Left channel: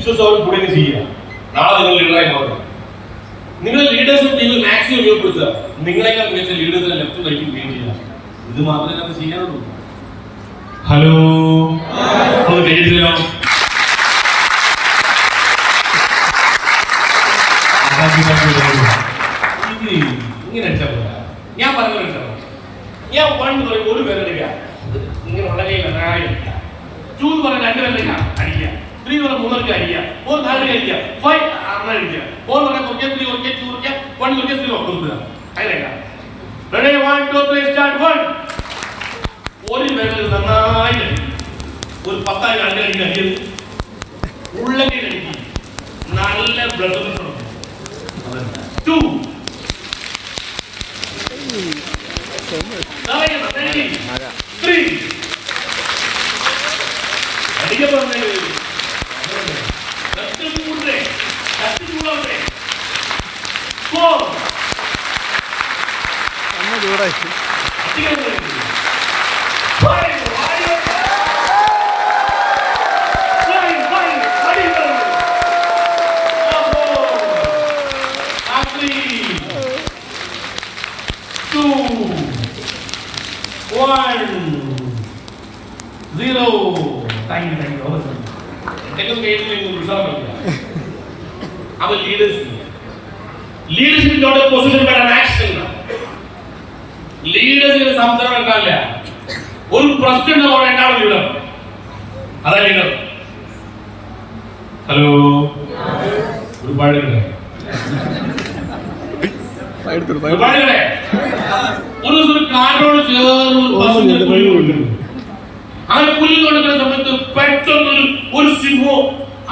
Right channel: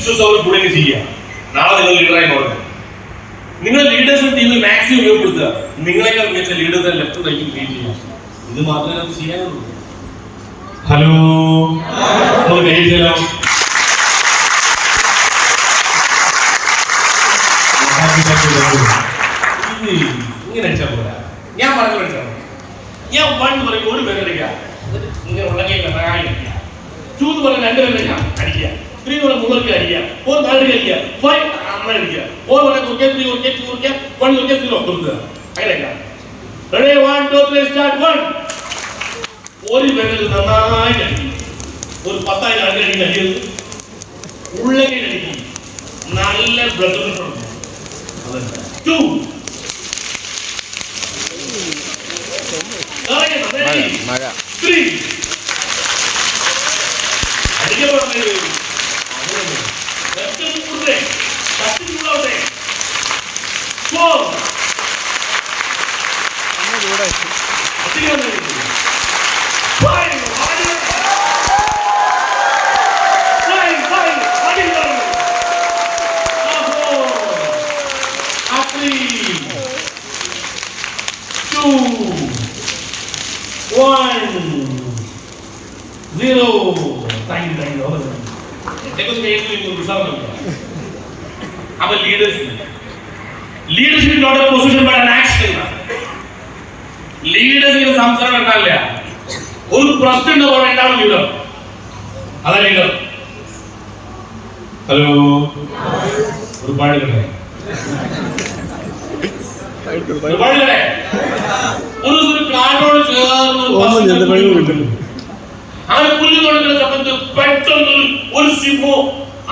വിശ്വസം അവർ കൂടെ ചെയ്യുക. നാളെ നിങ്ങൾ ലീഡറായി മാറുക. നിങ്ങൾ ലീഡേഴ്സ് ടീമിൽ മാക്സിമം ഉപയോഗപ്പെടുത്തുക. നിങ്ങളെക്കാൾ മികച്ച ലീഡേഴ്സ് ലെഫ്റ്റ് റൈറ്റും ക്രിയേറ്റ് ചെയ്യുക. ഇത് മാത്രമേ നമുക്ക് ചെയ്യാനുള്ളൂ. ഹലോ, ഒന്ന് കൈ ചെയ്യാം. ഇങ്ങനെ അടിച്ചാൽ പോരാ. ഞാൻ പറഞ്ഞു ഞാൻ വൺ പറയും ഒരു പേരെടുക്കുക, ഇങ്ങനെ ഉള്ളകൈ അടിക്കുക. 2 എന്ന് പറഞ്ഞാൽ 2 പേരെ അടിക്കുക. 3 എന്ന് പറഞ്ഞാൽ 3 അടിക്കുക. 4 4 അടിക്കുക. 5 അമ്മ അടിക്കുക. 4 പറഞ്ഞാൽ 3 3 1 3 കൊടുക്കുക. അതിനൊക്കെ ready 1 2 3 start 1. ഒരു പേരിൽ നന്നായി അടിക്കും. ഒരു 10,000 അടിക്കുക. അടിയത് ഉള്ളകൈ അടിക്കും. നല്ല ബ്ലഡ് കൊടുക്കും. 2 3 അടിക്കാൻ പറഞ്ഞേ. Leadership is not a position but an action. Leadership is സംസാരം ഉണ്ടാവില്ല. ഒരു പ്രശ്നം ഉണ്ടാവും ലീഡർ. അതാ ലീഡർ. ഹലോ, ഒരുപാട് ഒരു കാറ്റോട് ചേർന്ന് ആ പുല്ല് തുടങ്ങുന്ന സമയത്ത് പെട്ടെന്ന് ഒരു സിംഹം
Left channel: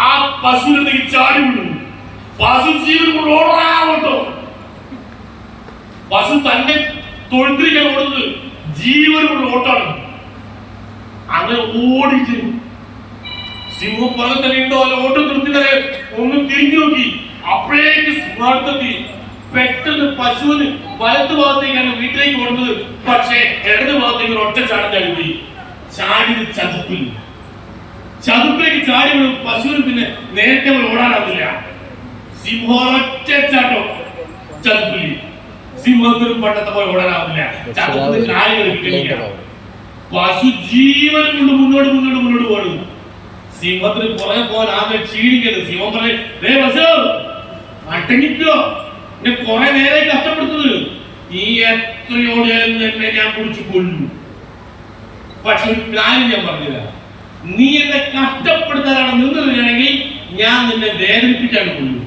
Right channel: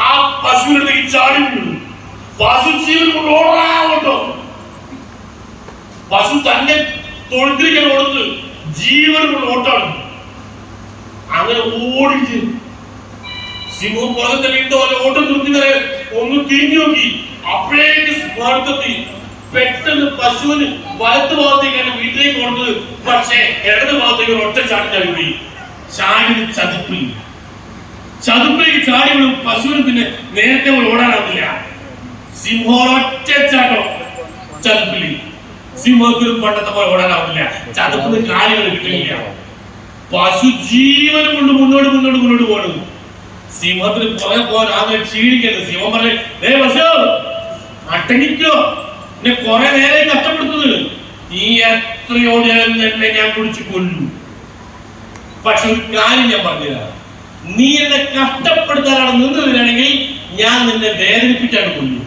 ആ പശുവിലേക്ക് ചാടി വീണു. പശു ജീവൻ കൊണ്ട് ഓടാട്ടോ. പശു തന്നെ തൊഴുത്തിരിക്കാൻ കൊടുത്ത് ജീവൻ കൊണ്ട് ഓട്ടാണ്. അങ്ങനെ ഓടിച്ച് സിംഹം പുറകെ ഉണ്ടോ അല്ല ഓട്ടം നിർത്തി ഒന്ന് തിരിഞ്ഞു നോക്കി. അപ്പോഴേക്ക് സിംഹാടുത്തെത്തി. പെട്ടെന്ന് പശുവിന് വലത്ത് ഭാഗത്തേക്കാണ് വീട്ടിലേക്ക് കൊടുത്തത്. പക്ഷേ ഇടത് ഭാഗത്തേക്ക് ഒറ്റ ചാടി ചാടി ചാടി ചതുപ്പിലേക്ക് ചാടി പശുവിന് പിന്നെ നേരത്തെ ഓടാനാവില്ല. സിംഹൊറ്റ ചാട്ടോ ചതുപ്പില്. സിംഹത്തിന് പണ്ടത്തെ പോലെ ഓടാനാവില്ല. ചതുപ്പിന് കാലുകൾ കിട്ടില്ല. പശു ജീവൻ കൊണ്ട് മുന്നോട്ട് പോകണം. സിംഹത്തിന് പുറകെ പോകാൻ ആകെ ക്ഷീണിക്കരുത്. സിംഹം പറഞ്ഞു, അട്ടങ്ങിക്കോ, എന്നെ കുറെ നേരെ കഷ്ടപ്പെടുത്തുന്നത്. ഈ എത്രയോടെയാലും തന്നെ ഞാൻ പിടിച്ചു കൊല്ലു. പക്ഷെ ഒരു കാര്യം ഞാൻ പറഞ്ഞുതരാം. നീ എന്നെ കഷ്ടപ്പെടുത്താനാണ് നിന്നതിനാണെങ്കിൽ ഞാൻ നിന്നെ വേദനിപ്പിച്ചാണ് കൊല്ലു.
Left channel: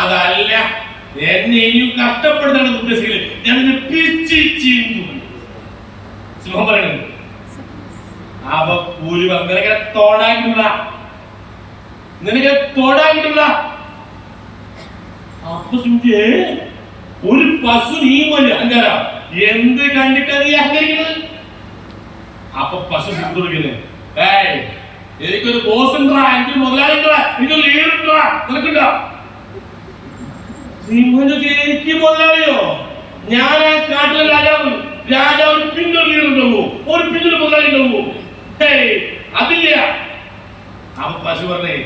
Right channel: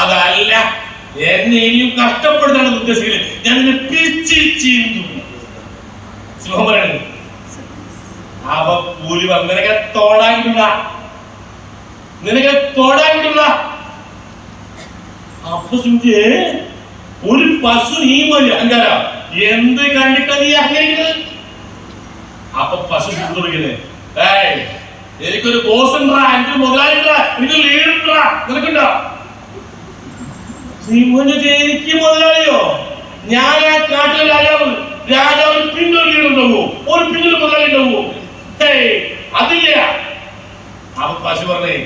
അതല്ല, എന്നെ ഇനിയും കഷ്ടപ്പെടുത്താനാണ് ഉദ്ദേശിക്കുന്നത്, ഞാൻ നിന്നെ പിച്ചി ചീന്തു. സിംഹം പറയണത് അവ കൂലി നിനക്ക് തൊടാൻ കിട്ടൂല. അപ്പൊ സൂചിയേ ഒരു പശു നീ മതി അങ്കാര എന്ത് കണ്ടിട്ടാ നീ അഹങ്കരിക്കുന്നത്? അപ്പൊ പശു തുടങ്ങിയത്, എനിക്കൊരു ബോസ് ഉണ്ടാ, എനിക്കൊരു മുതലാളി ഉണ്ടാ, എനിക്കൊരു ലീഡർ ഉണ്ടാ, നിനക്കുണ്ടോ? എനിക്ക് മുതലാളിയോ? ഞാൻ ആ കാട്ടിലെ രാജാവിന് പിന്നൊരു ലീഡർ ഉണ്ടാവോ? ഒരു പിന്നൊരു മുതലാളി ഉണ്ടാവോ? അതില്ല. അപ്പൊ പശു പറഞ്ഞേ,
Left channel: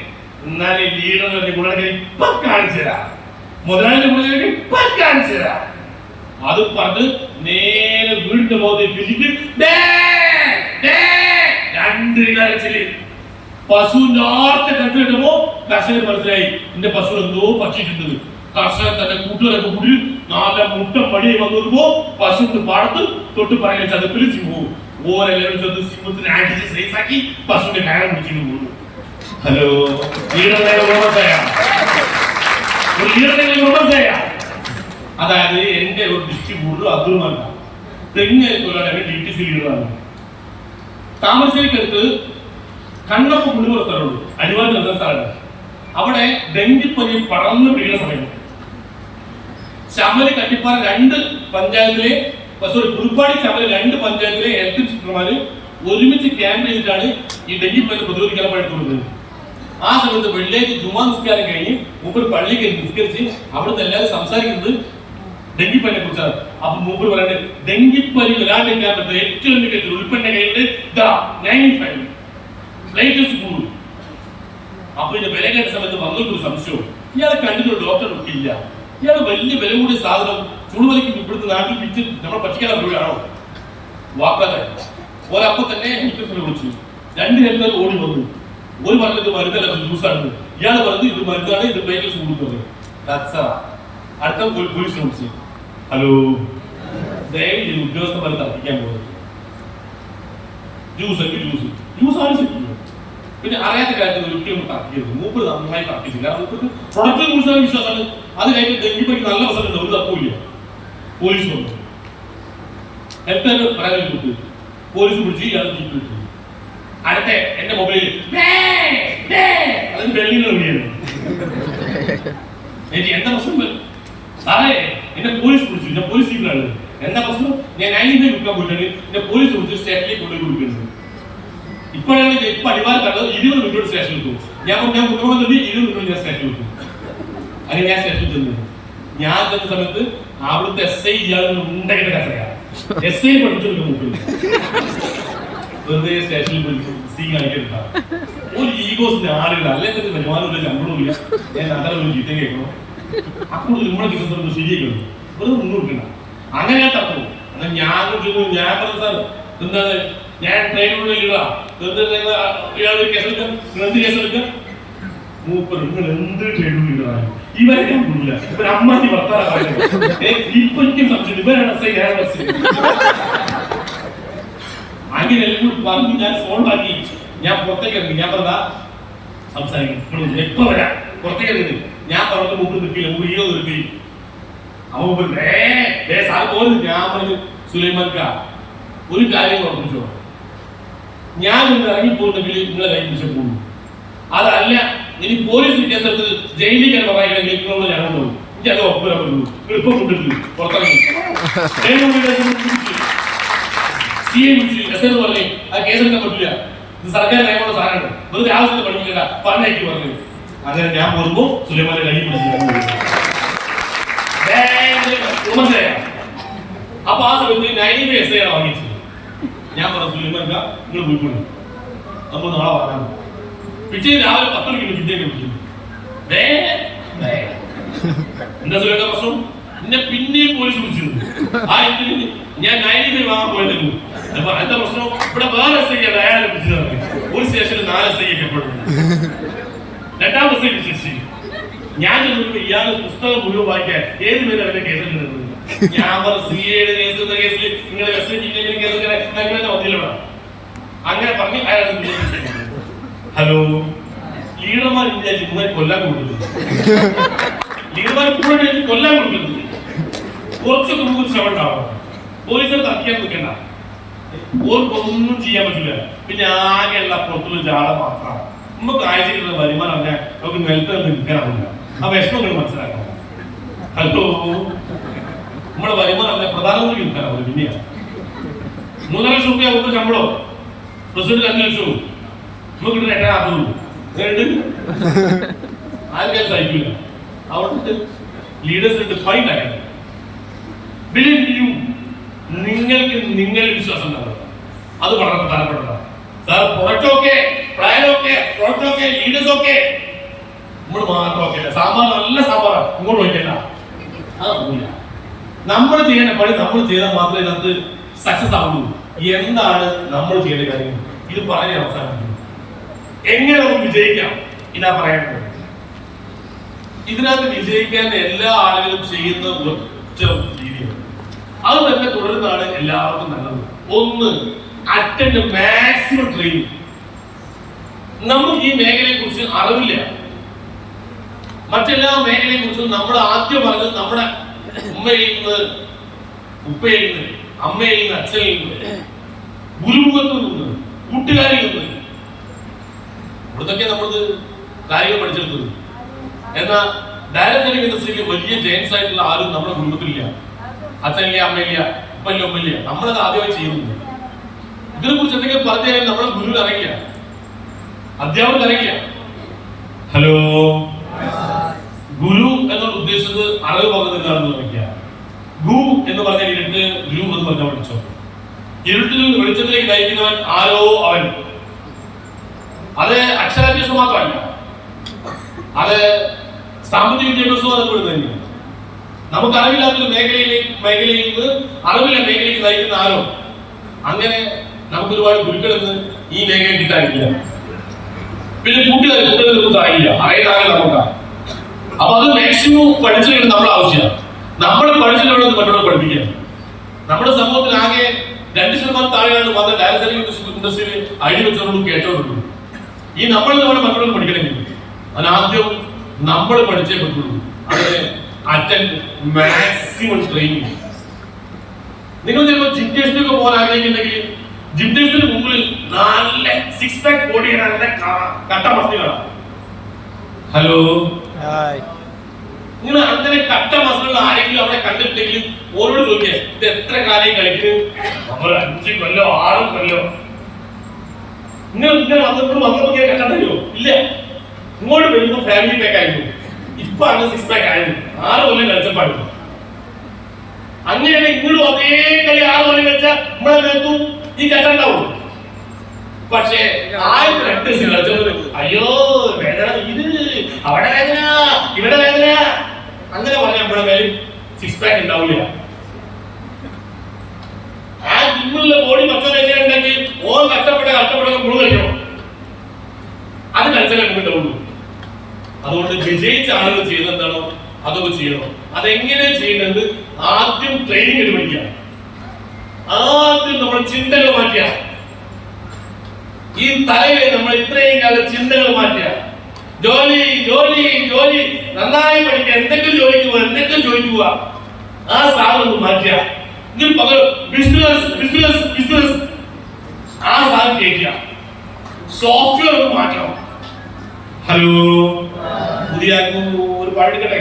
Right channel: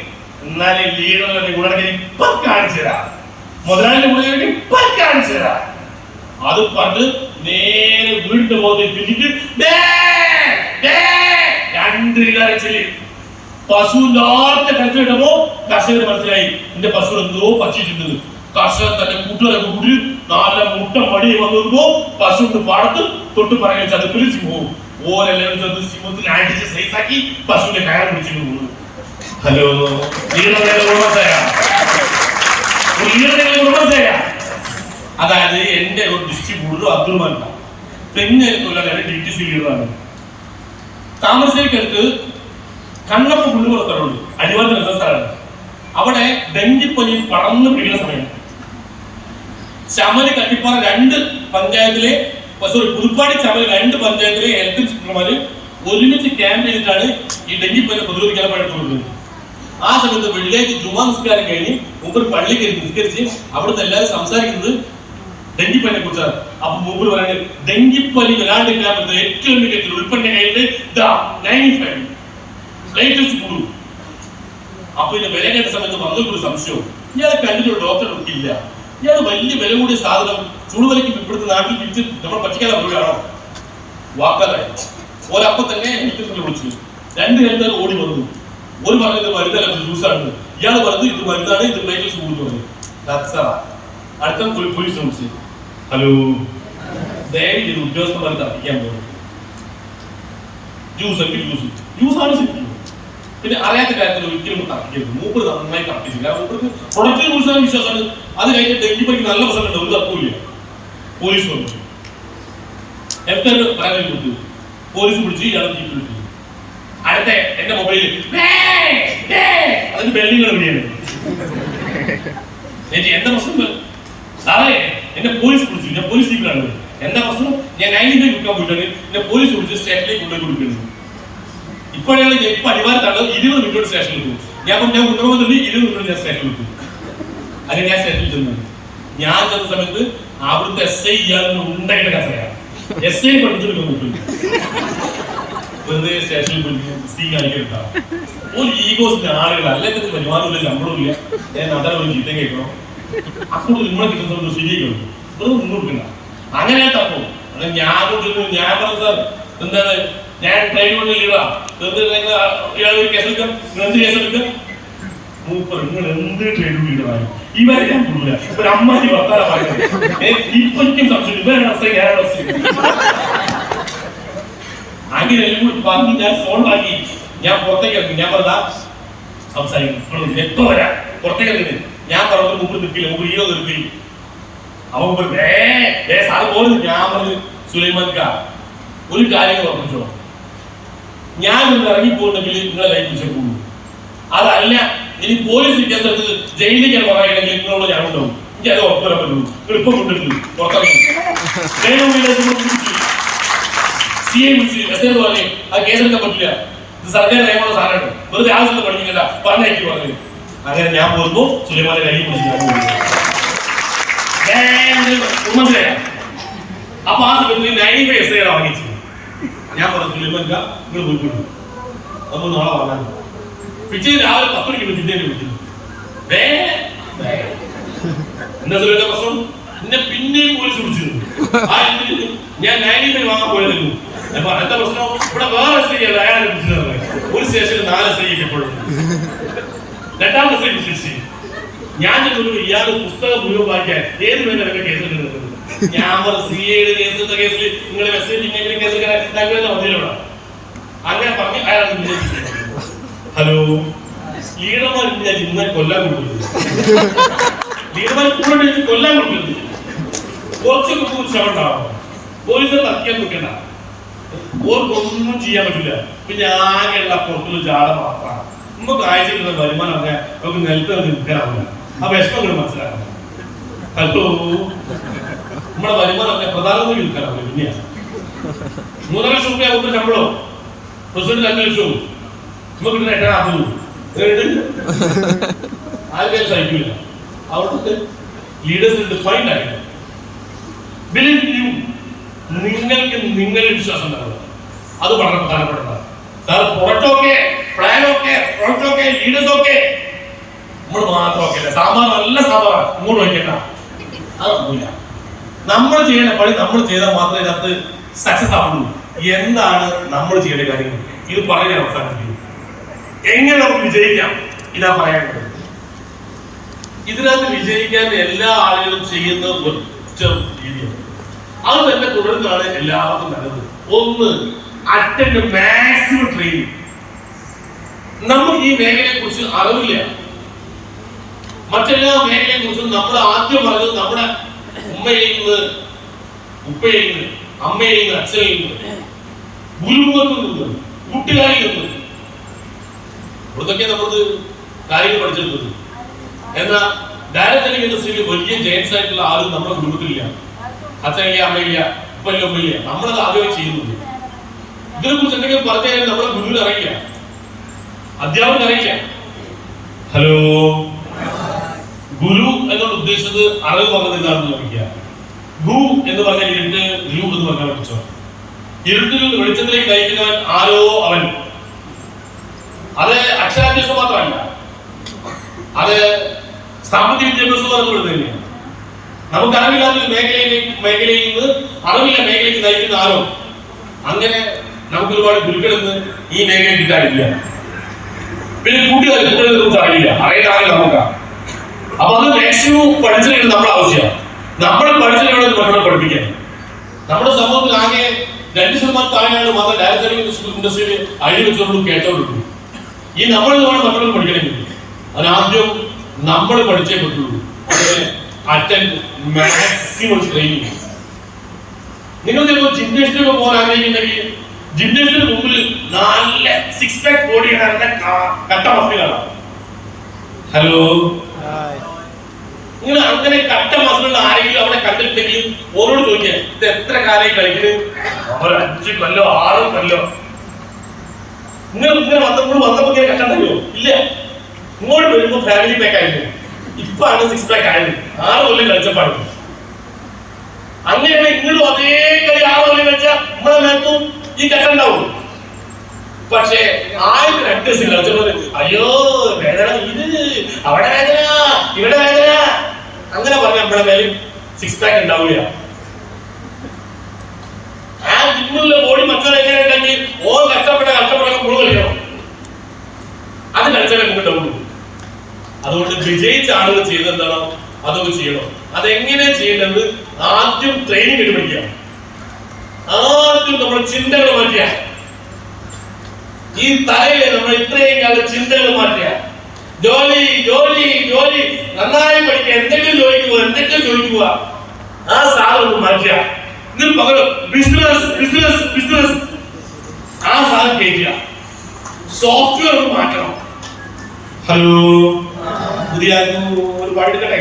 എന്നാലും ലീഡർ ഗുണ ഇപ്പൊ കാണിച്ചു തരാം, മുതലാളി ഗുണ ഇപ്പൊ കാണിച്ചു തരാം. അത് പറഞ്ഞ് നേരെ വീടിന്റെ മുഖത്തേക്ക് തിരിച്ച് 2 കരച്ചില്. പശു നേരത്തെ കരച്ചിലിട്ടപ്പോ കർഷകർ മനസ്സിലായി എന്റെ പശു എന്തോ പറ്റിയിട്ടുണ്ട്. കർഷകർ തന്റെ കൂട്ടുകാരൊക്കെ കൂടി നല്ല മുട്ട മടി വന്നപ്പോ പശുവിന്റെ പാടത്ത് തൊട്ട് പറയുന്ന ചതുപ്പിൽ സിംഹവും ഓരെല്ലാവരും ചെന്ന് സിംഹത്തിന് അടിച്ച് സൈസാക്കി പശുവിന്റെ കയറ് പിടിച്ചിട്ട് പോകുന്നു. ഹലോ, അതായത് എന്റെ ഒരു ഡിസ്ട്രിബ്യൂട്ടർ അബ്ദുൾ തെങ്ങ് DTC ലീഡറാണ്. താമരശ്ശേരിക്കടുത്ത് കണ്ണപ്പ പുള്ളിപ്പുറ സ്ഥലമുണ്ട്, അടിവാരത്തിൽ എന്ന സ്ഥലമാണ്. അവിടെ ഡെങ്കിപ്പനി പടർന്നു പിടിക്കുന്ന സമയം ചമല് കട്ടിപ്പാറ 2 പഞ്ചായത്തിലെ പുതുപ്പാടി ചമല് 2 പഞ്ചായത്തിലെ ഹെൽത്ത് ഇൻസ്പെക്ടർമാര് ഒരുമിച്ച് ക്യാമ്പ് ചെയ്തിട്ടാണ് ഈ ഡെങ്കിപ്പനി പ്രതിരോധിക്കാൻ പറ്റുന്നത്. ആ സമയത്ത് വെള്ളിയാഴ്ച ജുമാ നിസ്കാരം കഴിഞ്ഞ് മൂപ്പർ പള്ളിക്ക് നിസ്കരിച്ച് അവിടുന്ന് എല്ലാവരും സംസാരിക്കുന്നത് ഡെങ്കിപ്പനിയെ കുറിച്ചാണ്. അപ്പൊ മൂപ്പർ പറയുന്നത് ഡെങ്കിപ്പനി വരാണ്ടിരിക്കാൻ പറ്റുന്ന ഏറ്റവും മികച്ച ഉൽപ്പന്ന കയ്യില് 95 ലേറ്റസ്റ്റ് ഫുഡ്. അപ്പൊ ഇനി വില കേട്ട സമയത്ത് വന്നൊരു സംശയവും, ഇയാളെ കണ്ടിട്ട് ഡോക്ടർ ഇല്ല, ഇയാൾ വലിയ വില കൂടിയ സാധനം ചുടുവലിക്ക് ഇവിടുത്തെ നാട്ടിൽ പിടിച്ച് നമ്മൾ പറ്റിക്കാതെ പോവുകയാണോ? വാക്കാതെ ഒരപ്പൊ തന്നെ ഹെൽത്ത് വിളിച്ചു. 2 ഹെൽത്തുകാർ ഓടി വന്നു. ഒരു പറഞ്ഞത് മരുന്നല്ല, ജ്യൂസാണ്. ഇയാൾ പറഞ്ഞു ഇത് മരുന്നാണ്, ഇത് പ്ലേറ്റ്സ് കൂടുന്നു. അടുത്ത പോലീസിനെ വിളിച്ചു. ഹലോ, ദയവ് ചെയ്ത് ഉദ്യോഗസ്ഥന്മാരെ തർപ്പിക്കാൻ പോകുന്നത് ജ്യൂസാണ് ശരിക്കും. പിന്നെ അറിയാത്ത കാര്യത്തിൽ ഒരിക്കലും തർക്കിക്കരുത്. മൂപ്പർ നന്നായി തർക്കിച്ചില്ല. അവർക്ക് പ്രൊഡക്റ്റിനെ കുറിച്ചാണ് വിശ്വാസമാണ്. അത് കഴിഞ്ഞിട്ട് ഡെങ്കിപ്പനിക്ക് നല്ല പ്രശ്നമുണ്ട്, ഒരു തർക്കമില്ല. പോലീസ് വന്നു, ഹെൽത്തുകാർ പറയാൻ കൊടുത്തു. പോലീസ് പിടിച്ച് ഇയാൾ ജീപ്പ് വിട്ടു. അടുത്ത എന്റെ മൊബൈലിൽ അതിന് ബെല്ലിങ്ങൾ എവിടെയാണ്? എന്താ പ്രശ്നം സാറേ? എന്നെ പോലീസ് പിടിച്ചു, ഞാൻ പോലീസ് ജീപ്പിലാണ്. എന്താ പ്രശ്നം? ഞാൻ 90 വിൽക്കാൻ പോയിട്ടാണ് എന്നെ പോലീസ് പിടിച്ച് സ്റ്റേഷനിലേക്ക് കൊണ്ടുപോയി കൊടുക്കുന്നത്. ഇപ്പോഴാണ് ഇപ്പൊ അടിവാരം കണ്ടത് 20 മിനിറ്റ് സ്റ്റേഷനിൽ പോകും. ഞാൻ കൊണ്ടുപോകുന്നുണ്ട് 20 മിനിറ്റ് ഞാൻ സ്റ്റേഷനിൽ പോകും. അങ്ങനെ ഞാൻ സ്റ്റേഷനിൽ ചെന്നു. ഞാൻ ചെന്ന സമയത്ത് അവിടുത്തെ SI ഇയാളൊന്നും ഉണ്ടായിട്ട് കസയാണ്. SI പഠിച്ചു നോക്കും. വെറുതെ സ്റ്റേഷനിൽ സീ കാണിക്കരുതാം. ഒരു ഈഗോസിന്റെ ആളുകൾ അല്ലെങ്കിൽ വരുമാനമില്ല, ശമ്പളമില്ല, ഞാൻ നാട്ടിൽ ഒരു ചീത്തം കേൾക്കണം. അപ്പോൾ നമ്മളെ കിട്ടുന്ന ശരിയാക്കണം, വെറുതെ മുന്നോട്ടില്ല. അങ്ങനെ ഞാൻ തപ്പും. അങ്ങനെ ഞാൻ പറഞ്ഞു സാർ എന്താണ്, ഞാൻ ട്രെയിൻ കൊണ്ട് ഇടുക, ഇയാളൊരു കേസെടുക്കാം, എന്ത് കേസെടുക്കാം? മൂപ്പർ നിങ്ങൾ എന്ത് ട്രെയിൻ കൊണ്ട് ഇടുകയാണ്? ഇവരെ ഞാൻ കൊള്ളില്ല. ഇവർ അമ്മാരി വർത്താനം പറയുന്നത് ഇപ്പൊ എനിക്കും സംശയം. ഇവരാണ് അങ്ങനെ എല്ലാം കൂടി പറഞ്ഞ് ഞാൻ സോൾവ് ആക്കി. ഞാൻ പുറത്തേക്ക് ഇറങ്ങി. ഞാൻ പറഞ്ഞാ സംസാരിക്കും എപ്പോ വരാം, പുറത്തേക്ക് ഇറങ്ങി. ഞാൻ പറഞ്ഞ മുമ്പ് നിൽക്കില്ല, മുമ്പ് ഈയോ നിർത്തി. അവൻ സാറ് പോലും. ഞാൻ പറഞ്ഞു സുലൈമാൻക ഒരു കാര്യം ഉറപ്പിച്ചോ, ഞാൻ നിന്ന് ഇറങ്ങിപ്പോണ്ടെങ്കിൽ നിങ്ങളെ കൈ പിടിച്ചു പോകും. അതല്ല ഇനി പോലീസ് കേസെടുത്ത് ജയിലിലേക്ക് പറയണമെങ്കിൽ നിങ്ങളോട് ഞാൻ കൊണ്ടുപോകും. എനിക്ക് അത് ഉറപ്പ് വരാൻ പറ്റുള്ളൂ. നിങ്ങൾ ഇപ്പൊ കൊണ്ടിട്ട് പുറത്തിറങ്ങി പറഞ്ഞേ ആ കേസെടുക്കാൻ പറ്റില്ല, ഇത് സർക്കാർ നിയമമുള്ള സാധനമാണ്, വെറുതെ ആവശ്യത്തെ പഠിക്കണ്ട പറഞ്ഞേക്ക് പറഞ്ഞു. അങ്ങനെ ഞാൻ പോകുന്നു. സുലൈമാന്റെ കൈ മനസ്സിലാക്കാം. അപ്പൊ ആ സമയത്ത് 95 SI വാങ്ങിച്ചു. ഞാൻ പറഞ്ഞു സുലൈമാൻക നിങ്ങൾ പോയിക്കൊണ്ടു, നമ്മൾ നാളെ പറയാൻ. പിറ്റേ രാവിലെ 10 മണിക്ക് പിന്നേ വിളിക്കുന്നു. എന്താ സുലൈമാന്റെ പ്രശ്നം? എന്നെ പിന്നെയും പോലീസ് വിളിച്ചു. ഞാൻ 95 വാങ്ങാൻ പോയതല്ലോ. അപ്പൊ അടുത്ത പ്രശ്നം ഇവിടെ വേറെ SI അയാളെ വിളിച്ചത്. ഒരു സ്റ്റേഷനിൽ 4 SI എപ്പോഴും. 2ാം SI വിളിച്ചു. ഞാൻ ഇയാള് പുസ്തകം മുഴുവൻ വായിക്കാൻ ഏത് പേരെ കേസിൽ നിന്നത്. ഞാൻ CA കേസ് കേസിൽ നിങ്ങളെ മെസ്സേജ് കേസ് വന്നില്ലല്ലോ. അങ്ങനെ പറഞ്ഞ് അയാൾ ഹലോ ലീഡർമാർ ഇങ്ങനെ കൊല്ലാൻ കൊടുക്കുന്നത്, ലീഡർമാർ കൂടെ കൊല്ലാൻ കൊടുക്കുന്നത്. കുറച്ച് കൂടുതൽ ശ്രമമുണ്ടാവണം. പോലീസിനെ തർക്കിക്കാൻ നിൽക്കണ്ട, ഓർക്കൊന്നും ചെയ്യാൻ പറ്റില്ല. പിന്നെ ആകെയുള്ള പുറത്തുള്ള ജാട മാത്രമാണ്. നമുക്ക് ആഴ്ചക്കുള്ള വരുമാനം അങ്ങനെ നമുക്ക് നിലത്ത് നിൽക്കാറില്ല. ആ വിഷമങ്ങൾ മനസ്സിലാക്കണം. ഹലോ നമ്മുടെ വരുമാനം പ്രധാനമന്ത്രി നിൽക്കാറില്ല. പിന്നെയാണ് 3 ലക്ഷം രൂപ നമുക്ക് ശമ്പളം, പ്രസിഡന്റ് 5 ലക്ഷവും നമുക്ക് കിട്ടുന്ന 8,000 ആർക്കും സഹിക്കില്ല. അവിടെ ലീഡേഴ്സിന് ഡിഫൈൻഡ് ആയിട്ട് നിങ്ങൾക്ക് നിങ്ങളുടെ വിശ്വാസം ഉണ്ടാവും. അത് വളരെ പ്രധാനപ്പെട്ടതാണ്. Sir product okay, plan okay, product okay, leaders okay, നമ്മൾ മാത്രം ഓക്കെ. സാമ്പാർ നല്ല സാമ്പാർ ഇങ്ങോട്ട് വയ്ക്കണ്ട, അതൊന്നുമില്ല. നമ്മൾ ചെയ്യേണ്ട പണി നമ്മൾ ചെയ്താൽ മാത്രമേ ഇതിനകത്ത് സക്സസ് ആവുള്ളൂ. എന്താണ് നമ്മൾ ചെയ്യേണ്ട കാര്യങ്ങൾ? ഇത് പറഞ്ഞ് അവസാനിപ്പിക്കും. എങ്ങനെ നമുക്ക് വിജയിക്കാം? ഇതാ പറയാനുള്ളത്. ഇതിനകത്ത് വിജയിക്കാൻ എല്ലാ ആളുകളും ചെയ്യുന്ന ഒറ്റ രീതിയാണ്. അത് തന്നെ തുടരുന്നതാണ് എല്ലാവർക്കും നല്ലത്. ഒന്ന്, അറ്റൻഡ് മാക്സിമം ട്രെയിനിങ്. നമുക്ക് ഈ മേഖലയെ കുറിച്ച് അറിവില്ല. മറ്റെല്ലാ മേഖലയെ കുറിച്ചും നമ്മൾ ആദ്യം പറഞ്ഞത് നമ്മുടെ ഉമ്മയിൽ നിന്ന്, ഉപ്പയിൽ നിന്ന്, അമ്മയിൽ നിന്ന്, അച്ഛനിൽ നിന്ന്, ഗുരുമുഖത്തിൽ നിന്ന്, കൂട്ടുകാരിൽ നിന്ന്, ഇവിടുന്നൊക്കെ നമ്മളത് കാര്യങ്ങൾ പഠിച്ചെടുത്തത്. എന്നാൽ ഡയറക്റ്റ് ഇൻഡസ്ട്രിയിൽ വലിയ ജെയിൻസ് ആയിട്ടുള്ള ആരും നമ്മുടെ ഗ്രൂപ്പിലില്ല. അച്ഛനില്ല, അമ്മയില്ല, ഉപ്പല്ല, ഉമ്മയില്ല. നമ്മളത് ആദ്യമായി ചെയ്യുന്നുണ്ട്. ഇതിനെ കുറിച്ച് എന്തെങ്കിലും പറഞ്ഞു കഴിഞ്ഞാൽ നമ്മളെ ഗുരുവിന് അറിയില്ല, അധ്യാപകർക്ക് അറിയില്ല. ഹലോ, ഗുരു എന്നോട് ഉദ്ദേശിച്ചത് അറിവ് പറഞ്ഞതില്ലാന്ന് നോക്കിയ ഗു എന്ന് പറഞ്ഞ ഇരുട്ട്, ഗുരു എന്ന് പറഞ്ഞാൽ പഠിച്ചോ. ഇരുട്ടിൽ വെളിച്ചത്തിലേക്ക് നയിക്കുന്നവൻ ആരോ അവൻ. അത് അക്ഷരാഭ്യാസം മാത്രമല്ല, അത് സാമ്പത്തിക വിദ്യാഭ്യാസവും അതുപോലെ തന്നെയാണ്. നമുക്ക് അറിവില്ലാത്തൊരു മേഖലയിൽ നിന്ന് അറിവില്ല മേഖലയ്ക്ക് നയിക്കുന്ന ആരോ അങ്ങനെ നമുക്ക് ഒരുപാട് ഗുരുക്കളെന്ന് ഈ മേഖലയിൽ കിട്ടാനില്ല. പിന്നെ കുട്ടികളൊന്നും സാധിക്കില്ല, അറിയാതെ നോക്കാം. അപ്പൊ അത് മാക്സിമം പഠിച്ചിട്ട് നമ്മുടെ ആവശ്യമാണ്. നമ്മൾ പഠിച്ചിട്ട് മറ്റുള്ള പഠിപ്പിക്കാൻ. നമ്മുടെ സമൂഹത്തിൽ ആകെ 2% താഴെയാണ് മാത്രം ഡയറക്റ്റ് ഇൻഡസ്ട്രിയിൽ ഐഡി വെച്ചോണ്ടും കേട്ടോണ്ടുള്ളൂ. ഈ നമ്മൾ മറ്റുള്ളവർ പഠിക്കണമെങ്കിൽ അതിനാദ്യം നമ്മൾ പഠിച്ചേ പറ്റുള്ളൂ. അതിന് അറ്റൻഡ് മാക്സിമം ട്രെയിനിങ്. നിങ്ങൾ ചിലപ്പോൾ ജിംനേഷ്യത്തിലൊക്കെ പോകാൻ ആഗ്രഹിക്കുന്നെങ്കിൽ ജിംനേഷ്യത്തിന് മുമ്പിൽ നല്ല 6 പാക്ക് ബോഡി കട്ട മസിലാണ്. ഹലോ, നിങ്ങൾ അങ്ങനെ കട്ട മസിലുള്ള ആരെങ്കിലും അവിടെ കണ്ടിട്ടുണ്ടെങ്കിൽ ഓരോട് ചോദിക്കുക, ഇത് എത്ര കാലം കളിക്കുന്നത്? നമ്മൾ 5 കൊല്ലോ 6 കൊല്ലോ. നിങ്ങൾ വന്നപ്പോ കണ്ടല്ലോ ഇല്ല. ഇങ്ങോട്ട് വരുമ്പോ ഫാമിലി പാക്ക് ആയിരുന്നു, ഇപ്പാണ് 6 പാക്ക് ആയത്. 6 കൊല്ലം കളിച്ചപ്പാടും അങ്ങനെയാണ്. ഇപ്പോഴും അതേ കളി 6 കൊല്ലം കളിച്ചാൽ നമ്മളെ മേത്തും ഈ കെട്ടുണ്ടാവും. പക്ഷേ 2 ദിവസം കളിച്ചപ്പോൾ അയ്യോ വേദന, ഇത് അവിടെ വേദന ഇവിടെ വേദന അങ്ങനെ പറഞ്ഞ നമ്മുടെ മേലും 6 പാക്ക് ഉണ്ടാവില്ല. ആ ജിമ്മിലുള്ള ബോഡി മറ്റൊരു എങ്ങനെ ഉണ്ടെങ്കിൽ കഷ്ടപ്പെട്ട മുഴുവൻ കളിക്കണം. അത് കളിച്ചാലേ നമുക്ക് ഉണ്ടാവുള്ളൂ. അതുകൊണ്ട് വിജയിച്ച ആളുകൾ ചെയ്തെന്താണോ അതൊക്കെ ചെയ്യണം. അതെങ്ങനെ ചെയ്യേണ്ടത് ആദ്യം ട്രെയിനിങ് എടുത്ത് പഠിക്കുക. ആദ്യം നമ്മൾ ചിന്തകൾ മാറ്റുക. ഈ തലയിൽ നമ്മൾ ഇത്രയും കാലം ചിന്തകൾ മാറ്റുക. ജോലി ജോലി ജോലി നന്നായി പഠിക്കുക, എന്തെങ്കിലും ജോലിക്ക് പോവുക. ആ സാധനം മാറ്റുക. ഇതിൽ പകരം ബിസിനസ് ബിസിനസ് ബിസിനസ് ആ സാധനം കേൾക്കുക. സോഫ്റ്റ്വെയർ മാറ്റണം. ഹലോ, പുതിയ ഒരു പാടിക്കട്ടെ.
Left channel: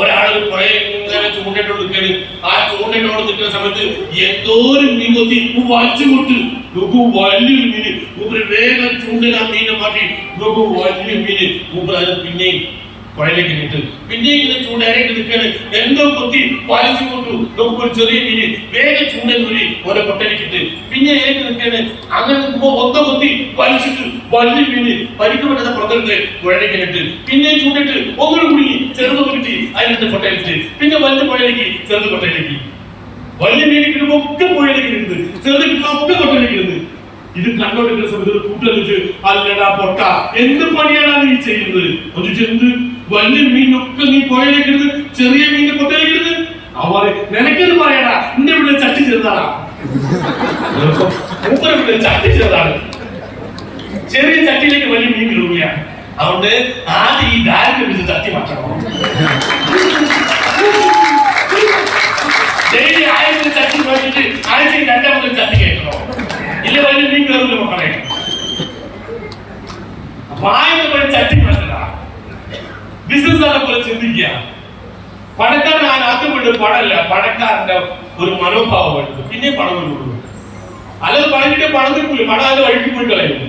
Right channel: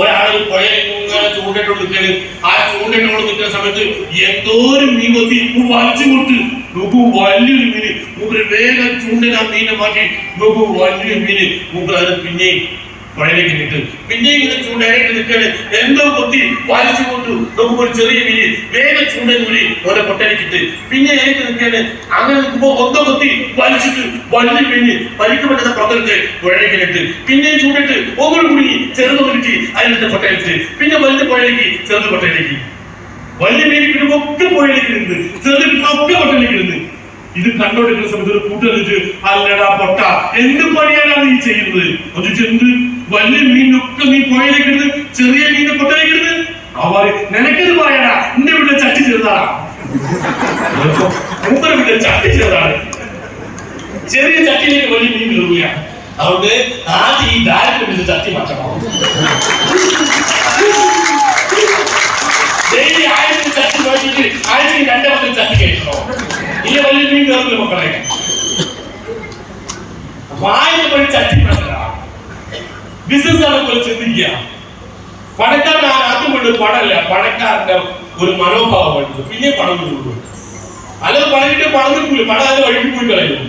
ഒരാൾ ഇങ്ങനെ ചൂണ്ടിട്ടോട് നിൽക്കല്. ആ ചൂണ്ടിട്ടോട് നിൽക്കുന്ന സമയത്ത് എന്തോരം മീൻ കൊത്തി വലിച്ചു കൊട്ട് നോക്കൂ. വലിയൊരു മീന് മൂപ്പര് വേഗം ചൂണ്ടിൽ ആ മീനെ മാറ്റി നോക്കൂ. വലിയൊരു മീന് മൂപ്പര് അത് പിന്നെയും പുഴയിലേക്ക് ഇട്ട് പിന്നെ ഇങ്ങനെ ചൂണ്ടയിലേക്ക് നിൽക്കാണ്. എന്തോ കൊത്തി വലിച്ചു കൊണ്ടു നോക്കുമ്പോൾ ഒരു ചെറിയ മീന് വേഗം ചൂണ്ടയിൽ കൂടി ഓരോ പൊട്ടലിക്കിട്ട് പിന്നെ ഏക്ക് നിൽക്കാണ്. അങ്ങനെ നിൽക്കുമ്പോ ഒന്നോ കൊത്തി വലിച്ചിട്ട് വലിയ മീന് പരിക്കപ്പെട്ട പുറത്തെടുത്ത് പുഴയിലേക്ക് ഇട്ട് പിന്നെ ചൂണ്ടിട്ട് ഒന്നും കൂടി ചെറുത് കിട്ടി അതിനകത്ത് പൊട്ടയിലിട്ട് പിന്നെ വലിയ പുഴയിലേക്ക് ചെറുത് പൊട്ടയിലേക്ക്. വലിയ മീന് കിട്ടുമ്പോ ഒക്കെ പുഴയിലേക്ക് ഇരുന്ന് ചെറുത് കിട്ടുമ്പോ ഒക്കെ പൊട്ടയിലേക്ക് ഇരുന്ന്. ഇത് കണ്ടോണ്ടിരിക്കുന്ന സമയത്ത് ഒരു കൂട്ടറിച്ച് അല്ലടാ പൊട്ട എന്ത് പണിയാണ് നീ ചെയ്യുന്നത്? എന്ത് വലിയ മീനൊക്കെ നീ പുഴയിലേക്കിരുന്ന് ചെറിയ മീനെ പൊട്ടയിലേക്കിരുന്ന് അവർ നിനക്കത് പറയടാ. എന്റെ വീട്ടിൽ ചട്ടി ചെറുതാണ്, മൂപ്പര വീട്ടിൽ ചട്ടി ചെറുതാണ്. ചെറിയ ചട്ടിയിലേക്ക് വലിയ മീൻ കയറുക. അതുകൊണ്ട് ആദ്യം ഈ ദാരിദ്ര്യം ചട്ടി മാറ്റണം. ഡെയിലി 1000 ചട്ടി പോയിട്ട് 1200 ചട്ടി കഴിക്കണോ? ഇല്ല, വലിയ മീൻ കയറുന്നു മക്കളെ. വായന പോലെ ചട്ടി മാറ്റല. ബിസിനസ് ആണ് പോലെ ചിന്തിക്കുക. പണക്കാരൻ ആദ്യം കൊണ്ട് പണമല്ല, പണക്കാരന്റെ ഒരു മനോഭാവം എടുത്തു പിന്നെ പണം കൊണ്ടുള്ളൂ. അല്ലാതെ പണം കിട്ടൂല. പണം അത് വഴിക്ക് പോയി കളയുന്നു.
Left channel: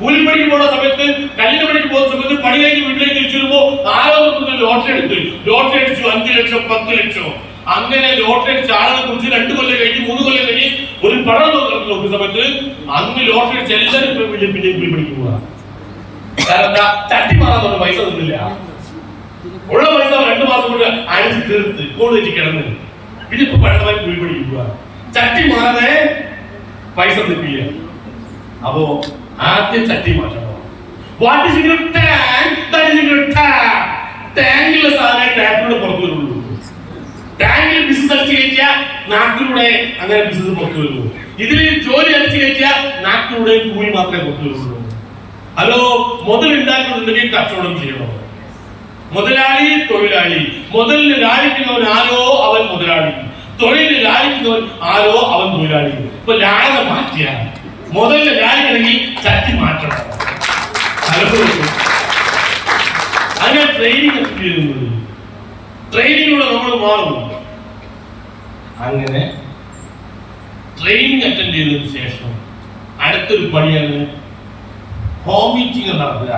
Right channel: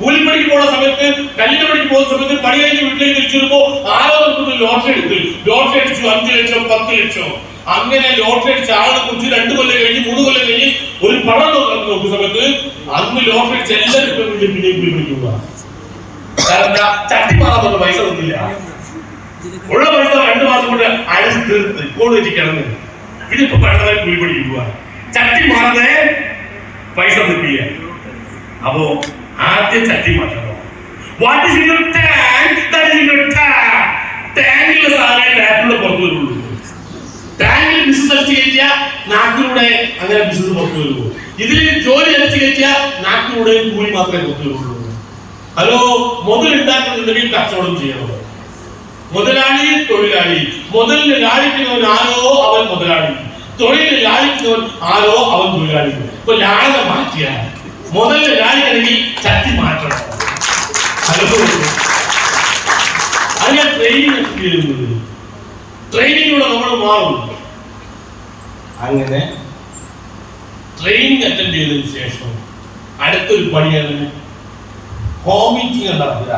കൂലിപ്പണിക്ക് പോകുന്ന സമയത്ത്, കല്ലിന് പണിക്ക് പോകുന്ന സമയത്ത് പണി കഴിഞ്ഞ് വീട്ടിലേക്ക് തിരിച്ചിരുമ്പോ ആരോ ലോട്ടറി എടുത്തു. ലോട്ടറി അടിച്ചു 5 ലക്ഷം 10 ലക്ഷം. അങ്ങനെ ലോട്ടറി അടിച്ച ആളെ കുറിച്ച് 2 കൊല്ലം കഴിഞ്ഞ് 3 കൊല്ലം കഴിഞ്ഞ് ഒരു പണം നോക്കുന്ന സമയത്ത് അന്ന് ലോട്ടറി അടിച്ച് എല്ലാവരും പിന്നെ കൂലിപ്പണിക്ക് പോവുക. കാരണം ചട്ടി മാറാൻ പൈസ തന്നില്ല. ഉള്ള പൈസ 2 മാസം കൊണ്ട് അടിച്ച് തീർത്ത് കോളേജിൽ കിടന്ന് ഇതിപ്പോ പഴമായി കൂലിപ്പണിക്ക് പോവുക. ചട്ടി മാറാതെ പൈസ നിൽക്കില്ല. അപ്പോ ആദ്യം ചട്ടി മാറ്റണം. What is your tank? That is your tank. ടാങ്കിലെ സാധനം ടാങ്കിലൂടെ പുറത്തു വരുള്ളൂ. ടാങ്കിൽ ബിസിനസ് അടിച്ചു കയറ്റിയാൽ നാട്ടിലൂടെ അങ്ങനെ ബിസിനസ് പുറത്തു വരുള്ളൂ. ഇതിൽ ജോലി അടിച്ചു കയറ്റിയാൽ നാട്ടിലൂടെ കൂലി മാത്രമേ പുറത്തു വരുള്ളൂ. ഹലോ, മുതലുണ്ടാക്കുന്നുണ്ടെങ്കിൽ കച്ചവടം ചെയ്യണം. മുതലാളി തൊഴിലാളി. മുതലിന് ലാളിക്കുന്നവൻ ആരോ അവൻ മുതലാളി, തൊഴിലിന് ലാളിക്കുന്നവൻ ആരോ അവൻ തൊഴിലാളി. ഇപ്പൊ ലാള മാറ്റിയാൽ മുതലിന് ലാളിക്കണമെങ്കിൽ ചട്ടി മാറ്റണം. അങ്ങനെ ട്രെയിനിങ് ചെയ്യുന്നത്. ട്രെയിനിങ്ങിലൂടെ നമ്മൾ മാറും. അങ്ങനെ ട്രെയിനിങ് അറ്റൻഡ് ചെയ്തതിനു ശേഷം അടുത്തൊരു പണിയാണ് ഹോം മീറ്റിംഗ് നടത്തുക.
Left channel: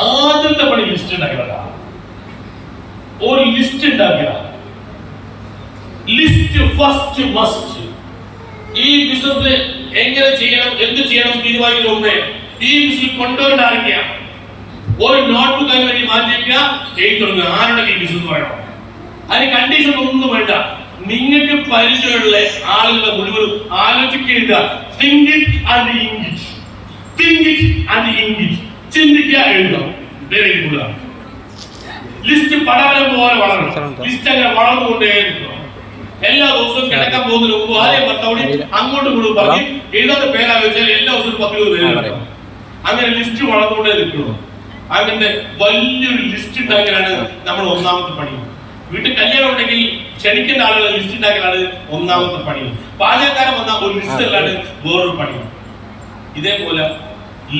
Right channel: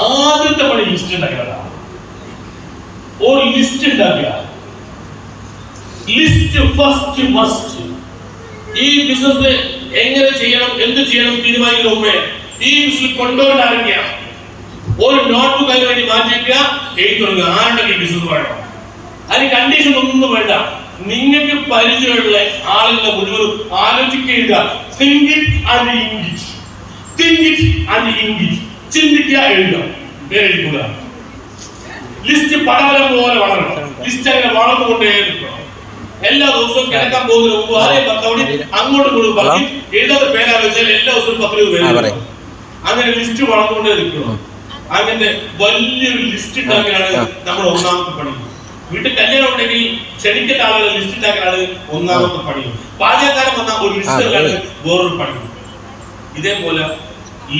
ആദ്യത്തെ പണി ലിസ്റ്റ് ഉണ്ടാക്കുക. ഒരു ലിസ്റ്റ് ഉണ്ടാക്കുക. List first must. ഈ ബിസിനസ് എങ്ങനെ ചെയ്യണം, എന്ത് ചെയ്യണം തീരുമാനിക്കുന്ന മുമ്പേ ഈ ബിസിനസ് കൊണ്ടുവരേണ്ട ആരൊക്കെയാണ്? ഒരു നോട്ട്ബുക്ക് അതിന് വേണ്ടി മാറ്റിവെക്കുക, എഴുതി തുടങ്ങുക. ആരുടെ ഈ ബിസിനസ് വേണം? അതിന് കണ്ടീഷൻ ഒന്നും വേണ്ട. നിങ്ങൾക്ക് പരിചയമുള്ള ആളുകളുടെ മുഴുവൻ ആലോചിക്കുക. Think it and ink it. Think it and ink it. ചിന്തിക്കുക, എഴുതുക, എഴുതിക്കുക. ലിസ്റ്റ് പടവലം പോലെ വളരണം. ലിസ്റ്റ് അങ്ങനെ വളർന്നുകൊണ്ടേ ഇരിക്കണം. എല്ലാ ദിവസവും കിടക്കാൻ പോകുന്നതിന് മുമ്പ് ആരെയും ഭർത്താവോട് അങ്ങോട്ടും ഇങ്ങോട്ടും പറഞ്ഞ് എഴുതാത്ത പേരാ വെച്ചാൽ എല്ലാ ദിവസവും 10-20 പേര്. അങ്ങനെ ലിസ്റ്റ് വളർന്നുകൊണ്ടേ ഇരിക്കണം. അങ്ങനത്തെ വലിയൊരു ലിസ്റ്റ് ഉണ്ടാക്കലാണ് നമ്മൾ ഒന്നാമത്തെ പണി. വീട്ടിൽ കല്യാണം ഉണ്ടെങ്കിൽ ക്ഷണിക്കേണ്ട ആളുകളെ ലിസ്റ്റ് ഉണ്ടാക്കലാണ് ഒന്നാമത്തെ പണി. പാചകക്കാരൻ വന്ന ഒരു ലിസ്റ്റ് അല്ലാതെ വേറൊരു പണി. ഇതേപോലെ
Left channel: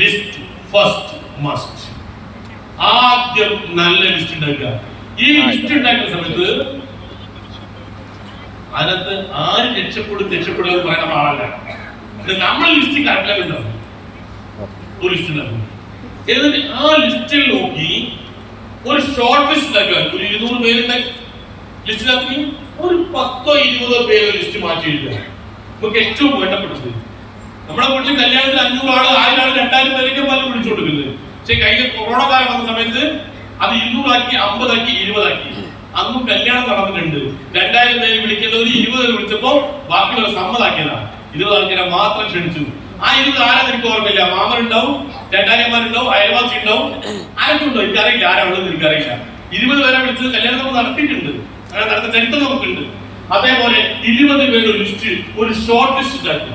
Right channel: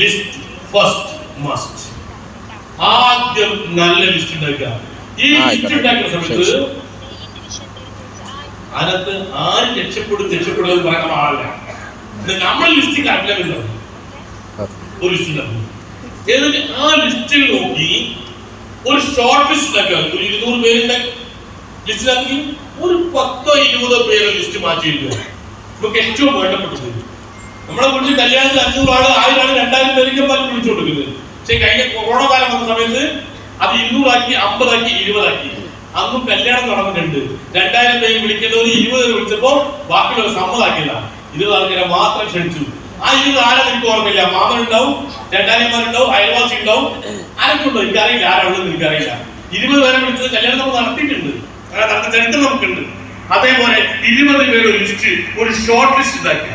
ലിസ്റ്റ് ഫസ്റ്റ് മസ്റ്റ്. ആദ്യം നല്ല ലിസ്റ്റ് ഉണ്ടാക്കുക. ഈ ലിസ്റ്റ് ഉണ്ടാക്കുന്ന സമയത്ത് അതിനകത്ത് ആര് രക്ഷപ്പെടുന്നത് പറയുന്ന ആളല്ല. നമ്മൾ ലിസ്റ്റ് കറക്റ്റാണ് ഒരു ലിസ്റ്റ് ഉണ്ടാക്കും. എന്നിട്ട് ആ ലിസ്റ്റിൽ നോക്കി ഒരു ഷോർട്ട് ലിസ്റ്റ് ഉണ്ടാക്കുക. ഒരു 200 പേരുടെ ലിസ്റ്റിലാക്കി ഒരു 10-20 പേര് ലിസ്റ്റ് മാറ്റി എഴുതുക. നമുക്ക് ഏറ്റവും വേണ്ടപ്പെട്ടത് നമ്മളെ കുറിച്ച് കല്യാണത്തിൽ 500 ആള് 1000 ആള് 2000 പേർക്ക് പലരും വിളിച്ചു കൊടുക്കുന്നത്. പക്ഷെ കഴിഞ്ഞ കൊറോണ കാലം വന്ന സമയത്ത് അത് 200 ആക്കി, 50 ആക്കി, 20 ആക്കി. അന്നും കല്യാണം നടന്നിട്ടുണ്ട്. 2000 പേര് വിളിക്കുന്നത് 20 വിളിച്ചപ്പോ ബാക്കിയുള്ള സമ്മതാക്കിയതാണ്. 20 ആൾക്കാരെ മാത്രം ക്ഷണിച്ചു. ആ 20 ആരെന്ന് എനിക്ക് ഓർമ്മയില്ല. മാമനുണ്ടാവും, 2000-മാരുണ്ടാവും, അയൽവാസി ഉണ്ടാവും, ആരൊക്കെ ഉണ്ടോ എനിക്കറിയില്ല. ആരാണെന്ന് എനിക്കറിയില്ല. 20 പേരെ വിളിച്ചത് കല്യാണം നമ്മൾ നടത്തിയിട്ടുണ്ട്. അങ്ങനെ നടന്ന ചരിത്രം നമുക്കുണ്ട്. അതേപോലെ 20 പേരുടെ ലിസ്റ്റ്, ഒരു ഷോർട്ട് ലിസ്റ്റ് ഉണ്ടാക്കുക.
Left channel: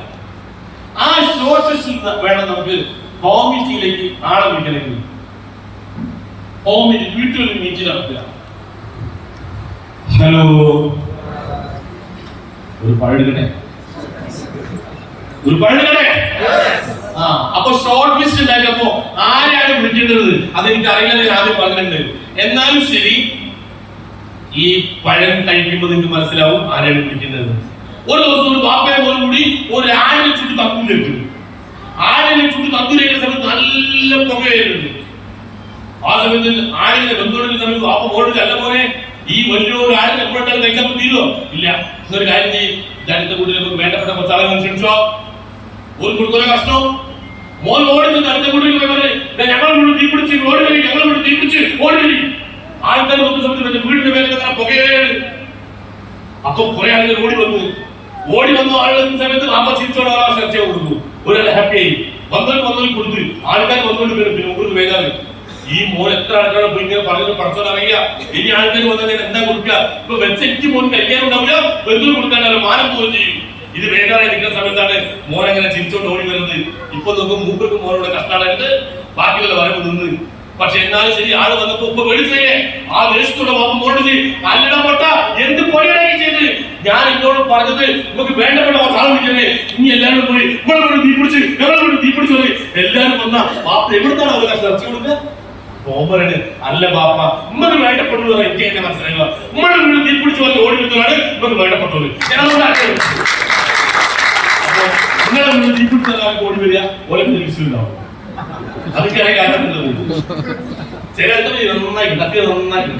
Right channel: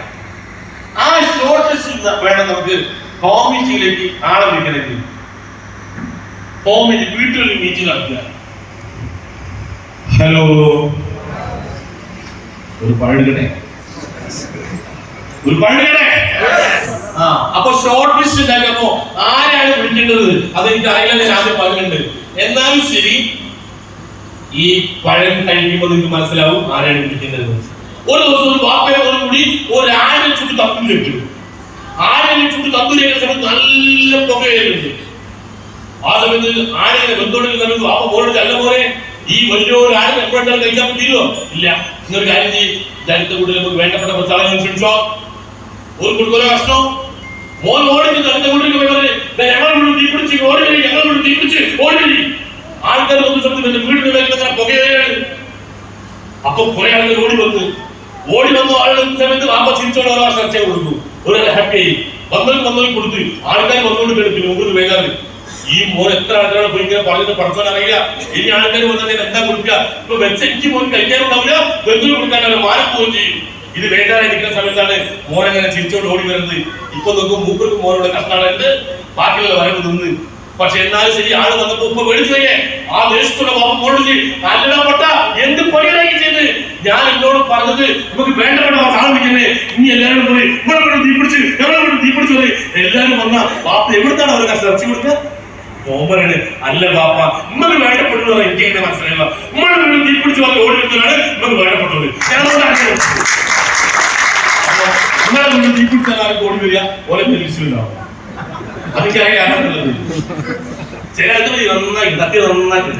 ആ ഷോർട്ട് ലിസ്റ്റ് വേണം നമുക്ക് കോമിറ്റിയിലേക്ക് ആളെ വിളിക്കണമെങ്കിൽ. കോമിറ്റി വീട്ടുകളിൽ മീറ്റിംഗ് നടത്തുക. ഹലോ, ഒരു പഴുകണേ, ഒരു പഴുകണേ. അപ്പൊ ഷോർട്ട് ലിസ്റ്റ് ഉണ്ടാക്കുമ്പോ ആരെയാണ് വിളിക്കേണ്ടത് അതെനിക്ക് അറിയില്ല. ഞാൻ ആദ്യം പറഞ്ഞിട്ടുണ്ട്. എന്നാലും ശരി, ഈ പഴം കഴിക്കുമ്പോൾ നിങ്ങൾക്ക് മനസ്സിലാവും ആരെയാണ് വിളിക്കുന്നത്. ഒരു ദിവസം ഒരു വാപ്പയെ പോലും കൂടി ഒരു 1000 ചുറ്റി തപ്പിലേക്ക് 1000 ചുറ്റി തപ്പിലേക്ക് സമയത്ത് നല്ല പുകയുണ്ട്. ആ സമയത്ത് ആരെങ്കിലും ബന്ധുവിന്റെ സമയത്ത് വാപ്പ പോയിട്ട് അല്ല പോലെ ഈ വലിയൊരു ആരും എപ്പോഴാണ് കഴിക്കാൻ പറ്റില്ലോ ഇല്ല. എന്നൊരു കാര്യം ചെയ്യും, ജനത്തെ കൂടുതൽ നമുക്ക് വേണ്ടപ്പെട്ട പ്രസാദങ്ങൾ ക്ഷണിച്ചോ. ഒരു കുടുംബ കഷ്ണം മോൻ ഓടി ജനത്തെ കൂടുതൽ ഞങ്ങൾ തീപിടിച്ച് ഓടി വരി, ഞങ്ങൾ തീപിടിച്ച് ഓടി വരി. ആൾക്കാർ വന്ന സമയത്ത് എന്റെ വീടിന്റെ മേലെ പുകയാണ്. അപ്പൊ കുറെ ആളുകൾ ഓടി വന്നു ആളുകൾ സമയത്ത് വാപ്പ ചിരിച്ചോടെ ഒരാൾ ചർച്ച കൊടുത്തു. ഒരാൾ ഹാപ്പി ആയി വന്നലും കൊടുത്തു. ആൾക്കാർ വന്നുകൊണ്ട് കിടക്കുന്നു. മുകളിൽ വേദാറ് ഈ മോൻ എത്ര ആൾക്കാരെ പോയി ഇങ്ങനെ പറഞ്ഞിട്ട് പഠിച്ചാൽ അറിയില്ല. ഇനി ആൾക്കാർ വന്നാൽ എന്താ കൊടുക്കുക? ഇപ്പൊ വെച്ച എനിക്ക് മോൻ കഴിക്കാനുണ്ടാവില്ല, വെന്തിന് കൊടുക്കാനല്ല, മാനം പോവുകയും ചെയ്യും. ഇത് വേദാറായി നിൽക്കുന്ന സമയത്താണ് മോൻ അങ്ങനെ ചിരിച്ചോണ്ട് ഓടി വരുന്നത്. ഇപ്പൊ നോക്കുമ്പോൾ മൂപ്പർക്ക് മോനോട് കഷ്ടാളുണ്ട്, ബാക്കിയുള്ള വരവ് നിന്ന്. പക്ഷെ എന്നാലും ശരി, ആള് വന്നപ്പോ ഉപ്പ മേടിച്ചേ ആ ദേശത്തുള്ള മോനോട് അല്ലടപ്പെട്ട എന്ത് പൊടിയായി ചെയ്ത് ഞാൻ എന്നോട് പറഞ്ഞത് നമുക്ക് വേണ്ടപ്പെട്ട സാധിക്കുന്നേ. ഇനി എല്ലാവരും പോയി ഇവിടെ തീപിടിച്ച് ഞങ്ങളോട് തീപിടിച്ചു പോയി. എല്ലാവരും വന്ന ബാപ്പ എവിടുന്നാണ് അവർ ചർച്ച കൊടുക്കുക? ഓമനാണ്. അല്ല ബാപ്പ, നമുക്ക് വേണ്ടപ്പെട്ടത് എനിക്ക് എങ്ങനെ മനസ്സിലായില്ല. നമ്മുടെ വീട് തീപിടിച്ച് വന്ന് ഓടി വരുന്നതാണ് നമുക്ക് വേണ്ടപ്പെട്ടത്. അപ്പൊ നിങ്ങളുടെ വീട് തീപിടിച്ചാൽ ഓടി വരിക ഓരോ തിരിച്ചുണ്ടാവും. അതൊക്കെ കാണുന്നത് ചില നന്നായി കത്തി നന്നായിട്ട്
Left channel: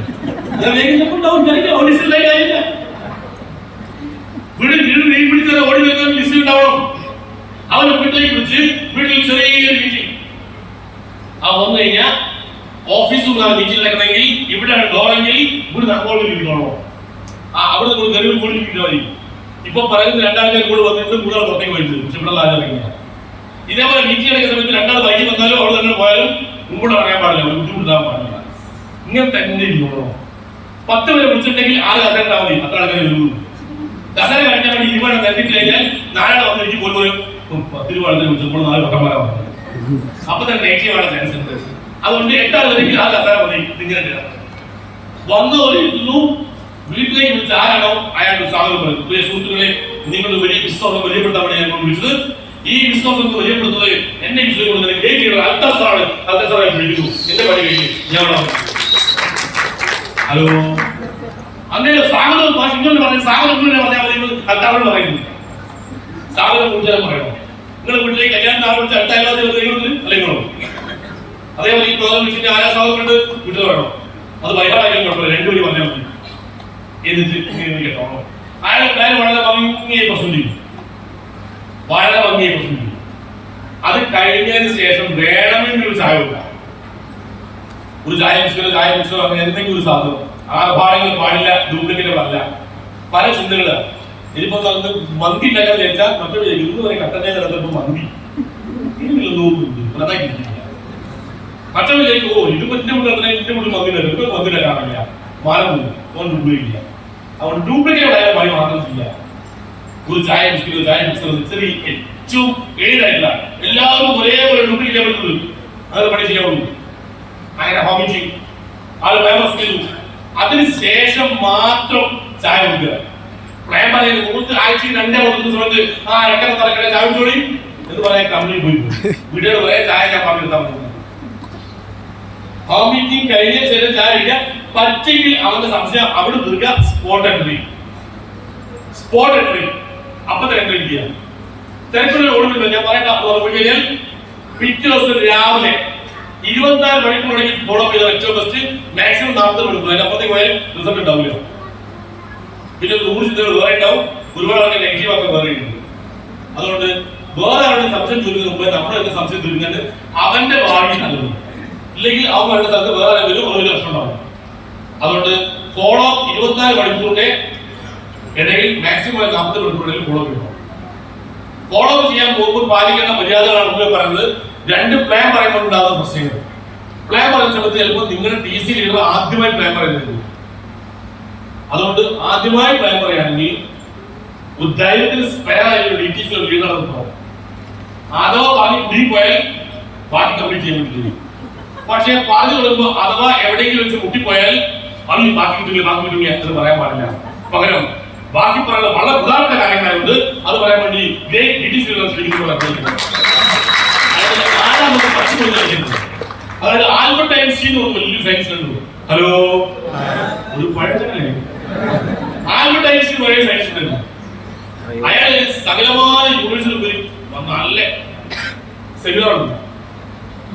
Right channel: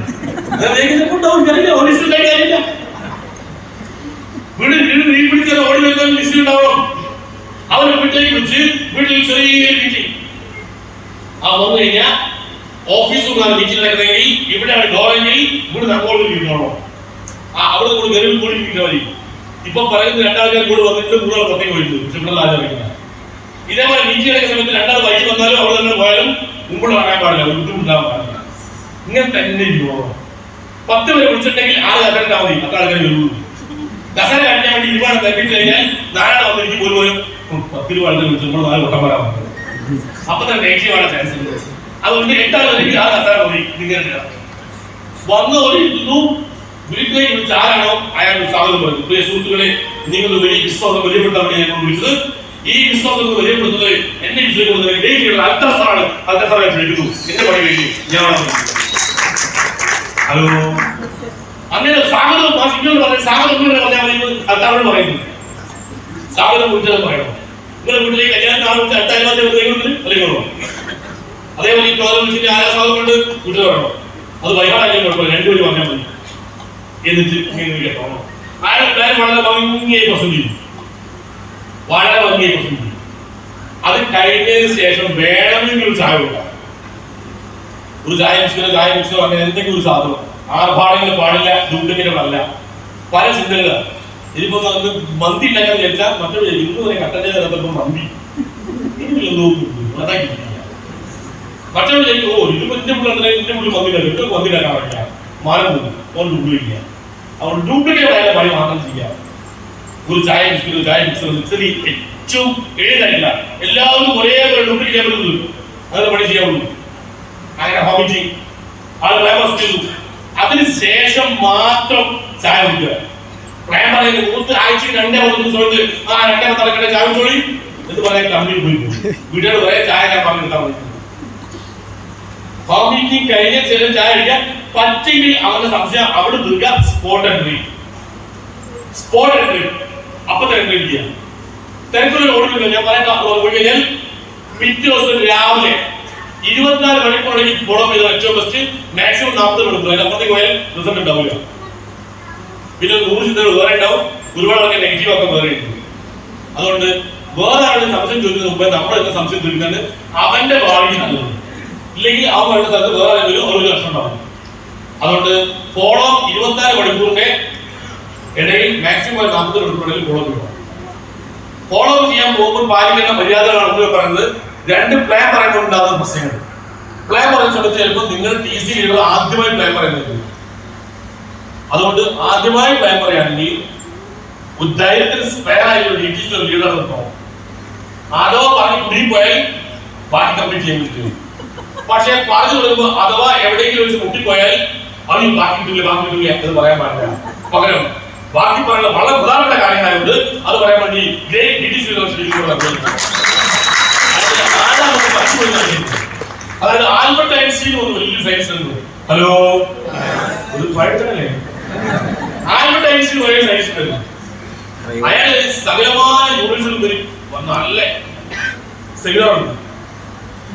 വീട് വീട് വീട് പിടിച്ചാൽ ഓടി വരുന്ന ലിസ്റ്റ് ഉണ്ടാവണം. അവനെ വീട്ടിലേക്ക് വിളിച്ച് വീട്ടിൽ ചെറിയ മീറ്റിംഗ് വന്നു കഴിഞ്ഞാൽ ഓഫീസിൽ മീറ്റിംഗ് നടക്കണമെങ്കിൽ ഇവിടെയാണ് ഡോറെങ്കിൽ ഇവിടെ നടക്കോളൂ. അവിടെ ഗരുവിൽ കൂടിയിരിക്കുന്ന മതി. ഇപ്പൊ പറയുന്ന 2 ആൾക്കാർ കൂടെ വന്നിട്ട് 3 ആൾ പുറത്തേക്ക് പോയിട്ട് പക്ഷെ ഇവിടെ ആചാരിക്കില്ല. ഇതേപോലെ മീറ്റിംഗ് നടക്കുന്ന സമയത്ത് 2 ആൾ വൈകി വന്നാലും അവിടെ തന്നെ പോയാലും മുമ്പോട്ട് പറയാൻ പാടില്ല, ബുദ്ധിമുട്ടാകാൻ പാടില്ല. ഇങ്ങനെ തന്നെ പോകണം. 10 പേരെ വിളിച്ചിട്ടുണ്ടെങ്കിൽ 6 കസേരട്ടാ മതി, 10 ആൾക്കാരെ വരുള്ളൂ. കസേര കഴിഞ്ഞാൽ വേണ്ടി 20 തട്ടിട്ട് കഴിഞ്ഞാൽ 4 ആൾ വന്നിരിക്കും പോലും 10 രൂപ ആൾക്കാർ വിളിച്ചു നമ്മൾ 4 വട്ടം വരാൻ അപ്പൊ തന്നെ നെഗറ്റീവ് ആണ് ചാൻസ് ഉണ്ട്. അതുകൊണ്ട് 8 ആൾ വരെങ്കിൽ ആ കസേര മതി. ഇങ്ങനെ വന്ന് ഒരു വീട്ടിലേക്ക് വിളിച്ച് ആരാണോ അയാൾ സ്വാഗതം പറയുന്നത്. സുഹൃത്തുക്കളെ, നിങ്ങൾക്ക് വലിയ വിശ്വാസം വലിയപ്പെട്ടവരെ ഞാൻ വിളിച്ചത്. ഈ വിശ്വാസം വലിയപ്പെടുന്നത് എന്നെ വിശ്വസിക്കുന്നത് അൽത്താസാണ്. അൽത്താസാറെ വിളിക്കുന്നു. എന്റെ പണി കഴിഞ്ഞു ഞാൻ ഹലോ അങ്ങനെ സ്വാഗതം ഇങ്ങനെ പറയുന്നത്. സ്വാഗതം പറഞ്ഞാൽ മതി. അൽത്താവോട് പറയുന്നു സ്വാഗതം കുറിച്ചാൽ പറയണം. നിങ്ങളുടെ വീട്ടിലേക്ക് കല്യാണം ആരംഭിച്ച് അടുത്ത അല്ലെങ്കിൽ അതേപോലെ ഈ പ്രോഗ്രാം വിളിച്ചിട്ട് ആരാ സ്വാഗതം കണ്ട് വീട്ടിൽ പറയണം. അത് വൈകാടാക്കാൻ കുഴപ്പമില്ല, 2 വഴി പറഞ്ഞാൽ മതി. എന്നിട്ട് ഇങ്ങനെ കേട്ടോ അയാൾ വളരെ ഭംഗിയായി പ്രസന്റ് ചെയ്യും, വളരെ ഭംഗിയായി പ്രസന്റ് ചെയ്യും. അത് കഴിഞ്ഞതിന് ശേഷം വേണമെങ്കിൽ ഒരു ചായ കൊടുക്കാം, ഒരു ചായ മിക്സോ അങ്ങനെ എന്തെങ്കിലും ഒരു സാധനം ആർഭാടങ്ങൾ പാടില്ല, ദുഃഖങ്ങളല്ല, പല ചിന്തകളാണ്. ഇതിപ്പോ നമുക്ക് മന്തി ഉണ്ടാക്കാൻ വിചാരിച്ചാൽ മറ്റൊരു ഇന്ന് വരെ കട്ടന്റെ തരത്തിപ്പോ മന്തി മറ്റൊരു ഓ ഇതിപ്പോ എന്റെ മുകളിൽ മന്തി കാണാറില്ല, മാനം ഡ്യൂപ്ലിക്കുക. അതുകൊണ്ട് ഡ്യൂപ്ലിക്കേറ്റ് ആയ പണി മാത്രം ചെയ്യാം. ഒരു ചായ മിക്സോ ചെറിയ ഏറ്റവും എഴുതായില്ല, എല്ലാവരും ഒരേപോലെ ഡ്യൂപ്ലിക്കേറ്റ് ചെയ്യാൻ പറ്റുന്നത് അങ്ങനെ പണി ചെയ്യാവുള്ളൂ. അങ്ങനെ ഹോബിറ്റി അത് ഡൈവേഴ്സ് ചെയ്തു. അതിനുശേഷം മാത്രം ചായ കുടിക്കുക. പ്ലാൻ പറയുന്നത് മൂന്ന് ആഴ്ചയിൽ 2 സമയത്ത് 2 തലക്കട ചായ കുടിച്ചോളി എന്ന് പറയാൻ കമ്പനി പോയി വീട്ടുകാർ കുറെ ചായ പറഞ്ഞെടുത്താൽ മതി. ഹോബിറ്റി കഴിഞ്ഞ ശേഷം ചായ കഴിക്കുക. പറ്റെങ്കിൽ അവന്റെ സംശയം അവിടെ തീർക്കുക. സ്പോട്ട് എൻട്രി അപ്പൊ തന്നെ എൻട്രി ചെയ്യാം. തിരക്കുള്ള ഓടുന്നില്ല. ഞാൻ പറയാൻ പോയി കഴിഞ്ഞാൽ പിറ്റേ ദിവസം രാവിലെ 24 മണിക്കൂറെങ്കിൽ ഫോളോ ചെയ്ത ഏറ്റവും ബെസ്റ്റ്. മാക്സിമം 40 മണിക്കൂർ അതിന്റെ അപ്പുറത്തേക്ക് പോയാൽ റിസൾട്ട് ഉണ്ടാവില്ല. പിന്നെ 100 ചിന്തകൾ വേറെ ഉണ്ടാവും, ഒരുപാട് ആൾക്കാർ നെഗറ്റീവ് ആക്കാൻ വേറെ ഉണ്ട്. അതുകൊണ്ട് വേറെ ആളുടെ സംശയം ചോദിക്കുന്ന മുമ്പേ നമ്മുടെ സംശയം തീർക്കുന്നത് അവന്റെ ഭാവി നല്ലത്, ഇല്ലെങ്കിൽ അവൻ വേണ്ട സ്ഥലത്ത് വേറെ ഒരു ലക്ഷം ഉണ്ടാവും. അതുകൊണ്ട് ഫോളോ 24 മണിക്കൂറിന്റെ ഇടയിൽ മാക്സിമം 40 മണിക്കൂറിൽ ഫോളോ ചെയ്യണം. ഫോളോ ചെയ്യാൻ പോകുമ്പോൾ പാലിക്കേണ്ട മര്യാദകളാണ് പറയുന്നത്. 2 പ്ലാൻ പറയുമ്പോഴുണ്ടാകുന്ന പ്രശ്നങ്ങൾ. പ്ലാൻ പറയുന്ന സമയത്ത് ചിലപ്പോൾ നിങ്ങളുടെ TC ലീഡർ ആദ്യമായി പ്ലാൻ പറയുന്നത്. അതുകൊണ്ട് ആദ്യമായി പ്ലാൻ പറയുകയാണെങ്കിൽ ഒരു ധൈര്യത്തിന് സ്പെയർ ആയ ഒരു DTC ലീഡർ നിർത്തണം. അഥവാ പറഞ്ഞ് കുടി പോയാൽ ബാക്കി കംപ്ലീറ്റ് ചെയ്യാൻ പറ്റില്ല. പക്ഷെ പറഞ്ഞു കൊടുക്കുമ്പോൾ അഥവാ എവിടെയെങ്കിലും വെച്ച് മുട്ടിപ്പോയാൽ അത് ബാക്കി കിട്ടില്ല എന്ന് പറയാൻ പാടില്ല. പകരം ബാക്കി പറയുന്ന വളരെ പ്രധാനപ്പെട്ട കാര്യങ്ങളുണ്ട്, അത് പറയാൻ വേണ്ടി DTC അതായത് ആൽബർട്ട് ഐൻസ്റ്റീൻ വലിയ സയൻസ് ഉണ്ട്. ഹലോ, ഒരു പഴക്കല്ലേ ആൽബർട്ട് ഐൻസ്റ്റീൻ വലിയ സയൻസ് ഉണ്ട്. അയാൾ സകലമായ യൂണിവേഴ്സിറ്റി നല്ല സെമിനാർ ഉണ്ട്.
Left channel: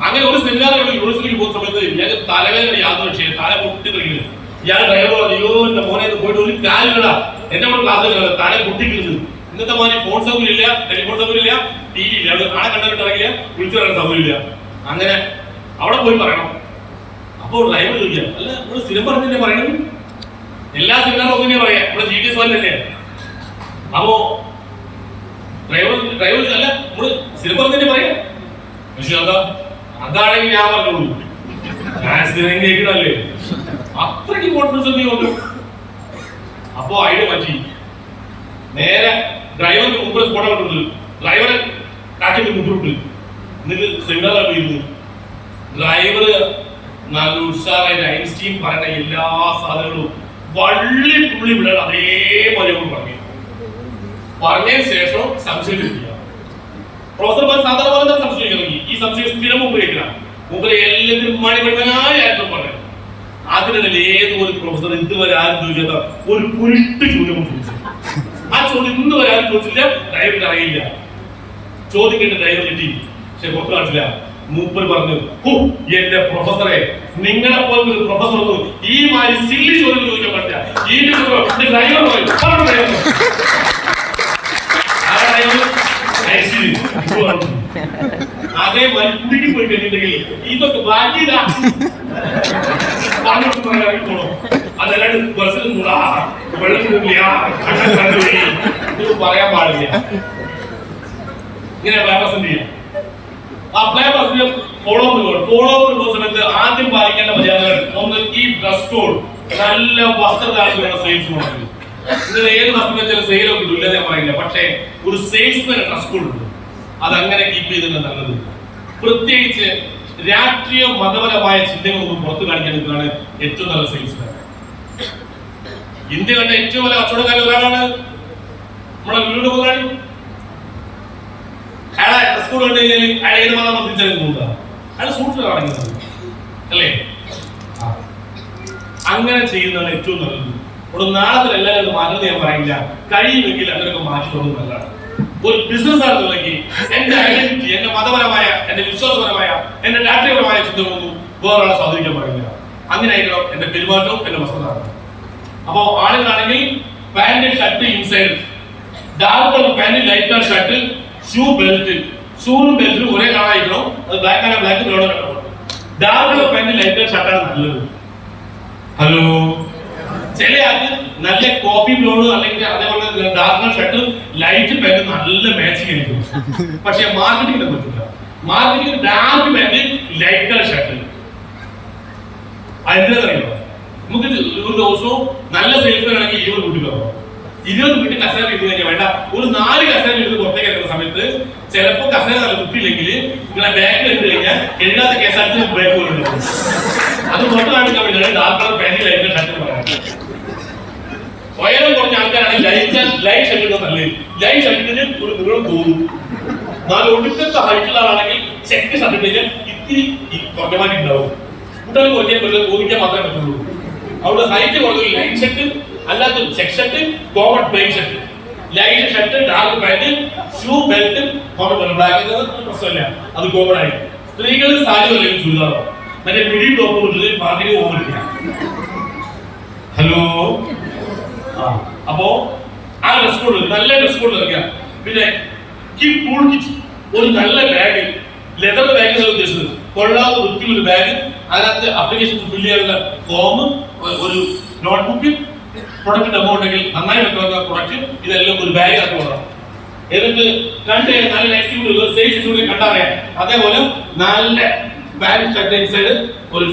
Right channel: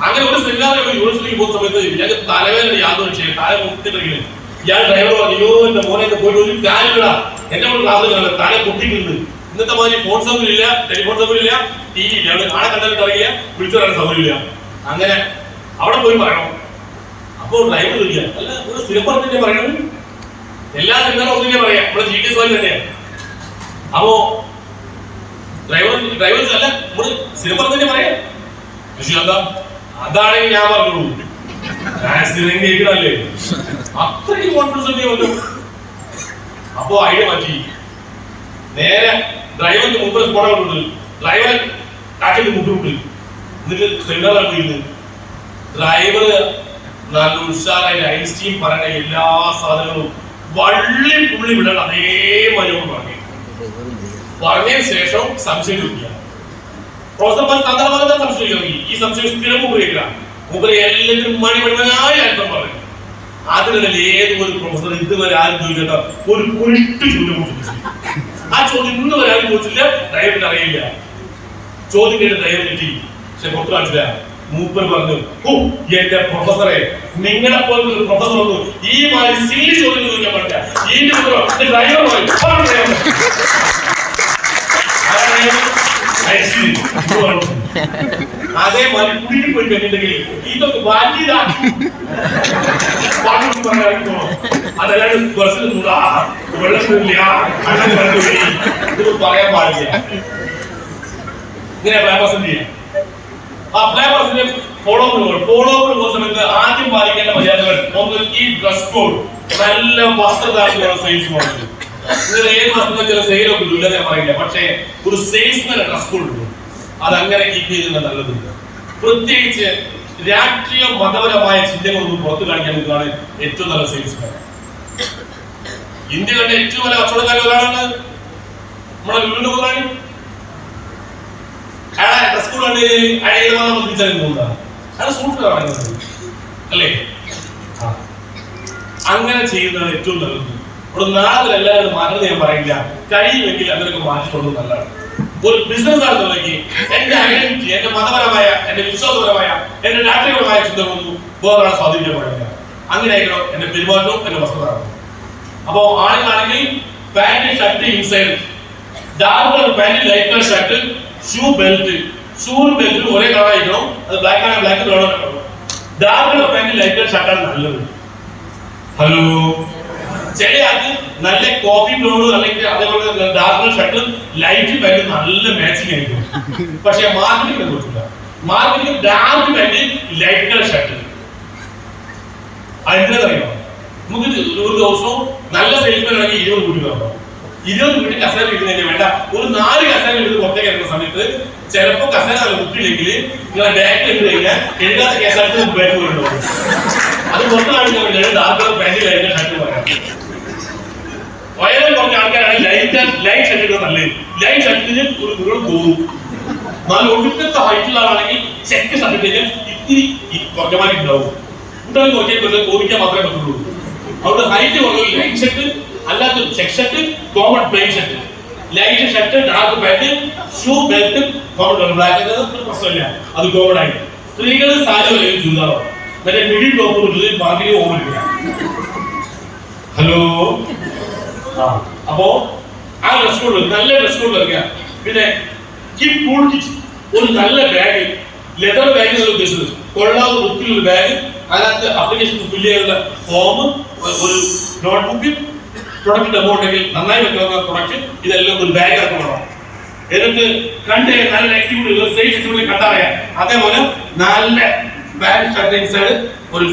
അങ്ങനെ ഒരു സെമിനാറിൽ യൂണിവേഴ്സിറ്റിക്ക് പോകുന്ന സമയത്ത് ഇയാൾക്ക് തലവേദന യാതൊരു വിഷയം തല പൊട്ടിട്ടിരിക്കുന്നത്. ഇയാൾ ഡ്രൈവർ പറഞ്ഞു, അയ്യോ എന്റെ മോനെ പോയിട്ട് ഒരു കാര്യമില്ല, എന്നെ കൊണ്ട് ക്ലാസ് തല പൊട്ടിക്കുന്നത്. ഇന്നത്തെ മാതിരി ഫോൺ സൗകര്യം ഇല്ല, ടെലിഫോൺ സൗകര്യം ഇല്ല, TV ഇല്ല, അവിടെ ആളെ കണ്ടിട്ട് ഇറങ്ങില്ല, വിളിച്ചു പറയാൻ സൗകര്യം ഇല്ല. അങ്ങനെ അവിടെ പോയി പറയണം. അപ്പോൾ ഡ്രൈവർ ചോദിക്കുക, അല്ല ഒരു സ്ഥിരം പറഞ്ഞിട്ട് പറയണം, എല്ലാ സെമിനാറും ഒന്നിനെ പറയാം, നമ്മുടെ GTS വാലി തന്നെയാണ്. അപ്പോ ഡ്രൈവർ അല്ല നമ്മള് സ്ഥിരം പറഞ്ഞിട്ട് പറയാം. പക്ഷെ അതാണെങ്കിൽ ഞാൻ പറഞ്ഞോളൂ, ഞാൻ സ്ഥിരം കേൾക്കണല്ലേ, അത്രയ്ക്ക് കോൺഫിഡൻസ് നീ വന്നു. അപ്പോ ഐഡിയ മാറ്റി, നേരെ ഡ്രൈവറിന്റെ മുമ്പിൽ സ്പോട്ട് കൊടുത്തു, ഡ്രൈവറെ കാറ്റിന്റെ മുമ്പിട്ട് എന്നിട്ട് സെമിനാറിൽ പോയിരുന്നു. ഡ്രൈവർ നല്ല ഉഷാറായിട്ട് ഐൻസ്റ്റീൻ പറയുന്ന എല്ലാ സാധനങ്ങളും വള്ളി പുള്ളി വിടാൻ അതേമാതിരി പറഞ്ഞതിന് ശേഷം സംശയം ചോദിക്കുക. പ്രൊഫസർമാർ സാധാരണ സംശയം ചോദിക്കുക. ഈ സംശയം സ്ഥിരം ഉപയോഗിക്കില്ല. മുമ്പ് എല്ലാത്തിനും മണിമണിമനായി അർത്ഥം പറയും. അതിനിടയിൽ ഏത് ഒരു പ്രൊഫസർ ഇതുവരെ ആരും ചോദിക്കാത്ത ഒരു കുരുട്ട് ചോദ്യം ചോദിച്ചു. ആ ചോദ്യം ഇന്ന് വരെ ആരും ചോദിച്ചില്ല, ഡ്രൈവറിന് അറിയില്ല. ചോദ്യം കേട്ട് ഡ്രൈവർ കിട്ടി, പക്ഷെ പുറത്തു കാണിച്ചില്ല. മൂപ്പർ പറഞ്ഞു, ഓ എന്റെ പ്രൊഫസറെ, നിങ്ങളെ പോലത്തെ ഒരു പ്രൊഫസർ ഒന്നും ഈ മാതിരി സില്ലി ചോദ്യം ചോദിക്കാൻ പറ്റില്ല. അതേമാതിരി കുടിക്ക് പോയി കഴിഞ്ഞിട്ടുണ്ടെങ്കിൽ ഇതൊക്കെ വലിയതാ അതല്ലാണ്ട് വെള്ളത്തില്ല ഇത് പറയാൻ പാടില്ല. ഇങ്ങനെ പ്ലാൻ ചെയ്യാം. ആ പ്ലാൻ ഫോളോ പോകുന്ന സമയത്ത് ആദ്യം പാലിക്കേണ്ട മര്യാദകൾ ഒന്ന്, ഈ ഡ്രസ് കോഡ്, നല്ല വസ്ത്രധാരണ സെയിൽസ് മോഡൽ. നിങ്ങൾ ഏത് വസ്ത്രത്തിൽ ചില സെയിലൊക്കെ ഇല്ലെന്നേ പറയില്ല, പക്ഷേ ഒരു സെയിൽസ്മാൻ ഡ്രസ് കോഡ് ഉണ്ട്. അതങ്ങനെ കീപ്പ് ചെയ്തിരുന്ന നല്ലത്. പ്രത്യേകിച്ച് രാഷ്ട്രീയ മതപരമായ ചിന്തകളൊന്നും പുറത്തു കാണിക്കാൻ നിൽക്കുന്നതാണ് ഏറ്റവും നല്ല സെയിൽസ്മാൻ. ഇന്ത്യ കണ്ട ഏറ്റവും വലിയ കച്ചവടക്കാരൻ ഒരാളാണ് നമ്മുടെ ലുലു മുതലാളി. അയാളെ ഡ്രസ് കോഡ് കണ്ടു കഴിഞ്ഞാൽ അയാൾ ഏത് മതം തിരിച്ചറിയുന്നതാണ്. അയാൾ സൂക്ഷിച്ചതാണ് അല്ലേ? അങ്ങനെ ചെയ്യുന്നതാണ് ഏറ്റവും നല്ലത്. ഇവിടെ നാളെ എല്ലാവരും മാറ്റം ഞാൻ പറയില്ല, കഴിയുമെങ്കിൽ അങ്ങനെയൊക്കെ മാറ്റിക്കൊള്ളു നല്ലതാണ്. ഒരു ബിസിനസ് ആണെന്നുണ്ടെങ്കിൽ എന്റെ ഐഡന്റിറ്റി, എന്റെ മതപരമായ, എന്റെ വിശ്വാസപരമായ, എന്റെ രാഷ്ട്രീയപരമായ ചിന്തകളൊന്നും വേറെ സ്വാധീനിക്കാൻ പാടില്ല. അങ്ങനെ ആയിരിക്കണം എന്റെ പെരുമാറ്റവും എന്റെ വസ്ത്രധാരണം. അപ്പോ ആളുകളാണെങ്കിൽ pant shirt inside, dark colour pant, light colour shirt, shoe belt. ഷൂവും ബെൽറ്റും ഒരേ കളർ ആയിരിക്കണം. അത് ബ്ലാക്ക് ആണ്, black colour. Dark colour pant light colour ഷർട്ടാണ് നല്ലത്. ഹലോ, ചില ആൾക്ക് നല്ല കോഫി ബ്രൗൺ അല്ലെങ്കിൽ അതേപോലെ dark colour shirt light pant നല്ല മാച്ചിങ് ആയിരിക്കും. പക്ഷെ മാർക്കറ്റിംഗ് പറ്റില്ല. Marketing dark pant light colour shirt അറിയാം. നമുക്ക് ഒരു ദിവസവും നല്ല സെയിൽസ്മാൻ ആണെങ്കിൽ 20 കൂട്ടി തരണം. 20 കൂട്ടി കസേര ഇടുന്ന വേണ്ട, ഒരു 4 കസേര എടുത്ത് പുറത്തേക്ക് ഇറങ്ങുന്ന സമയത്ത് ചിലപ്പോൾ കസേര നല്ല കുട്ടിയില്ലെങ്കിൽ നിങ്ങളെ ബാക്കിൽ ഇട്ട് കഴിഞ്ഞാൽ എഴുതാത്ത കേസായിട്ട് ബാക്ക് കൊണ്ടുപോകും. അത് പുറത്ത് കാണിക്കാൻ വേണ്ടിയാണ് dark colour pant light shirt പറയാം. വയറിൽ കുറച്ച് ആൾക്കാരാണെങ്കിൽ ലൈറ്റ് ഷർട്ട് ഇടുന്നത് നല്ലത്. ലൈറ്റ് ഷർട്ടിന് ഒരു ദൂരം പോകും. നാല് ഒടുക്കത്തെ ഹൈറ്റുള്ള ആളാണെങ്കിൽ ചെക്ക് ഷർട്ട് ഇട്ട് ഇത്തിരി കുറഞ്ഞമാരി ഉണ്ടാവും. കൂട്ടാൻ കുറയ്ക്കാൻ കോപിക്കാൻ മാത്രമേ പറ്റുള്ളൂ. അവിടെ ഹൈറ്റ് കുറഞ്ഞ ലൈറ്റ് ഷർട്ട്, അല്ലാത്ത check shirt, common plain shirt, light shirt, dark pant, shoe belt, common black പ്രശ്നമില്ല, അത് കോമൺ ആയി. സ്ത്രീകൾ സാരി അല്ലെങ്കിൽ ചുരിദാറോ മറ്റേ മിഡിൽ ടോപ്പ് കൊടുത്തത് പാർട്ടിക്ക് ഓർമ്മില്ല. ഹലോ, അപ്പോ ആ ഡ്രസ് കോഡ്, നല്ല ഡ്രസ് കോഡ് ഇറക്കുക. പിന്നെ ഒരു നല്ല ബാഗ്, ലെതർ ബാഗ് ഉദ്ദേശിച്ചത്, കൊള്ളാതെ വൃത്തിയുള്ള ബാഗ്, അതിനകത്ത് അപ്ലിക്കേഷൻ ഫില്ല് ചെയ്യാനുള്ള ഫോം, ഒരു നോട്ട്ബുക്ക്, പ്രൊഡക്റ്റ് ഡെമോ ഉണ്ടെങ്കിൽ നന്നായി വെക്കുന്ന പ്രൊഡക്റ്റ്, ഇതെല്ലാം ഒരു ബാഗ് ആക്കി കൊള്ളാം. എന്നിട്ട് കണ്ട് നല്ല എക്സിക്യൂട്ടീവ് സേഫ് കണ്ടറിയാം. അതേപോലെ നല്ല ബാഗ് ഷർട്ട് ഇൻസൈഡ് ഒരു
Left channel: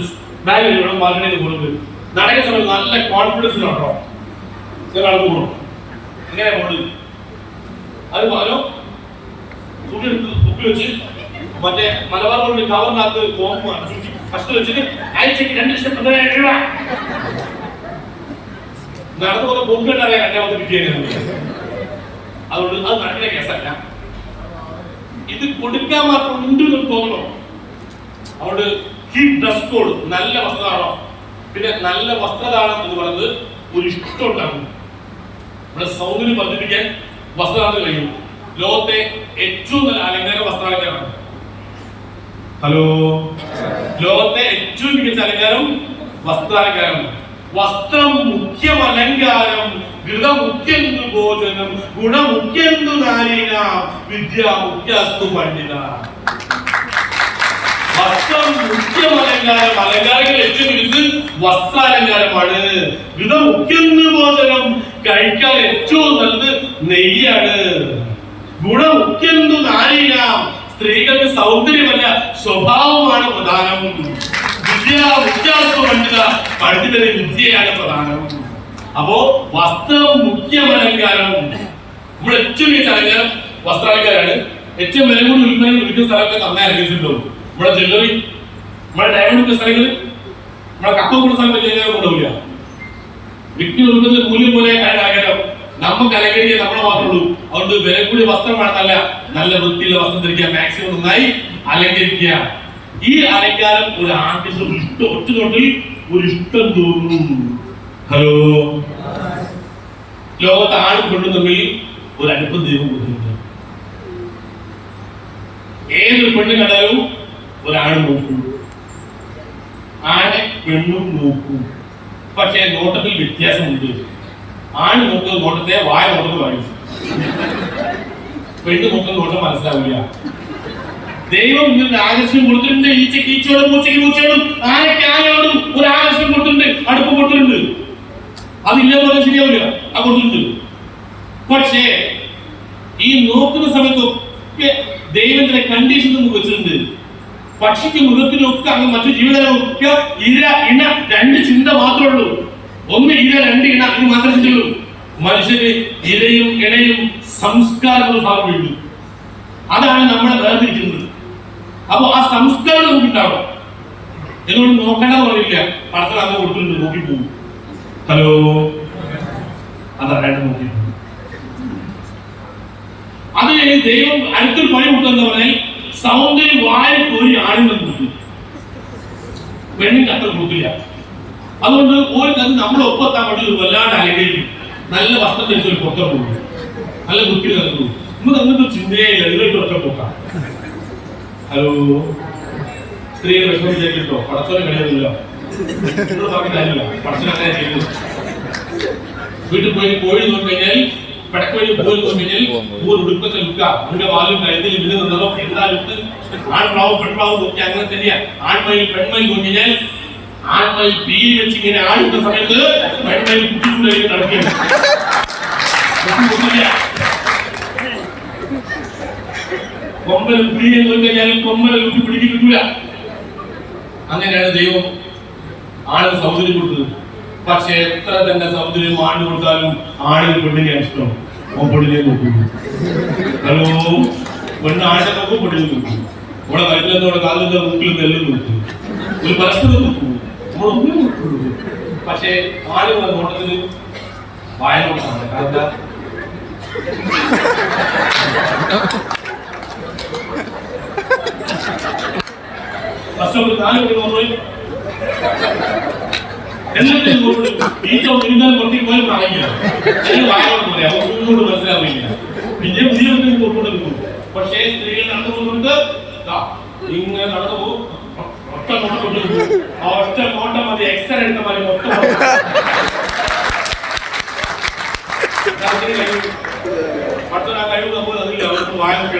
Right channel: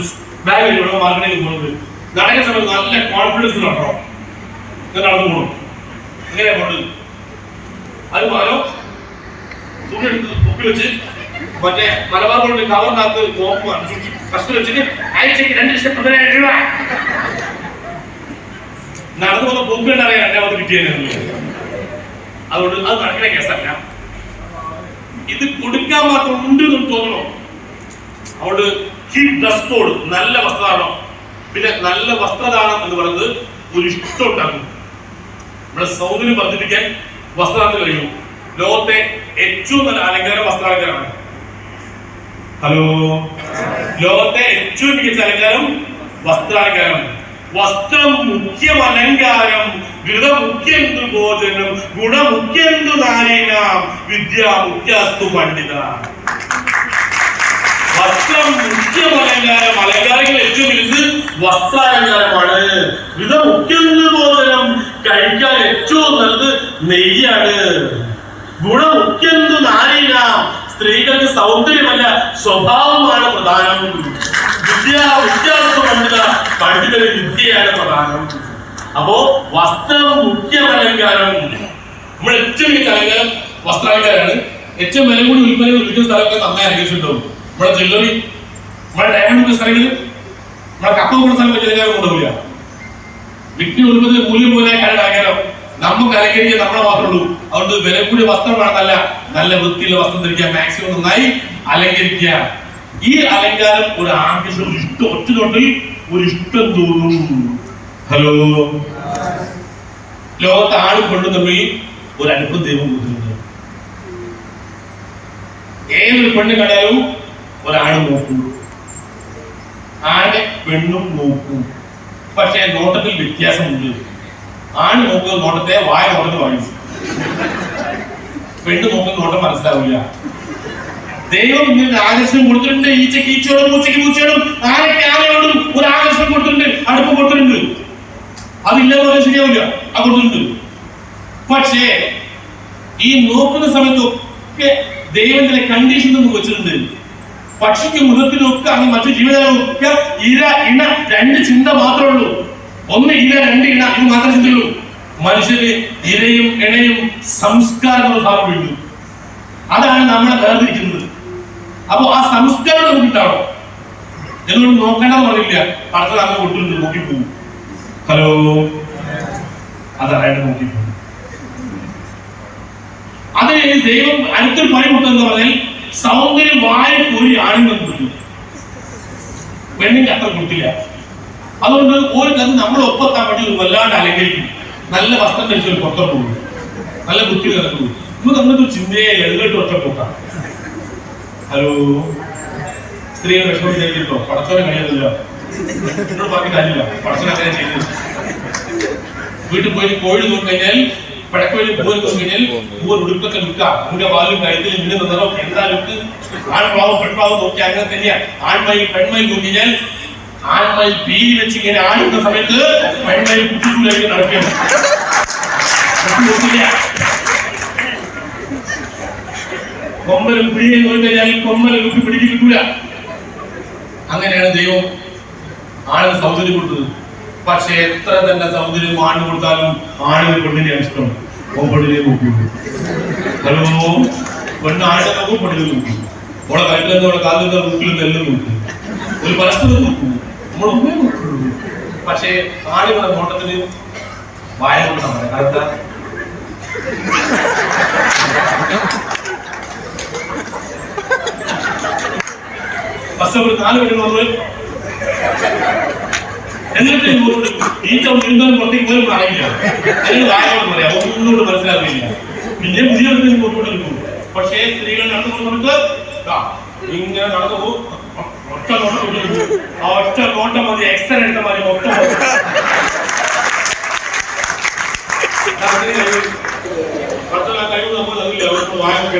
ബാഗ് വേണം മാർക്കറ്റിൽ കൊണ്ടുവരും. നടക്കുന്ന സമയത്ത് നല്ല കോൺഫിഡൻസ് ഉണ്ടോ നടന്നു പോകും. എങ്ങനെ പോകേണ്ടത് അത് പകരം ബുക്കിൽ വെച്ച് മറ്റേ മലബാർ കൊണ്ട് കവറിനകത്ത് ഫസ്റ്റ് വെച്ചിട്ട് ആഴ്ചക്ക് 2,15,000 രൂപ നടന്നു പോകുന്ന ബുക്ക് അറിയാൻ 2ാമത്തെ കിട്ടിയത്. അതുകൊണ്ട് അത് നടക്കുന്ന കേസല്ല. ഇത് കൊടുക്കാൻ മാത്രം ഉണ്ട് എന്ന് തോന്നണോ? അതുകൊണ്ട് ഈ ഡ്രസ് കോഡ്, നല്ല വസ്ത്രധാരണം. പിന്നെ നല്ല വസ്ത്രധാരണം എന്ന് പറയുന്നത് ഒരു ഇഷ്ടം ഉണ്ടാക്കും. നമ്മുടെ സൗന്ദര്യം വർദ്ധിപ്പിക്കാൻ വസ്ത്രധാരണം കഴിയും. ലോകത്തെ ഏറ്റവും നല്ല അലങ്കാര വസ്ത്രാലങ്കാരമാണ്. ഹലോ, ലോകത്തെ ഏറ്റവും മികച്ച അലങ്കാരം വസ്ത്രാലങ്കാരം. വസ്ത്രം മുഖ്യം അലങ്കാരം, ഘൃത മുഖ്യം ഭോജനം, ഗുണമുഖ്യം നാരീണാം, വിദ്യ മുഖ്യസ്തു പണ്ഡിത. വസ്ത്രം മുഖ്യം അലങ്കാരം, അലങ്കാരങ്ങൾ ഏറ്റവും വലുത് വസ്ത്രാലങ്കാരമാണ്. ഘൃത മുഖ്യം ഭോജനം, കഴിക്കാൻ ഏറ്റവും നല്ലത് നെയ്യാണ്. ഗുണമുഖ്യം നാരീണാം, സ്ത്രീകൾക്ക് സൗന്ദര്യമല്ല സ്വഭാവമാണ് പ്രധാനം. പണ്ഡിതന് വിദ്യയാണ് പ്രധാനം. അപ്പോ വസ്ത്രം മുഖ്യം അലങ്കാരം. നമ്മൾ ഏറ്റവും വലിയ അലങ്കാരം വസ്ത്രാലങ്കാരാണ്. ഏറ്റവും വില കൂടി വിൽക്കുന്ന സ്ഥലത്ത് നന്നായി അലങ്കരിച്ചിട്ടുണ്ടാവും. നമ്മുടെ ജ്വല്ലറി, നമ്മുടെ ഡയമണ്ട് വിൽക്കുന്ന സ്ഥലങ്ങളിൽ, നമ്മുടെ കപ്പ കൂടുന്ന സ്ഥലത്ത് അലങ്കാരം കൊണ്ടുപോയില്ല. വിറ്റ് കൊടുക്കുന്നത് മൂല്യം പോലെ അലങ്കാരം. നമുക്ക് അലങ്കരിക്കാൻ നമ്മളെ മാത്രമേ ഉള്ളൂ. അതുകൊണ്ട് വില കൂടിയ വസ്ത്രം വേണമെന്നല്ല, നല്ല വൃത്തിയുള്ള വസ്ത്രം ധരിക്കുക, മാക്സിമം നന്നായി അലങ്കരിക്കുക. ഈ അലങ്കാരം ഒരു ആർട്ടിസ്റ്റ് ഇഷ്ടം, ഒറ്റ തൊട്ടിൽ ഒരു ഇഷ്ടം തോന്നും. ഹലോ, ലോകത്ത് ആണും പെണ്ണും തമ്മിൽ ഒരു അടുപ്പം ദൈവം കൊടുത്തിട്ടുണ്ട്. ഏതൊരു പെണ്ണും കണ്ടാലും ഒരാണ് നോക്കും, ആണ് പെണ്ണും നോക്കും. പക്ഷെ നോട്ടത്തിൽ വ്യത്യാസമുണ്ട്. ആണ് നോക്കുന്ന നോട്ടത്തെ വായ നോട്ടത്തിൽ വായിച്ചു, പെണ്ണ് നോക്കുന്ന നോട്ടം മനസ്സിലാവില്ല. ദൈവം ഇങ്ങനെ ആകർഷണം കൊടുത്തിട്ടുണ്ട്. ഈച്ചക്ക് ഈച്ചയോടും പൂച്ചയ്ക്ക് പൂച്ചയോടും ആനയ്ക്ക് ആനയോടും ഒരു ആകർഷണം കൊടുത്തിട്ടുണ്ട്, അടുപ്പ് കൊടുത്തിട്ടുണ്ട്. അതില്ലാതെ ശരിയാവില്ല, അത് കൊടുത്തിട്ടുണ്ട്. പക്ഷേ ഈ നോക്കുന്ന സമയത്തൊക്കെ ദൈവം ചില കണ്ടീഷൻ നമുക്ക് വെച്ചിട്ടുണ്ട്. പക്ഷിക്ക് മൃഗത്തിനും ഒക്കെ അങ്ങനെ മറ്റു ജീവജാലങ്ങൾക്ക് ഇര ഇണ 2 ചിന്ത മാത്രമേ ഉള്ളൂ. 1 ഇര 2 ഇണ, ഇത് മാത്രമേ ചിന്തയുള്ളൂ. മനുഷ്യന് ഇരയും ഇണയും സംസ്കാരങ്ങളും ഭാഗമുണ്ട്. അതാണ് നമ്മളെ വേർതിരിക്കുന്നത്. അപ്പൊ ആ സംസ്കാരം നമുക്കുണ്ടാവണം. എന്നോട് നോക്കേണ്ടെന്ന് പറയില്ല, പടത്തിൽ അങ്ങനെ കൊടുത്തിട്ടുണ്ട്, നോക്കിപ്പോകും. ഹലോ, അതായിട്ട് നോക്കിപ്പോകും. അത് ദൈവം അടുത്തൊരു പണി കൊടുത്തെന്ന് പറഞ്ഞാൽ സൗന്ദര്യം വായ കോരി ആണെന്ന് കൊടുത്തു, പെണ്ണിന് അത്ര കൊടുത്തില്ല. അതുകൊണ്ട് ഒരു കഥ നമ്മളെ ഒപ്പത്താൻ വേണ്ടി ഒരു വല്ലാണ്ട് അലങ്കരിക്കും. നല്ല വസ്ത്രം ധരിച്ചൊരു പുറത്തോട്ട് പോകും, നല്ല വൃത്തി നടക്കുന്നു. നമുക്ക് അങ്ങനത്തെ ചിന്തയെ എതിരിട്ട് ഒറ്റ പോക്കാം. ഹലോ, സ്ത്രീയെ വിഷമം വിചാരിച്ചിട്ടോ? പടച്ചോനെ കഴിയുന്നില്ല, പറഞ്ഞ കാര്യമില്ല. പടച്ചോനെ അങ്ങനെ ചെയ്തു. വീട്ടിൽ പോയി കോഴി നോക്കി കഴിഞ്ഞാൽ പടക്കോഴി പൂവൽ നോക്കി കഴിഞ്ഞാൽ പൂവൽ ഉടുപ്പൊക്കെ നിൽക്കുക അതിന്റെ വാലും കഴുത്തിൽ പിന്നെ നിന്നോ എന്താ ലുക്ക് ആൺപ്രാവും പെൺപ്രാവും നോക്കി അങ്ങനെ തന്നെയാ ആൺമയിൽ പെൺമയിൽ നോക്കി കഴിഞ്ഞാൽ ആൺമയിൽ പീലി വെച്ച് ഇങ്ങനെ ആടുന്ന സമയത്ത് പെൺമയിൽ കുട്ടികളിലേക്ക് നടക്കുകയാണ്. കൊമ്പലും പിടിയെ നോക്കി കഴിഞ്ഞാൽ കൊമ്പലെ കുട്ടി പിടിക്ക് കിട്ടൂല. അങ്ങനെയാണ് ദൈവം ആണിന് സൗന്ദര്യം കൊടുത്തത്. പക്ഷെ എത്ര തന്നെ സൗന്ദര്യം ആണിന് കൊടുത്താലും ആണിന് പെണ്ണിനെ ഇഷ്ടമാണ്. പെണ്ണിനെ നോക്കുന്നു. ഹലോ, പെണ്ണ് ആണിനെ നോക്കും, പെണ്ണിനെ നോക്കും. നമ്മളെ കഴുത്തിലെന്തോ കാലിന്റെ മുക്കിലും എല്ലാം നോക്കും. ഒരു പരസ്പരം നോക്കൂ, നമ്മളൊന്നേ നോക്കുള്ളൂ. പക്ഷെ ആളുകളുടെ നോട്ടത്തിന് വായ കൊടുക്കാൻ കാരണം ഫസ്റ്റ് ഒരു 4 മണി വന്നു എന്നിട്ട് ഈച്ച ഇരുന്നാലും പുറത്തേക്ക് പോലും ആയില്ല. വായോട് പറയാം, ഒന്നുകൂടെ മനസ്സിലാവില്ല. പിന്നെ പുതിയ കൊണ്ടുകൊണ്ടിരിക്കും. പക്ഷേ സ്ത്രീകൾ നടന്നു പോകുന്നത് ഇങ്ങനെ നടന്നു പോകും. ഒറ്റ നോട്ടം കൊണ്ടിരിക്കും. ആ ഒറ്റ നോട്ടം മതി എക്സ്റേ എടുത്ത മാതിരി ഒറ്റ കഴിവ് നമ്മൾ അറിയില്ല. വായൊക്കെ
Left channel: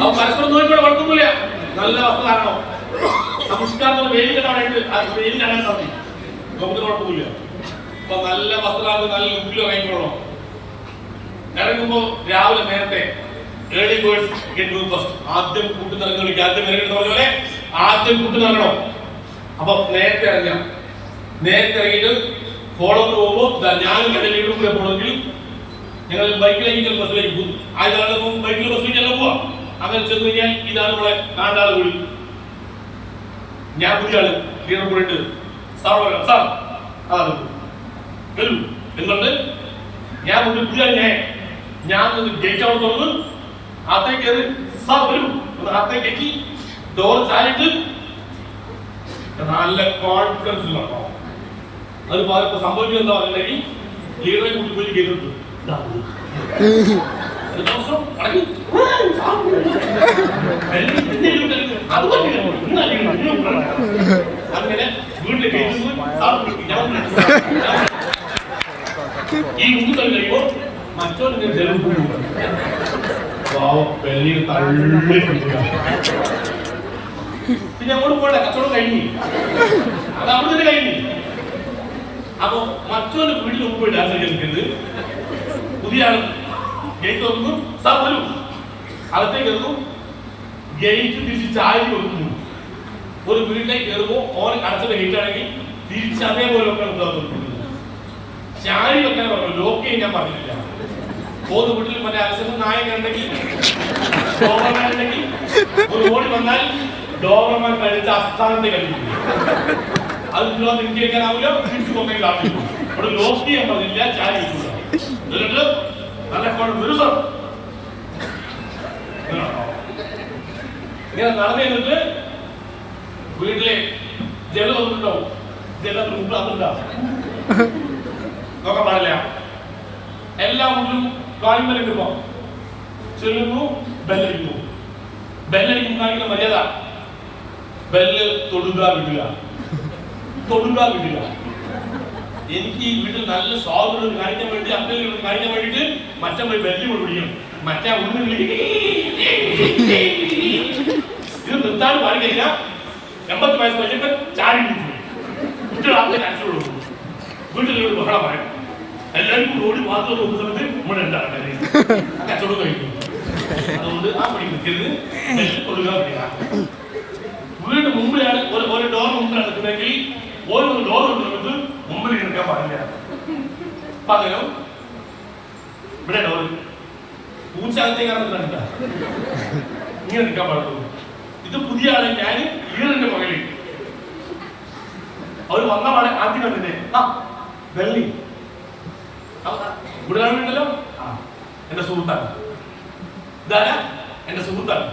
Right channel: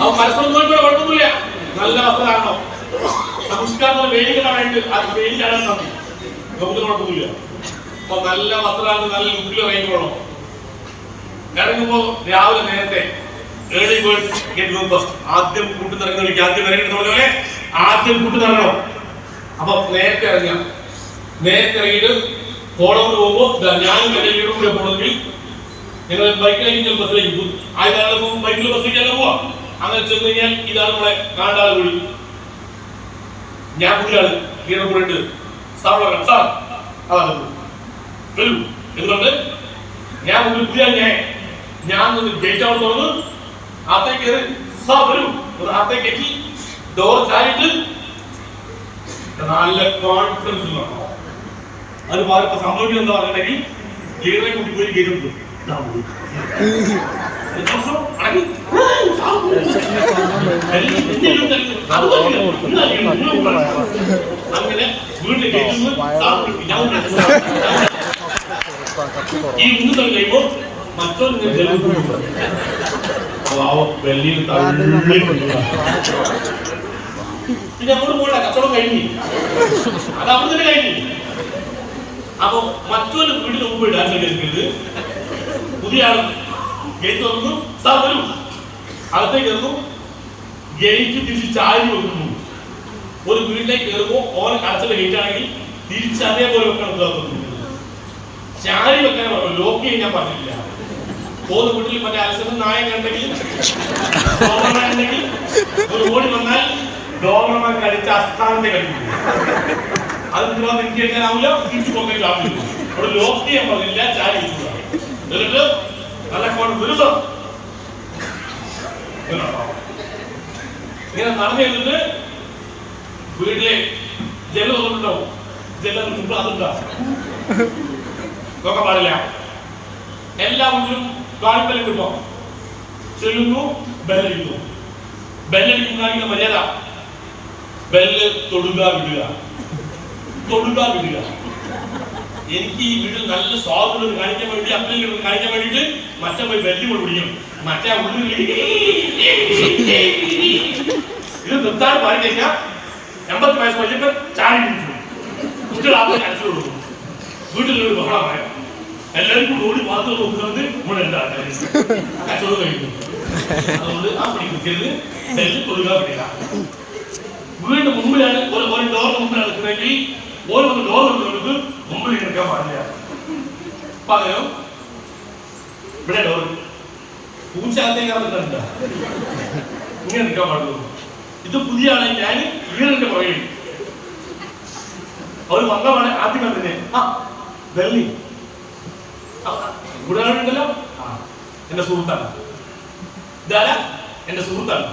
അവ പരസ്പരം നോക്കിക്കൂടെ കുഴപ്പമൊന്നുമില്ല. നല്ല വസ്ത്രധാരണം സംസ്കാരത്തിന്റെ വെയിലായിട്ട് അത് വെയിലാണ് മതി, നമുക്ക് കുഴപ്പമില്ല. അപ്പൊ നല്ല വസ്ത്രധാരണം നല്ല മുന്നിൽ ഇറങ്ങിക്കോണം. ഇറങ്ങുമ്പോ രാവിലെ നേരത്തെ early birds get you first. ആദ്യം കൂട്ടുനിറങ്ങുന്ന വിളിക്കുക. ആദ്യം ഇറങ്ങിയിട്ട് പോലെ ആദ്യം കൂട്ടുനിറങ്ങണം. അപ്പൊ നേരത്തെ ഇറങ്ങാം. നേരത്തെ ഇറങ്ങിയിട്ട് ഫോളോ പോകുമ്പോ ഞാനും എന്റെ വീടും കൂടെ പോകണമെങ്കിൽ ഞങ്ങൾ ബൈക്കിലേക്ക് ബസ്സിലേക്ക് പോകും. ആദ്യം ബൈക്കിൽ ബസ്സിലേക്കല്ല പോവാ. അങ്ങനെ ചെന്ന് കഴിഞ്ഞാൽ ഇതാണ് നമ്മളെ കാണ്ടാള് കൂടി. ഞാൻ പുതിയ ആള് വീണ്ടുണ്ട് എന്തുകൊണ്ട് ഞാൻ പുതിയ ഞാൻ ജയിച്ചാവണം തോന്നുന്നു. അകത്തേക്ക് അകത്തേക്ക് ഡോർ ചാരിട്ട് നല്ല കോൺഫിഡൻസ് വേണം. അത് സംഭവിക്കുന്നത് എന്താ പറയുന്നെങ്കിൽ ലീഡറെ കൂട്ടി പോയി കേട്ടിട്ടുണ്ട്. അങ്ങനെ വീട്ടിൽ ഈ മുന്നൂറ് കഴിയുമ്പോൾ മറ്റൊരു വെള്ളിയിൽ തള്ളി പിന്നെ അങ്ങോട്ട് പോകണ്ട, കച്ചവടം കഴിഞ്ഞു. അത് അവിടെ തന്നെ കഴിഞ്ഞു. അപ്പൊ മറ്റൊരു വീട്ടിൽ മുമ്പ് ഡാൻസ് കളിക്കരുത്. പുതിയ ആൾ ഗേറ്റ് തുറന്നു, സാർ വരൂ. അകത്തേക്ക് കയറുന്നു. ഗേറ്റ് തിരിച്ച് ചാരി വെക്കുന്നു. ഒരു വീട്ടിലേക്ക് കയറുമ്പോൾ ഓൻ കടച്ചത് ഗേറ്റ് ആണെങ്കിൽ തിരിച്ച് അതേപോലെ വെക്കണം. ചാരി വെക്കാൻ പറഞ്ഞു, ലോക്ക് ചെയ്യാൻ ഞാൻ പറഞ്ഞില്ല. ഓരോ വീട്ടിൽ മറ്റേ അലസനും നായക ഉണ്ടെങ്കിൽ ഡോമർമാരുണ്ടെങ്കിൽ ഒരു ഓടി വന്നാൽ ഡോമർമാർ കഴിച്ച അസ്ഥാനത്തെ കഴിക്കും. അത് നിങ്ങളത് എനിക്ക് കേൾക്കാനാവില്ല, തിരിച്ചു പോകാനാവില്ല. അവിടെ ലോക്ക് ചെയ്യാൻ പറഞ്ഞില്ല, ചാരി എന്നിട്ട് നല്ല വിരുദ്ധം ഇങ്ങനെ നടന്നു കഴിഞ്ഞിട്ട് വീട്ടിലെ ജലം ഉണ്ടാവും. ജലം അതുണ്ടാവും നോക്കാൻ പാടില്ല. എല്ലാ വീട്ടിലും കാൽമേൽ കിട്ടും. ചെല്ലുന്നു, ബെല്ലടിക്കുന്നു. ബെല്ലടിക്കുന്ന മര്യാദ ബെല്ല് തൊടുക വിടുക, തൊടുക വിടുക. എനിക്ക് ഈ വീട്ടിൽ നല്ല സ്വാതന്ത്ര്യം കാണിക്കാൻ വേണ്ടി അപ്പനും കാണിക്കാൻ വേണ്ടിയിട്ട് മറ്റേ പോയി ബെല്ല് കൊണ്ട് പിടിക്കും. മറ്റേ ഇത് നിർത്താൻ പാടി കഴിഞ്ഞാൽ 80 വയസ്സ് കഴിഞ്ഞപ്പോൾ ചാരി കുട്ടികളാവുന്ന ചാൻസ് കൊടുക്കും. വീട്ടിലൊരു ബഹളം പറയാം. എല്ലാവരും ഓടി മാത്രം നോക്കുന്നത് നമ്മുടെ എന്താണ് കച്ചവടം കഴിക്കും. അതുകൊണ്ട് ആ പണി നിൽക്കരുത്. ബെല്ല് തൊടുക വിടുക. വീടിന് മുമ്പിലാണ് ഒരു ഡോർ മുമ്പിലാണ് നിൽക്കുന്നെങ്കിൽ ഓരോ ഡോർ കൊണ്ട് മുമ്പിൽ എടുക്കാൻ പാടില്ല. പകരം ഇവിടെ ഡോർ പൂച്ചകത്തേക്ക് ഇറങ്ങുന്നുണ്ട്, ഇങ്ങനെ നിൽക്കാൻ പാടുള്ളൂ. ഇത് പുതിയ ആളെ ഞാൻ വീടിന്റെ പുറകിൽ അവർ വന്നതാണ് ആദ്യം കണ്ടില്ലേ. ആ വെള്ളി ഉടനല്ലോ, എന്റെ സുഹൃത്താണ്. ഇതാരാ? എന്റെ സുഹൃത്താണ്,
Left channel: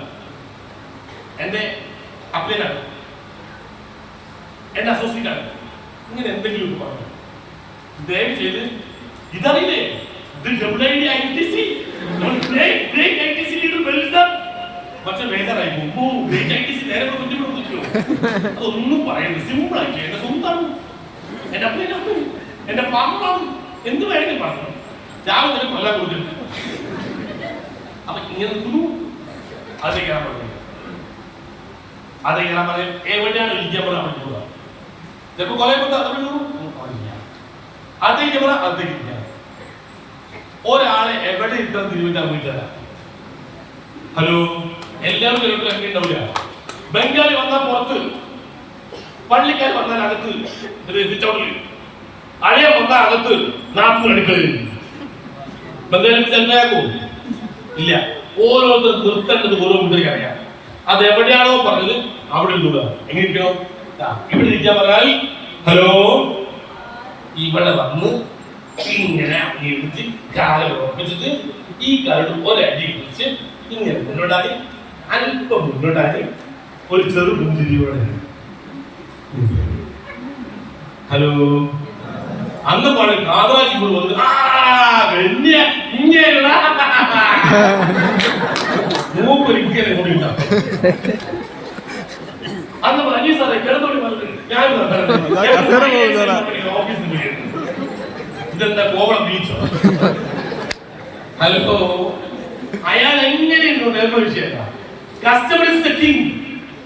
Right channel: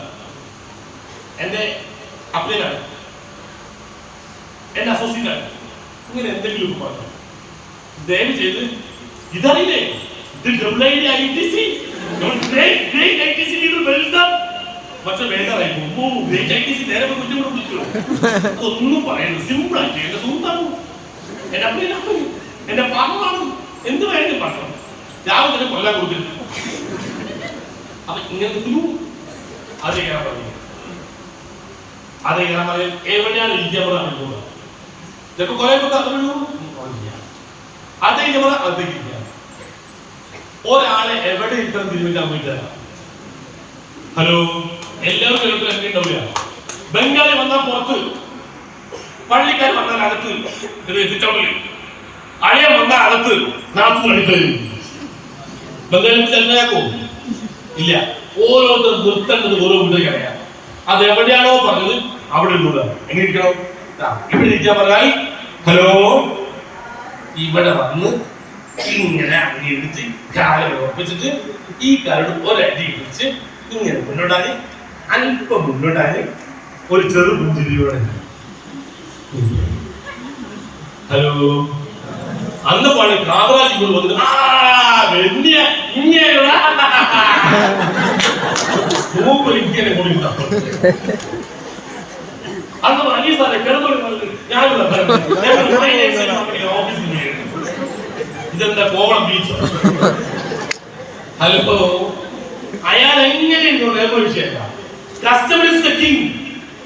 എന്റെ അപ്ലൈനാണ്, എന്റെ അസോസിയേറ്റ് ആണ്. ഇങ്ങനെ എന്തെങ്കിലും പറഞ്ഞു ദയവ് ചെയ്ത് ഇതറിയില്ലേ, ഇത് WITC പക്ഷെ വേണ്ടായി നേരെ ഒന്നും പറയുന്നത് സിമ്പിൾ ആയിട്ട് എന്റെ സുഹൃത്താണ്, എന്റെ അപ്ലൈനാണ്. എന്റെ പാമ്പമാണ്, എന്ത് വേണമെങ്കിലും പറഞ്ഞു രാവിലെ തന്നെ കൊല്ലാൻ കൊടുത്തിട്ട്. അപ്പൊ ഇങ്ങനെ അത് ചെയ്യാൻ പറഞ്ഞു. അത് ചെയ്യാൻ പറയും എവിടെയാണ് ഇരിക്കാൻ പോകുക. ചിലപ്പോ കുറെ അത് ഇരിക്കുക. ഒരാളെ എവിടെ ഇട്ടം തിരിവില്ല വീട്ടുകാര. ഹലോ, എല്ലാവരും ഉണ്ടാവില്ല. ബംഗാളി വന്നാൽ പുറത്ത്, പള്ളിക്കാർ വന്നാൽ അകത്ത്, അളിയ വന്നാൽ അകത്ത്, നാട്ടിനടുക്കല്. ബംഗാളി ചെന്നയാക്കോ ഇല്ല. ഓരോരുത്തർ നിർത്തേണ്ടത് ഓരോ വീട്ടിലേക്ക് അറിയാം. അത് എവിടെയാണോ പറഞ്ഞത് അവിടെ ഇരുന്നൂട. എങ്ങനെ ഇരിക്കണോ? ഇവിടെ ഇരിക്കാൻ പറഞ്ഞാൽ ഹലോ, ഇവിടെ വന്ന് ഇങ്ങനെ എടുത്ത് കാല് ഉറപ്പിച്ചിട്ട് ഈ കാലോട് ഒരടി പിടിച്ച് ഇങ്ങനെ മുന്നോട്ടായി, അല്പം മുന്നോട്ടായി, ഒരു ചെറു പുഞ്ചിരിയോടെ ഹലോ. അന്ന് പാട് കാതറാജി കൊണ്ട് വന്നിട്ട് മൂപ്പൊരിക്കലെ കൊണ്ടിട്ടാണ്. അന്ന് വലിയ സാറേ കിടന്നോളി ഓഫീസിൽ ഇതെന്താ കോവളം ബീച്ച്. ഹലോ, അയാൾ എങ്ങനെ വിഷയമല്ല. Customer is the king.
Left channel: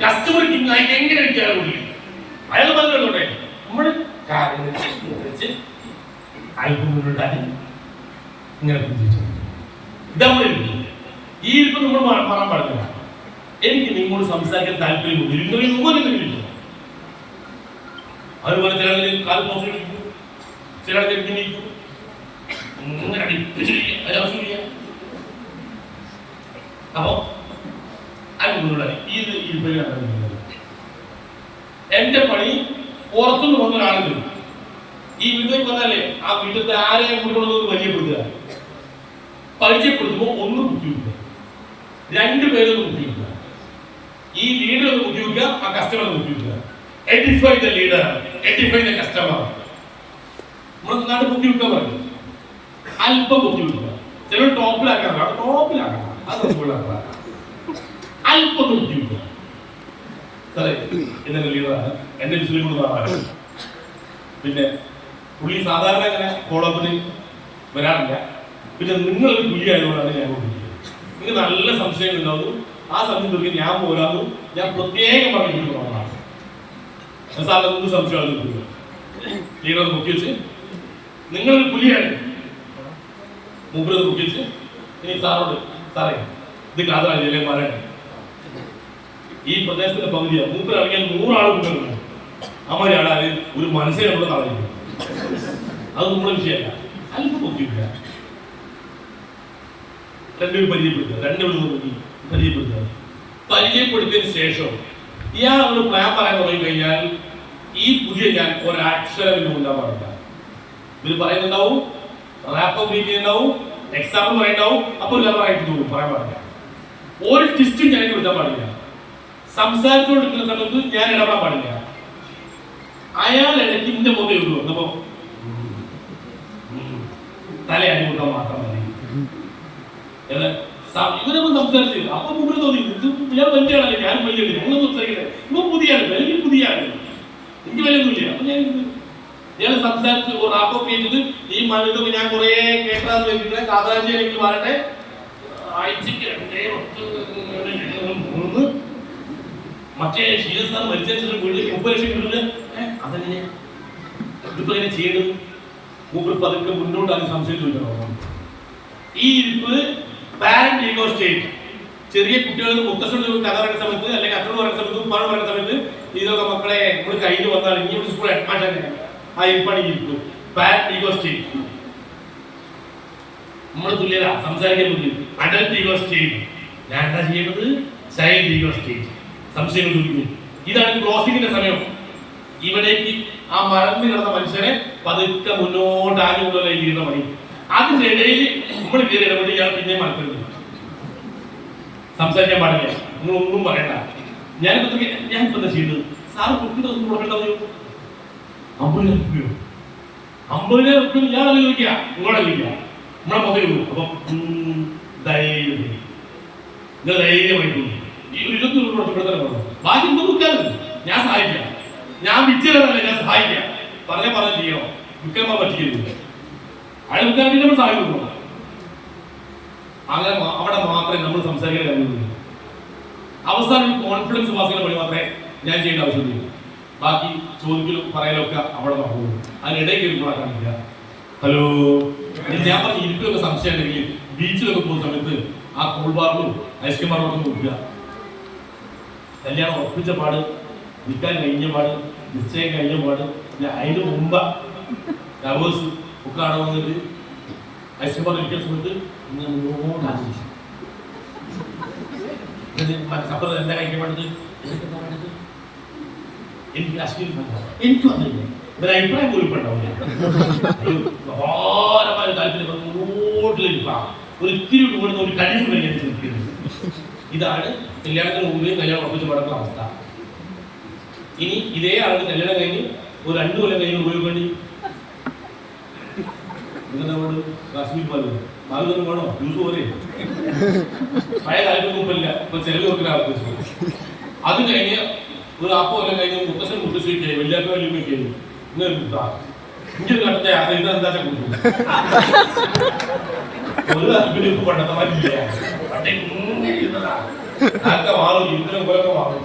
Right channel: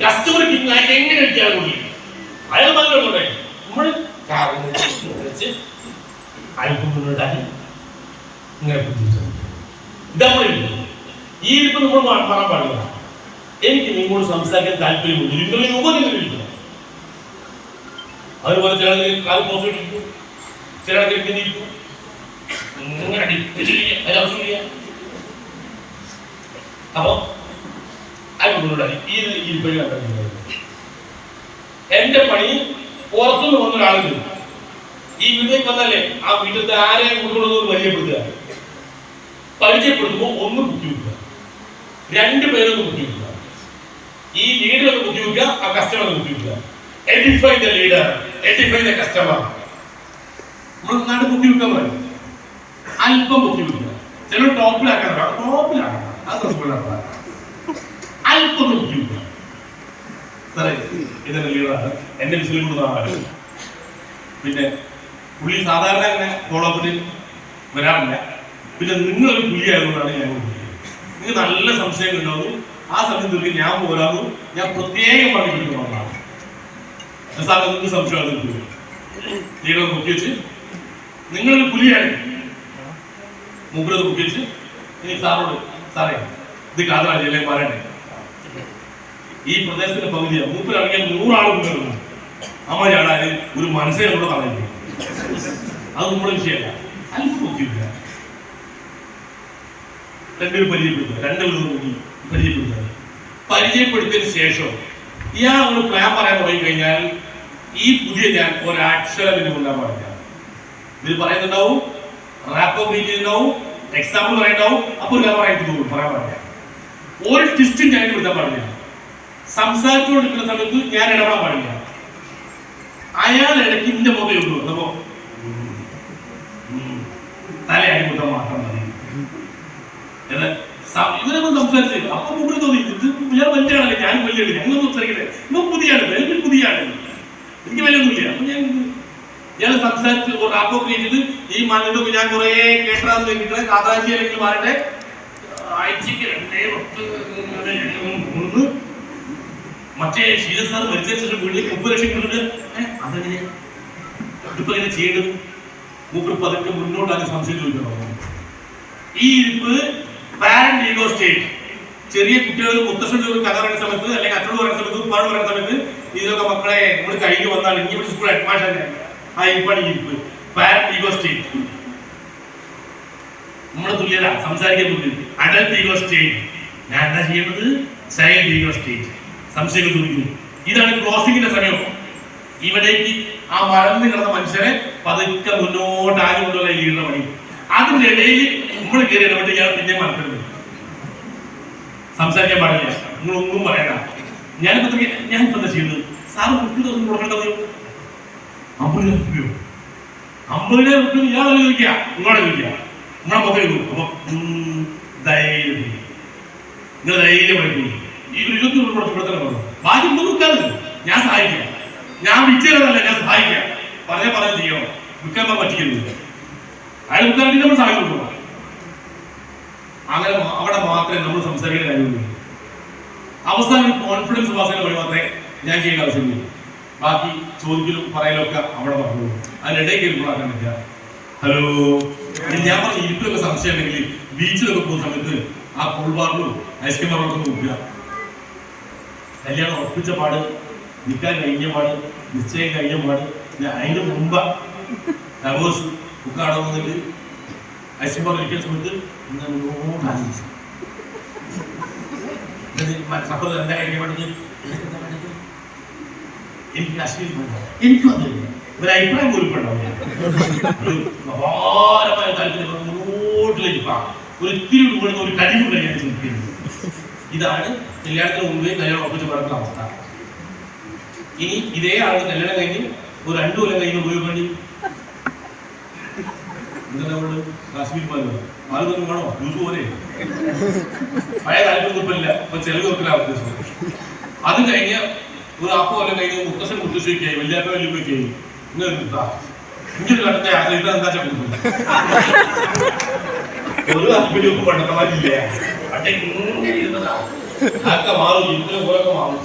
Customer king ആയി എങ്ങനെ ഇരിക്കാൻ കൂടി അയാൾ പറഞ്ഞോട്ടെ. നമ്മള് അല്പം മുന്നോട്ടായി ഇങ്ങനെ ഇതാ ഈ ഇരിപ്പ് നമ്മൾ പറയാൻ പാടില്ല. എനിക്ക് നിങ്ങളോട് സംസാരിക്കാൻ താല്പര്യമുണ്ട്. ഇരിക്കുന്നതിന് മുമ്പ് നിങ്ങൾ ഇരിക്കണം. അതുപോലെ ചില കാല് പോസിറ്റിരിക്കും, ചില ഇരിക്കും. അപ്പൊ എന്റെ പണി പുറത്തുനിന്ന് വന്ന ഒരാളുണ്ട്. ഈ വീട്ടിലേക്ക് വന്നല്ലേ ആ വീട്ടിലത്തെ ആരെയും കൊണ്ടുകൊണ്ടൊന്ന് പരിചയപ്പെടുത്തുമ്പോ ഒന്ന് ബുദ്ധിമുട്ടുക, രണ്ടുപേരൊന്ന് ബുദ്ധിമുട്ടുക. ഈ ലീഡർ ഒന്ന് ബുദ്ധിമുട്ടുക, ആ കസ്റ്റമർ ബുദ്ധിമുട്ടുക. Edify the leader, edify the customer. നമ്മൾ നാട് ബുദ്ധിമുട്ടാൻ പറയും, അല്പം ബുദ്ധിമുട്ടുക. ചിലർ ടോപ്പിലാക്കാൻ ടോപ്പിലാക്കണം, അത് അല്പം ബുദ്ധിമുട്ടുക. സാറേ ഇതെന്റെ ലീഡറാണ്, എന്റെ വിസിലും കൊടുത്താണ്. പിന്നെ പുള്ളി സാധാരണ അങ്ങനെ ഫോളോ അപ്പിന് വരാറില്ല. പിന്നെ നിങ്ങളൊരു പുള്ളി ആയതുകൊണ്ടാണ് ഞാൻ നിങ്ങൾക്ക് നല്ല സംശയങ്ങൾ ഉണ്ടാവും. ആ സമയത്ത് ഞാൻ പോരാകും, ഞാൻ പ്രത്യേകമായി വിളിക്കുന്നതാണ്. സാർ എന്ത് സംശയമാണ് ലീഡർ ബുക്ക് വെച്ച് നിങ്ങളൊരു പുലിയാണ് മൂപ്പരത് ബുക്ക് വെച്ച് ഇനി സാറോട് സാറേ ഇത് കാതറാജല്ലേ പറയണേ, ഈ പ്രദേശത്തിന്റെ പകുതിയാണ്. മൂപ്പരിറങ്ങിയാൽ 100 ആൾ കൊണ്ടുവരുന്നു. അമ്മയാണ് ഒരു മനസ്സിനെ കൂടെ പറയുന്നത്. അത് നമ്മുടെ വിഷയമല്ല. അല്പം ബുദ്ധിയില്ല. രണ്ടുപേരും പരിചയപ്പെടുത്തിയതിനു ശേഷം ഇയാളോട് പ്ലാൻ പറയാൻ തുടങ്ങി കഴിഞ്ഞാൽ ഈ പുതിയ ഞാൻ ഒരക്ഷരം ഇതിന് കൊല്ലാൻ പാടില്ല. ഇതിൽ പറയുന്നുണ്ടാവും, റാപ്പ് ഉണ്ടാവും, എക്സാമ്പിൾ പറയുന്നുണ്ടാവും. അപ്പൊ പറയാൻ പാടില്ല. ഒരു ടിസ്റ്റും ഞാൻ കൊടുക്കാൻ പാടില്ല. സംസാരിച്ചുകൊണ്ടിരിക്കുന്ന സമയത്ത് ഞാൻ ഇടപെടാൻ പാടില്ല. അയാൾ ഇടയ്ക്ക് ഇന്റെ മുതലേ ഉള്ളൂ. അപ്പോ തലയായി കൊടുക്കാൻ മാത്രം മതി. ഇവരൊന്നും സംസാരിച്ചില്ല. അപ്പൊ മുമ്പിൽ തോന്നി ഞാൻ വലിയാണല്ലേ, ഞാൻ വലിയ ഞങ്ങളൊന്നും സംസാരിക്കട്ടെ, ഇപ്പൊ പുതിയാണ്, എനിക്ക് പുതിയാണ്, എനിക്ക് വിലയൊന്നുമില്ല. അപ്പൊ ഞാൻ സംസാരിച്ച് അപ്പൊ ചെയ്തിട്ട് ഈ മണ്ണിട്ട് ഞാൻ കുറെ കേട്ടാന്ന് വെച്ചിട്ട് കാതാശിയിലേക്ക് മാറട്ടെ. ആഴ്ചക്ക് 2 മറ്റേ ശീല സാർ മരിച്ചു വീട്ടിലേക്ക് 30 ലക്ഷം കിട്ടുന്നത് അതെങ്ങനെയാ ഇതിപ്പോ എങ്ങനെ ചെയ്യേണ്ടത്? മൂപ്പർ പതുക്കെ മുന്നോട്ടാണ് സംശയം ചോദിക്കണം. ഈ ഇരിപ്പ് പാരന്റ് ഈഗോ സ്റ്റേറ്റ്. ചെറിയ കുട്ടികൾ മുത്തശ്ശൻ കഥ പറയുന്ന സമയത്ത് അല്ലെങ്കിൽ അച്ഛൻ പറയുന്ന സമയത്ത് പണം പറയുന്ന സമയത്ത് ഇതൊക്കെ മക്കളെ നമ്മൾ കയ്യിൽ വന്നാൽ ഇനി സ്കൂൾ ഹെഡ്മാസ്റ്റർ ആ ഇരിപ്പാണ് ഈ ഇരിപ്പ് പാരന്റ് ഈഗോ സ്റ്റേറ്റ്. നമ്മുടെ തുല്യത സംസാരിക്കാൻ ബുദ്ധി അഡൽട്ട് ഈഗോ സ്റ്റേറ്റ്. ഞാൻ എന്താ ചെയ്യേണ്ടത്? Child ego state. സംശയങ്ങൾ ചോദിക്കുന്നു. ഇതാണ് ക്ലോസിംഗിന്റെ സമയം. ഇവിടേക്ക് ആ മറന്നു കിടന്ന മനുഷ്യനെ പതുക്കെ മുന്നോട്ട് ആരുകൊണ്ടുള്ള ലീഡർ പണി. അതിന്റെ ഇടയിൽ നമ്മൾ കയറി ഇടപെട്ട് ഇയാൾ പിന്നെ മറക്കരുത്, സംസാരിക്കാൻ പാടില്ല, നിങ്ങളൊന്നും പറയണ്ട. ഞാനിപ്പോ എന്താ ചെയ്യുന്നത്? സാറ് 50 ദിവസം കൊടുക്കേണ്ടത് 50,000 രൂപ ഇയാളെ ചോദിക്കുക, നിങ്ങളെ ചോദിക്കുക, നമ്മളെ മുഖം. അപ്പൊ ധൈര്യം നിങ്ങൾ ധൈര്യം പഠിക്കുന്നു. ഈ 20 രൂപ കൊടുക്കണം. ബാക്കി ഒന്നും ഞാൻ സഹായിക്കാം. ഞാൻ വിളിച്ചതല്ല, ഞാൻ സഹായിക്കാം. പറഞ്ഞ ചെയ്യണം. വിൽക്കാൻ പറ്റിയിരുന്നില്ല. അയാൾ ഉദ്ഘാടനം നമ്മൾ സഹായം കൊടുക്കണം. അങ്ങനെ അവിടെ മാത്രമേ നമ്മൾ സംസാരിക്കാൻ കഴിയുള്ളൂ. അവസാനം കോൺഫിഡൻസ് പാസിന് വഴി മാത്രമേ ഞാൻ ചെയ്യേണ്ട ആവശ്യമില്ല. ബാക്കി ചോദിക്കലും പറയലും ഒക്കെ അവിടെ പറഞ്ഞു. അതിനിടയിൽ കയറിപ്പോഴാക്കാൻ പറ്റില്ല. ഹലോ, ഞാൻ പറഞ്ഞ ഇരിപ്പൊക്കെ സംശയം ഉണ്ടെങ്കിൽ ബീച്ചിലൊക്കെ പോകുന്ന സമയത്ത് ആ കൂൾ ബാറിലും ഐസ്ക്രീം ബാറിലൊക്കെ നോക്കുക. കല്യാണം ഉറപ്പിച്ച പാട്, നിൽക്കാൻ കഴിഞ്ഞ പാട്, നിശ്ചയം കഴിഞ്ഞ പാട്, അതിന് മുമ്പ് ഡവേഴ്സ് ഒക്കെ അവിടെ വന്നിട്ട് ഐസ്ക്രീം ബാറിൽ ഇരിക്കുന്ന സമയത്ത് സപ്പർ എന്താ കഴിക്കാൻ വേണ്ടത്, എനിക്ക് കാശ്മീരിൽ പോകാം, എനിക്കും അതില്ല ഒരു അഭിപ്രായം പോലും അപാരമായ താല്പര്യം റോഡിലേക്ക് ഒരിത്തിരി കൂടുന്ന ഒരു കഴിവ് കല്യാണം ചിന്തിക്കുന്നത്. ഇതാണ് കല്യാണത്തിന് മുമ്പേ കല്യാണം ഉറപ്പിച്ച് നടക്കുന്ന അവസ്ഥ. ഇനി ഇതേ ആളുടെ കല്യാണം കഴിഞ്ഞ് ഒരു 2 കൊല്ലം കഴിഞ്ഞ് ഉപയോഗിക്കേണ്ടി നിങ്ങളോട് കാശ്മീർ പാല് തന്നെ വേണോ, ജ്യൂസ് പോലെ പഴയ താല്പര്യം കുഴപ്പമില്ല, ഇപ്പൊ ചെലവ് കൊടുക്കുന്ന ആവശ്യം. അത് കഴിഞ്ഞ് ഒരു 40 കൊല്ലം കഴിഞ്ഞ് മുത്തശ്ശിക്കായി വലിയ വലിയ ഇങ്ങനെ കണ്ടത്തെ ആശ്രയിക്കാൻ എന്താ കൊടുക്കുന്നത് ഒരു താല്പര്യം ഒന്നും പണ്ടത്തമാരില്ല. പക്ഷെ ഇങ്ങനെ ഇരുന്നതാ അതൊക്കെ മാറും, ഇപ്പോഴും കുറെയൊക്കെ മാറും.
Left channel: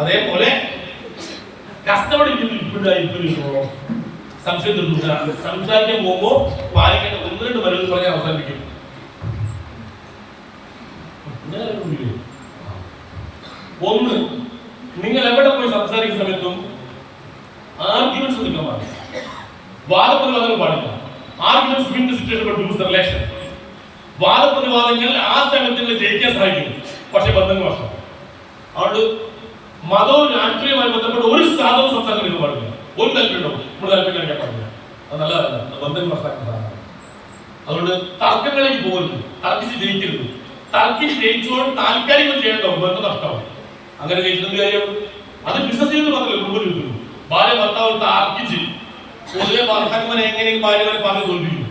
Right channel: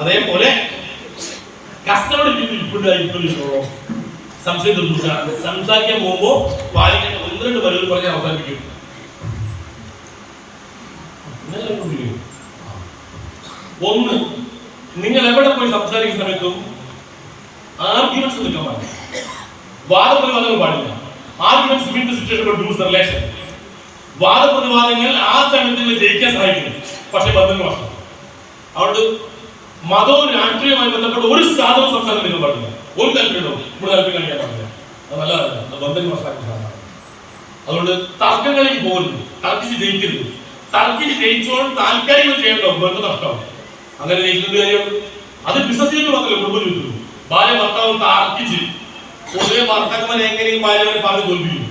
അതേപോലെ കസ്റ്റമർ ഇപ്പോഴും സംശയം തോന്നുന്നു. സംസാരിക്കാൻ പോകുമ്പോ പാലിക്കാൻ 1-2 വരകൾ പറഞ്ഞാൽ അവസാനിപ്പിക്കും. ഒന്ന്, നിങ്ങൾ എവിടെ പോയി സംസാരിക്കുന്ന സമയത്തും ആർഗ്യുമെന്റ്സ് നിൽക്കാൻ പാടില്ല, വാദപ്രതിവാദങ്ങൾ പാടില്ല. Arguments win the situation of lose relation. വാദപ്രതിവാദങ്ങൾ ആ സമയത്ത് ജയിക്കാൻ സഹായിക്കുന്നു, പക്ഷെ ബന്ധങ്ങൾ വർഷം. അതുകൊണ്ട് മതവും രാഷ്ട്രീയവുമായി ബന്ധപ്പെട്ട ഒരു സാധനവും സംസാരിക്കാൻ പാടില്ല. ഒരു താല്പര്യമുണ്ടോ, നമ്മുടെ താല്പര്യം കഴിക്കാൻ പാടില്ല. അത് നല്ലതല്ല, ബന്ധങ്ങൾ വർഷമാക്കുന്ന സാധനമാണ്. അതുകൊണ്ട് തർക്കങ്ങളിലേക്ക് പോകരുത്, തർക്കിച്ച് ജയിക്കരുത്. തർക്കിച്ച് ജയിച്ചോളം താൽക്കാലികം ചെയ്യണ്ടോ, ബന്ധം നഷ്ടമാവും. അങ്ങനെ ജയിക്കുന്ന കാര്യം അത് ബിസിനസ് മാത്രമല്ല, കുടുംബ ജീവിതത്തിലും ഭാര്യ ഭർത്താവ് തർക്കിച്ച് പൊതുവെ ഭർത്താക്കന്മാരെ എങ്ങനെയും ഭാര്യകളെ പറഞ്ഞ് തോൽപ്പിക്കും.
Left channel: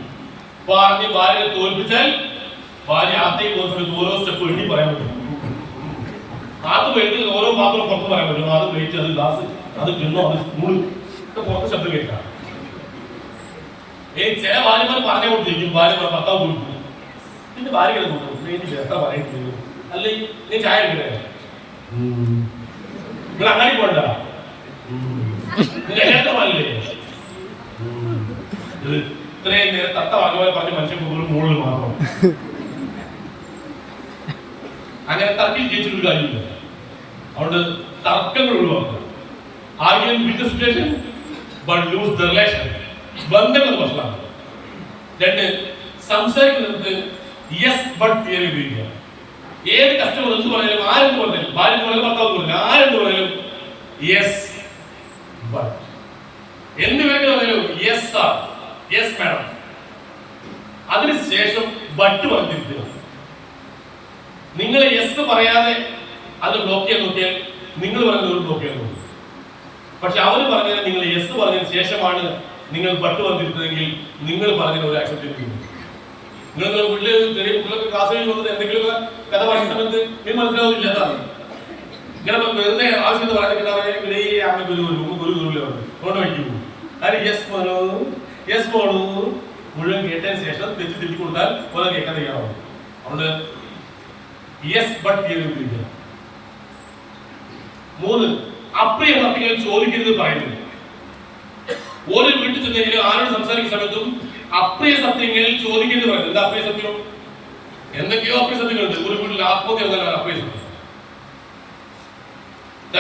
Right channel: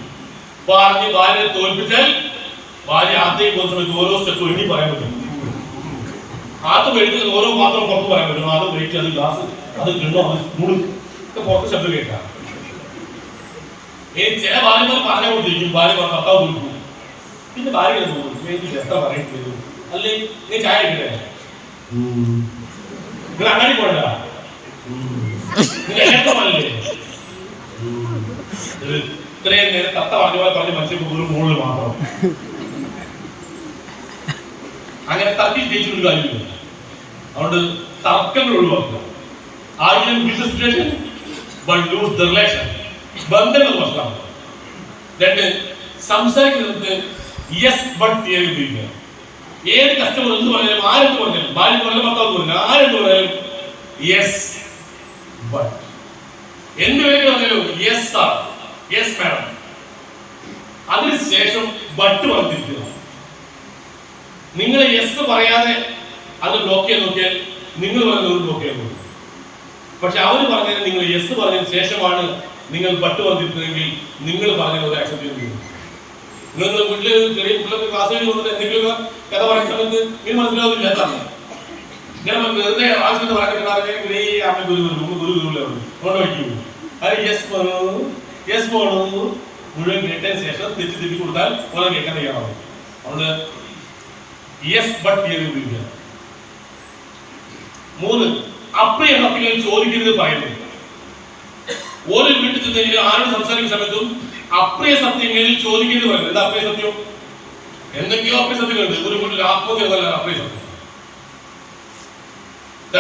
പറഞ്ഞ് ഭാര്യയെ തോൽപ്പിച്ചാൽ ഭാര്യ ആദ്യം പോകുന്ന സമയത്ത് ഓരോ സ്റ്റെപ്പ് എണ്ണി പറയാൻ പറ്റും. ആദ്യം എഴുതി ഓരോ പാത്രം പുറത്ത് പറയാൻ പറ്റും. ആദ്യം വെയിറ്റ്, അത് ഗ്ലാസ്, അത് കിണ്ണോ, അത് സ്പൂൺ ഒക്കെ പുറത്ത് ശബ്ദം കേൾക്കാം. ചില ഭാര്യമാർ പറഞ്ഞ കൊടുത്തിരിക്കും, ഭാര്യ ഭർത്താവ് കൊടുക്കും. പിന്നെ ഭാര്യ എത്ര പറയുന്നു, അല്ലെ നീ ചായ എടുക്കണേ, നിങ്ങൾ അങ്ങനെ പോണ്ട, നിങ്ങൾ ഇത്രയും നേരം തത്ത പറഞ്ഞ പോലെ പറഞ്ഞ് മനുഷ്യൻ കൂടുതൽ മുകളിൽ മാത്രം. അങ്ങനെ തർക്കിൽ ജയിച്ചൊരു കാര്യമില്ല. അതുകൊണ്ട് തർക്കങ്ങൾ ഒഴിവാക്കുക. ആദ്യം win the situation but lose the relation. ബന്ധങ്ങൾ പ്രശ്നമാണ്. 2, സംസാരിക്കുന്നത് യെസ് ബട്ട് തിയറി ഉപയോഗിക്കുക. ഏത് കസ്റ്റമർ എന്ത് പറഞ്ഞാലും, ആരെന്ത് പറഞ്ഞാലും, ഭാര്യ പറഞ്ഞാലും ഭർത്താവ് പറഞ്ഞാലും, ആരെന്ത് പറഞ്ഞാലും യെസ് ബട്ട്. എന്ത് വേണമെങ്കിലും പറഞ്ഞാലും യെസ് സാർ, യെസ് മാഡം. അതിനുശേഷം ബട്ട് വന്നിരിക്കുക. നിങ്ങൾ യെസ് പറയാതെ അത് ബ്ലോക്ക് ചെയ്യാൻ നോക്കിയാൽ നിങ്ങൾ പറയുന്നത് ബ്ലോക്ക് ചെയ്യാൻ നോക്കും. പക്ഷെ അവർ പറഞ്ഞത് നിങ്ങൾ യെസ് പറഞ്ഞതിന് ശേഷമാണ് നിങ്ങൾ ബട്ട് വന്നിരിക്കുന്നതെങ്കിൽ നിങ്ങൾ പറഞ്ഞത് ഒരു ആക്സെപ്റ്റ് ചെയ്യും. നിങ്ങൾ വീട്ടില് ചെറിയ കുട്ടികളൊക്കെ ക്ലാസ്സിൽ വന്നിട്ട് എന്തെങ്കിലും കഥ പറയുന്ന സമയത്ത് നിങ്ങൾ മനസ്സിലാവുന്നില്ല. അതാണ് ഇങ്ങനെ വെറുതെ ആവശ്യം പറഞ്ഞിട്ടുണ്ടെങ്കിൽ യെസ് പോണു, യെസ് പോണു മുഴുവൻ കേട്ടതിന് ശേഷം തെറ്റി തിരിച്ചു കൊടുത്താൽ പോലെ കേൾക്കാൻ തയ്യാറാവും. അതുകൊണ്ട് യെസ് ബട്ട് ചെയ്ത് ഉപയോഗിക്കുക. 3, അപ്രിയ സത്യങ്ങൾ ചോദിക്കരുത് പറയുന്നത്. ഓരോ വീട്ടിൽ ചെന്നെങ്കിലും ആരോട് സംസാരിക്കുന്ന സമയത്തും അപ്രിയ സത്യങ്ങൾ ചോദിക്കരുത് പറയുന്നത്. എന്താ അപ്രിയ സത്യം? എന്തൊക്കെയോ അപ്രിയ സത്യങ്ങളുണ്ട്. ഒരു വീട്ടിൽ ആത്മഹത്യ എന്നല്ല അപ്രിയ സത്യം.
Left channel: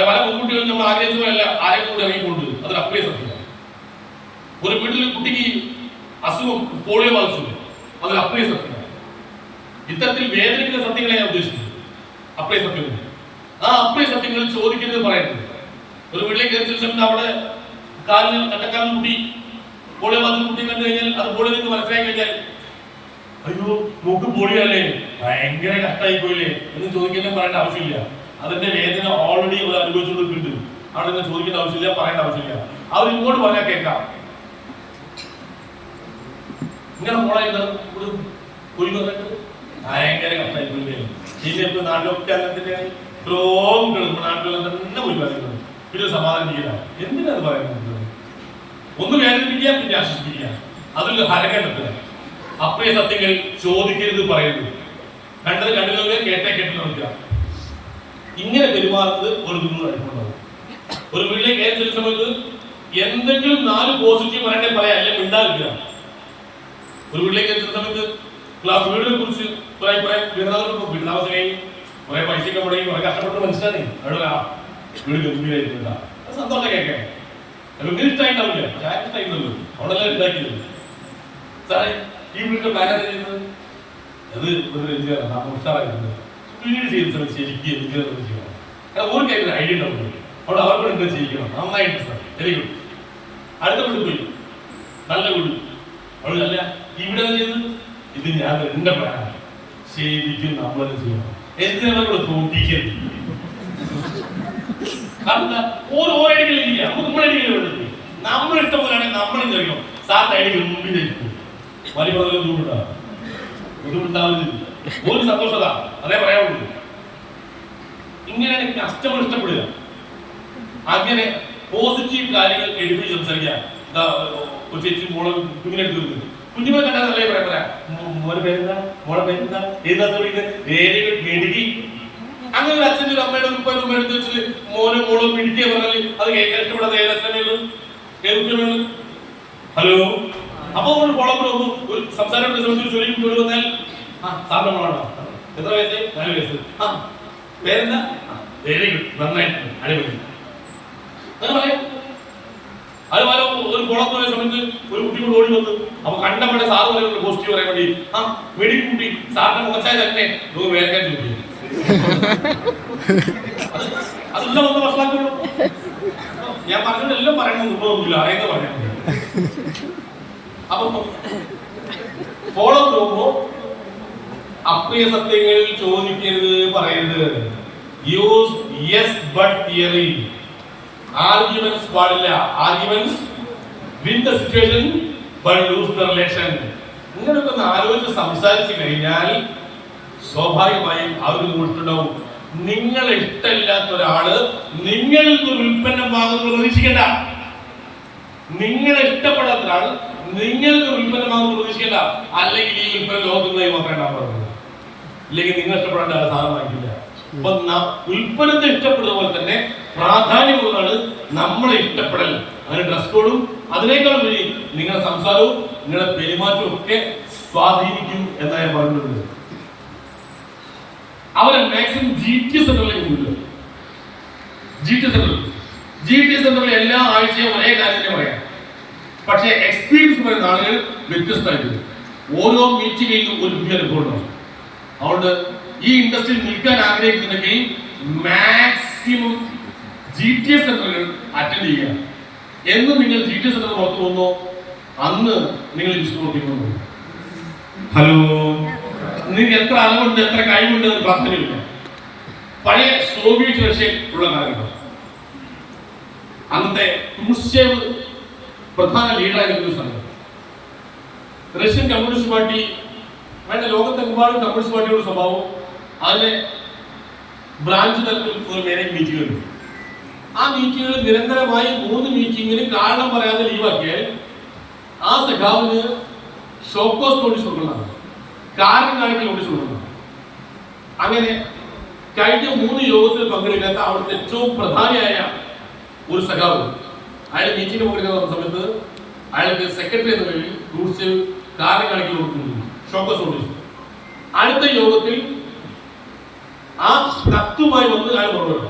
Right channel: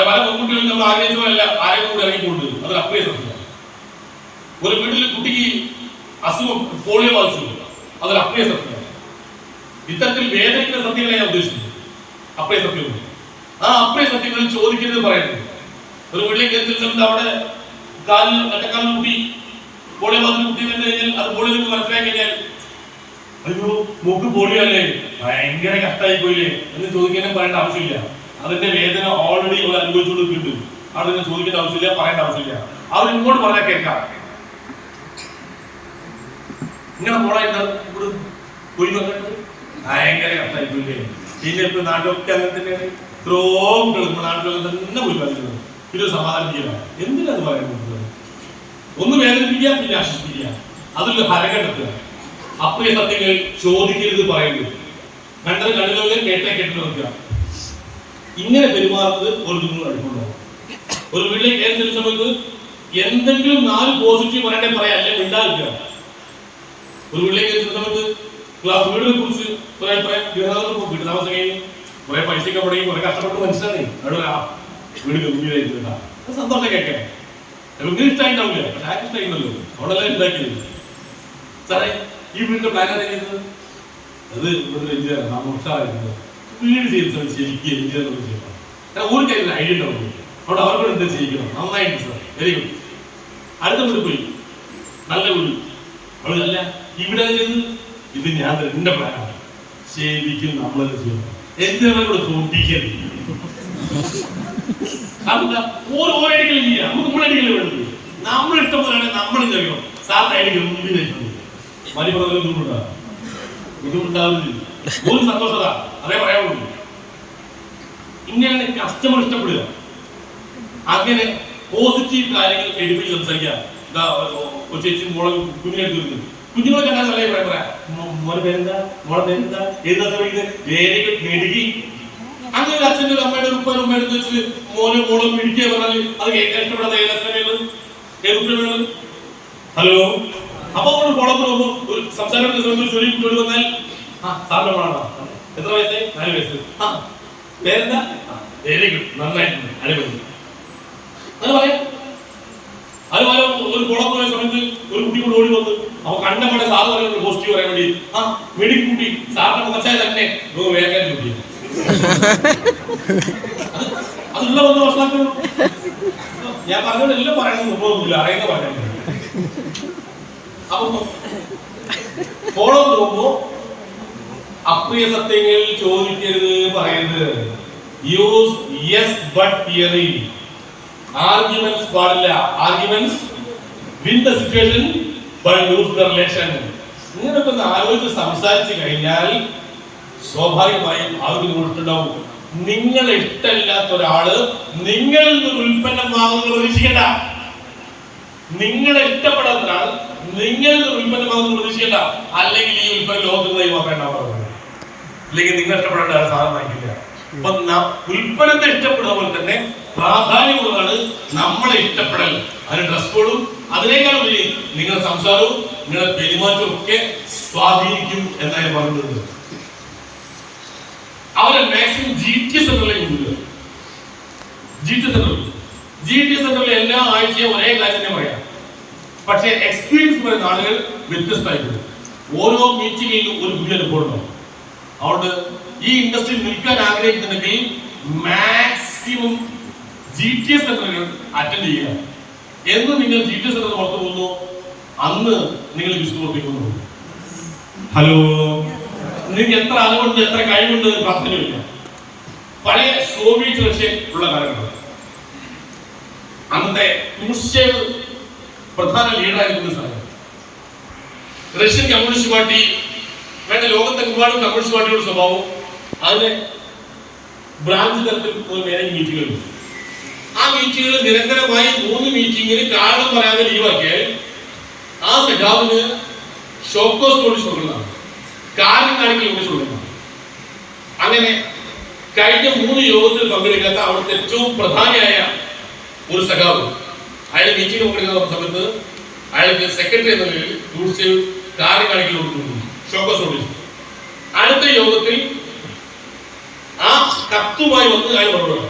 പല പെൺകുട്ടികളും നമ്മൾ ആഗ്രഹിച്ചതല്ല ആരെയും കൂടെ ഇറങ്ങിക്കൊണ്ട്, അതൊരു അപ്രിയ സത്യമാണ്. ഒരു വീട്ടിൽ കുട്ടിക്ക് അസുഖം പോളിയോ ബാധിച്ചു, അതൊരു അപ്രിയ സത്യമാണ്. ഇത്തരത്തിൽ വേദനിക്കുന്ന സത്യങ്ങളെ ഞാൻ ഉദ്ദേശിക്കുന്നത് അപ്രിയ സത്യമുണ്ട്. ആ അപ്രിയ സത്യങ്ങളിൽ ചോദിക്കരുത് പറയുന്നത്. ഒരു വീട്ടിലേക്ക് എത്തിച്ചിട്ടുണ്ട്, അവിടെ കാലിന് കട്ടക്കാലിന് കുട്ടി പോളിയോ ബാധിച്ച കുട്ടി കണ്ടു കഴിഞ്ഞാൽ അത് പോളിയോ മനസ്സിലാക്കി കഴിഞ്ഞാൽ അയ്യോ മൂക്ക് പോളിയോ അല്ലേ, ഭയങ്കര കഷ്ടമായി പോയില്ലേ എന്ന് ചോദിക്കാനും പറയേണ്ട ആവശ്യമില്ല. അതിന്റെ വേദന ഓൾറെഡി അവർ അനുഭവിച്ചുകൊണ്ടിരിക്കുന്നുണ്ട്. അവിടെ നിന്ന് ചോദിക്കേണ്ട ആവശ്യമില്ല, പറയേണ്ട ആവശ്യമില്ല. അവർ ഇങ്ങോട്ട് പറഞ്ഞാൽ കേൾക്കാം. ഇങ്ങനെ പോളായിട്ട് പോയി ഭയങ്കര കഷ്ടായി പോയില്ലേ. പിന്നെ ഇപ്പൊ നാട്ടിലൊക്കെ അങ്ങനെ തന്നെയാണ്. ഇത്രയും നാട്ടിലൊക്കെ തന്നെ പോയി പറയുന്നത്. പിന്നെ സമാധാനം ചെയ്യണം. എന്തിനാ അത് പറയുന്നത്? ഒന്ന് വേദനിപ്പിക്കുക, പിന്നെ ആശ്വസിപ്പിക്കുക, അതിൽ ഹരം കണ്ടെത്തുക. അപ്രിയ സത്യങ്ങൾ ചോദിക്കരുത് പറയുന്നു, കണ്ടത് കണ്ടുകളിൽ കേട്ട് നോക്കുക. ഇങ്ങനെ പെരുമാറുന്നത് ഒരു അനുഭവം. ഒരു വീട്ടിലേക്ക് കയറി സമയത്ത് എന്തെങ്കിലും 4 പോസിറ്റീവ് പറയണേ പറയാം, അല്ലെങ്കിൽ ഉണ്ടാവില്ല. ഒരു വീട്ടിലേക്ക് കയറി സമയത്ത് വീടിനെ കുറിച്ച് വീട് താമസമായി കുറെ പൈസയൊക്കെ മുടങ്ങി കുറെ കഷ്ടപ്പെട്ട് മനസ്സിലായി വീട് ഗംഭീരമായിട്ടില്ല, സന്തോഷം കേൾക്കാൻ. നിങ്ങൾക്ക് ഇഷ്ടമായിട്ടാവില്ല, ഇഷ്ടമായിരുന്നല്ലോ, അവിടെ എല്ലാം ഉണ്ടാക്കിയത്. സാറേ ഈ വീടിന്റെ പ്ലാൻ ചെയ്യുന്നത് അത് എഞ്ചിനീയർ ഉഷാറായിരുന്നത് വീട് ചെയ്ത സമയത്ത് ശരിക്കും എഞ്ചിനീയർ ചെയ്യണം. കാരണം ഒരു കാര്യം ഐഡിയ ഉണ്ടാവും, അവിടെ അവർക്കൂടെ എന്താ ചെയ്യിക്കണം. നന്നായിട്ട് സാർ, വെരി ഗുഡ്. അടുത്ത വീട് പോയി, നല്ല വീട്. അവിടെ അല്ല ഇവിടെ ഇത് ഞാൻ എന്റെ പ്ലാനാണ്, ശരിക്കും നമ്മളത് ചെയ്യണം. എന്തിനാണ് തോട്ടിക്കരുത്. നമ്മൾ ഇഷ്ടംപോലെയാണ് നമ്മൾ കഴിക്കണം. സാർ അതിന് മുമ്പിലേക്ക് മതി പറഞ്ഞ ബുദ്ധിമുട്ടാണ്, ബുദ്ധിമുട്ടാവുന്നില്ല, ഒരു സന്തോഷത അതേ പറയാവുള്ളൂ. ഇങ്ങനെയാണ് കസ്റ്റമർ ഇഷ്ടപ്പെടുക. അങ്ങനെ പോസിറ്റീവ് കാര്യങ്ങൾ എടുത്ത് സംസാരിക്കുക. ചേച്ചി മോളെ കുഞ്ഞിനെ എടുത്ത് കുഞ്ഞുങ്ങളെ കണ്ടാൽ നല്ല പറയാ, മോളെ പേരെന്താ, മോളെ പേരെന്താ, എന്താ മെഴുകി. അങ്ങനെ ഒരു അച്ഛൻ്റെ ഒരു അമ്മയുടെ ഉപ്പ എടുത്ത് വെച്ചിട്ട് മോനെ മോളെ പിടിക്കുക പറഞ്ഞാൽ അത് കേൾക്കാൻ ഇഷ്ടപ്പെടാത്ത ഏതൊക്കെ. ഹലോ, അപ്പൊ ഫോളോ ഒരു സംസാരം ചൊല്ലി വന്നാൽ സാറിന്റെ മോളാണോ, എത്ര വയസ്സ്, 4 വയസ്സ്, പേരെന്താ, വെരി ഗുഡ്, നന്നായിട്ടുണ്ട്, അടിപൊളി. അത് പറയാം. അത് പല ഒരു കുളപ്പുറ സമയത്ത് ഒരു കുട്ടി കൂടെ ഓടി വന്നു. അപ്പൊ കണ്ടവിടെ സാറ് പറയുന്നത് പോസിറ്റീവ് പറയാൻ വേണ്ടി മെഡിക്കുട്ടി സാറിന്റെ മുഖച്ചായ തന്നെ വേലക്കാൻ ചോദിക്കുക. അതുള്ള 1 വർഷമാക്കുള്ളൂ. ഞാൻ പറഞ്ഞതെല്ലാം പറയണമെന്ന് നിർബന്ധമില്ല, അറിയുന്ന പറയാൻ. അപ്പൊ ഫോളോ പോകുമ്പോ അപ്രിയ സത്യങ്ങൾ ചോദിക്കരുത്, പറയരുത്. Use yes but theory. Arguments പാടില്ല. Arguments win the situation but lose the relation. ഇങ്ങനെയൊക്കെ ഒന്ന് ആലോചിച്ച് സംസാരിച്ചു കഴിഞ്ഞാൽ സ്വാഭാവികമായും അവർക്ക് തോന്നിട്ടുണ്ടാവും, നിങ്ങളെ ഇഷ്ടമില്ലാത്ത ഒരാള് നിങ്ങളിൽ നിന്ന് ഉൽപ്പന്നം വാങ്ങുന്നത് പ്രതീക്ഷിക്കണ്ട. നിങ്ങളെ ഇഷ്ടപ്പെടാത്ത ഒരാൾ നിങ്ങളിൽ നിന്ന് ഉൽപ്പന്നം വാങ്ങുന്നത് പ്രതീക്ഷിക്കണ്ട. അല്ലെങ്കിൽ ഈ ഉൽപ്പന്നം ലോകത്തുനിന്ന് നോക്കേണ്ട, അല്ലെങ്കിൽ നിങ്ങൾ ഇഷ്ടപ്പെടേണ്ട സാധനം വാങ്ങിക്കില്ല. അപ്പൊ ഉൽപ്പന്നത്തെ ഇഷ്ടപ്പെടുന്ന പോലെ തന്നെ പ്രാധാന്യമുള്ളതാണ് നമ്മളെ ഇഷ്ടപ്പെടൽ. അതിന് ഡ്രസ് കോഡും അതിനേക്കാൾ വലിയ നിങ്ങളുടെ സംസാരവും നിങ്ങളുടെ പെരുമാറ്റവും ഒക്കെ സ്വാധീനിക്കും എന്നാണ് പറയുന്നത്. അവരെ മാക്സിമം GT സെന്ററിലേക്ക് കൊണ്ടുവരിക. GT സെന്ററിൽ എല്ലാ ആഴ്ചയും ഒരേ കാര്യം തന്നെ പറയാം. പക്ഷേ എക്സ്പീരിയൻസ് പറയുന്ന ആളുകൾ വ്യത്യസ്തമായിട്ടുണ്ട്. ഓരോ മീറ്റിംഗിലും ഒരു പുതിയ അനുഭവം ഉണ്ടാവും. അതുകൊണ്ട് ഈ ഇൻഡസ്ട്രിയിൽ നിൽക്കാൻ ആഗ്രഹിക്കുന്നുണ്ടെങ്കിൽ മാക്സിമം GT സെന്ററുകൾ അറ്റൻഡ് ചെയ്യുക. എന്ന് നിങ്ങൾ GT സെന്റർ പുറത്തു പോകുന്നു, അന്ന് നിങ്ങൾ വിസ്ഫോട്ടിക്കുന്നു. ഹലോ, നിങ്ങൾക്ക് എത്ര അറിവുണ്ട്, എത്ര കഴിവുണ്ട് എന്ന് പ്രാർത്ഥനയില്ല. പഴയ സോവിയറ്റ് റഷ്യ ഉള്ള കാലഘട്ടം, അന്നത്തെ ക്രൂഷ്ചേവ് പ്രധാന ലീഡറായിരുന്ന സ്ഥലം. റഷ്യൻ കമ്മ്യൂണിസ്റ്റ് പാർട്ടി വേണ്ട ലോകത്തെമ്പാടും കമ്മ്യൂണിസ്റ്റ് പാർട്ടിയുടെ സ്വഭാവം അതിന് ബ്രാഞ്ച് തലത്തിൽ മീറ്റിങ്ങുകളുണ്ട്. ആ മീറ്റിങ്ങുകൾ നിരന്തരമായി 3 മീറ്റിങ്ങിന് കാരണം പറയാതെ ലീവാക്കിയാൽ ആ സഖാവിന് ഷോക്കോസ് നോട്ടീസ് കൊടുക്കുന്നതാണ്, കാരണം കാണിക്കൽ നോട്ടീസ് കൊടുക്കുന്നതാണ്. അങ്ങനെ കഴിഞ്ഞ 3 യോഗത്തിൽ പങ്കെടുക്കാത്ത അവിടുത്തെ ഏറ്റവും പ്രധാനിയായ ഒരു സഖാവ് അയാൾ മീറ്റിംഗ് പങ്കെടുക്കുന്ന സമയത്ത് അയാൾക്ക് സെക്രട്ടറി എന്ന നിലയിൽ ക്രൂഷ്ചേവ് കാര്യം കാണിക്കൽ കൊടുക്കുന്നു, ഷോക്കോസ് നോട്ടീസ്. അടുത്ത യോഗത്തിൽ ആ കത്തുമായി വന്ന് അയാൾ മറുപടി.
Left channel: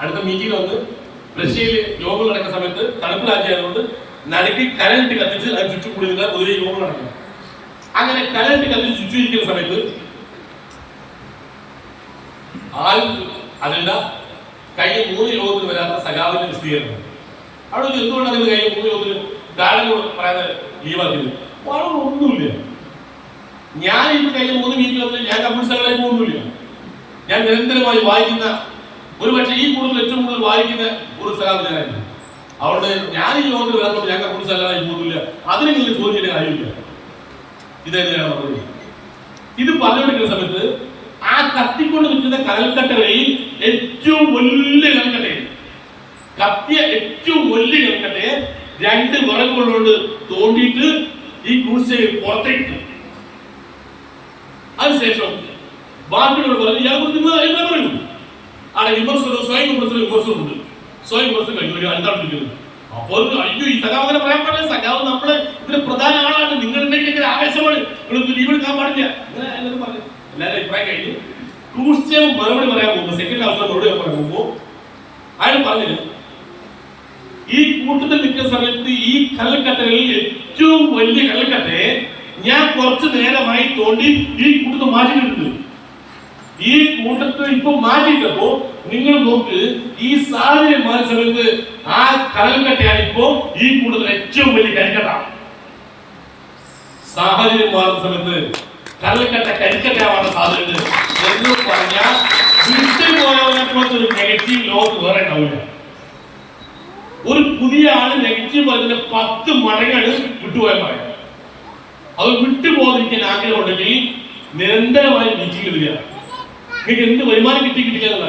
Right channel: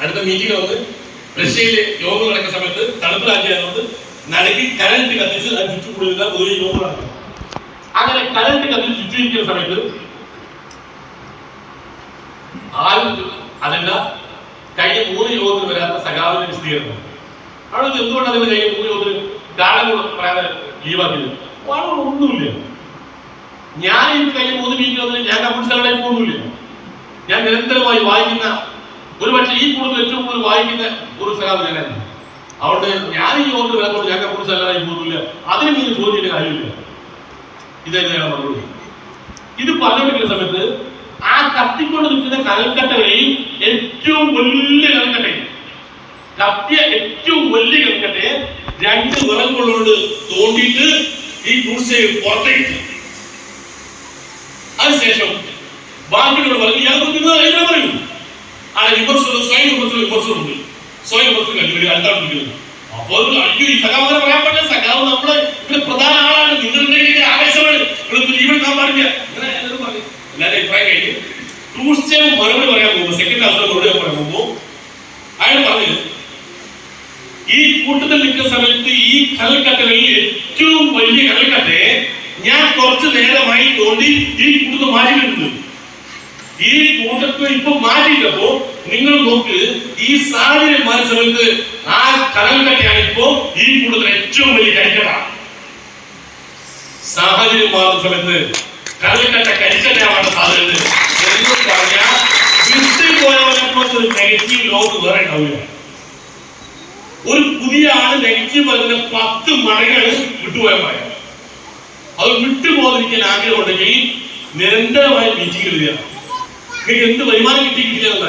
അടുത്ത മീറ്റിംഗ് വന്ന് റഷ്യയിലെ യോഗം നടക്കുന്ന സമയത്ത് തണുപ്പ് രാജ്യമായതുകൊണ്ട് നടുക്കി കരണ്ട് കത്തിച്ച് അത് ചുറ്റുകൂടുക ഒരു യോഗം നടക്കും. അങ്ങനെ കരണ്ട് കത്തിച്ച് ചുറ്റിരിക്കുന്ന സമയത്ത് അതല്ല കഴിഞ്ഞ 3 യോഗത്തിൽ വരാത്ത സഖാവിന്റെ വിശദീകരണം. അവിടെ എന്തുകൊണ്ടാണ് കഴിഞ്ഞ 3 യോഗത്തിൽ ഗാർഡൻ പറയാതെ ലീവാക്കിയത്? ഒന്നുമില്ല. ഞാൻ ഈ കഴിഞ്ഞ 3 മീറ്റിംഗ് ഞാൻ കമ്മ്യൂണിസ്റ്റ് പോകുന്നില്ല. ഞാൻ നിരന്തരമായി വായിക്കുന്ന, ഒരുപക്ഷെ ഈ കൂടുതൽ ഏറ്റവും കൂടുതൽ വായിക്കുന്ന ഒരു സഖാവ് ഞാനായിരുന്നു. അതുകൊണ്ട് ഞാൻ ഈ യോഗത്തിൽ വരാത്തത് ഞാൻ കമ്മ്യൂണിസ്റ്റ് അല്ലാതെ പോകുന്നില്ല. അതിനെ കുറിച്ച് ചോദിക്കുന്ന കാര്യമില്ല. ഇതെങ്ങനെയാണ് മറുപടി. ഇത് പറഞ്ഞുകൊണ്ടിരിക്കുന്ന സമയത്ത് ആ കത്തിക്കൊണ്ട് നിൽക്കുന്ന കനൽക്കട്ടകളെയും ഏറ്റവും വലിയ കനൽക്കട്ടയും കത്തിയ ഏറ്റവും വലിയ കനൽക്കട്ടയെ 2 വിറകുകളോട് തോണ്ടിയിട്ട് ഈ ഗുഡ്സ് പുറത്തേക്ക്. അതിനുശേഷം ബാക്കിയുള്ള പറഞ്ഞു ഇയാൾക്ക് പറയും ആ വിമർശനം സ്വയം വിമർശനമുണ്ട്. സ്വയം വിമർശനം കണ്ടുപിടിക്കുക എന്താണ് വിളിക്കുന്നത്. അപ്പോൾ അയ്യോ ഈ സഖാവിനെ പറയാൻ പറ്റില്ല, സഖാവ് നമ്മള് ഇവിടെ പ്രധാന ആളാണ്, നിങ്ങളുടെ ആവേശമാണ്, ലീവ് എടുക്കാൻ പാടില്ല, അങ്ങനെ എല്ലാവരും പറഞ്ഞു. എല്ലാവരും അഭിപ്രായം കഴിഞ്ഞ് ക്രൂസ്ചേവ് മറുപടി പറയാൻ പോകുമ്പോൾ, സെക്കൻഡ് അവസരം മറുപടി പറയാൻ പോകുമ്പോൾ അയാൾ പറഞ്ഞു ഈ കൂട്ടത്തിൽ നിൽക്കുന്ന സമയത്ത് ഈ കടൽക്കട്ടകളിൽ ഏറ്റവും വലിയ കടൽക്കട്ടയെ ഞാൻ കുറച്ചു നേരമായി തോണ്ടി ഈ കൂട്ടത്തിൽ മാറ്റിയിട്ടുണ്ട്. ഈ കൂട്ടത്തിൽ ഇപ്പൊ മാറ്റിയിട്ടപ്പോ നിങ്ങൾ നോക്ക്, ഈ സാഹചര്യം മാറിയ സമയത്ത് ആ കടൽക്കട്ടയാണ് ഇപ്പോ ഈ കൂട്ടത്തിൽ ഏറ്റവും വലിയ കരിക്കട്ട. സാഹചര്യം മാറുന്ന സമയത്ത് കടൽക്കട്ട കരിക്കട്ടയാവാൻ സാധ്യത എന്ന് പറഞ്ഞാൽ വീട്ടിൽ പോയവരെ നെഗറ്റീവ് ലോക്ക് വേറെ ഉണ്ടാവില്ല. ഒരു പുതിയ ആള് നെഗറ്റീവ് പറയുന്ന 10 മടങ്ങൾ വിട്ടുപോയാൽ മതി. അത് വിട്ടുപോകാതിരിക്കാൻ ആഗ്രഹം ഉണ്ടെങ്കിൽ നിരന്തരമായി മീറ്റിംഗ് ഇടുക. നിങ്ങൾക്ക് എന്ത് വരുമാനം കിട്ടിയെന്നല്ല,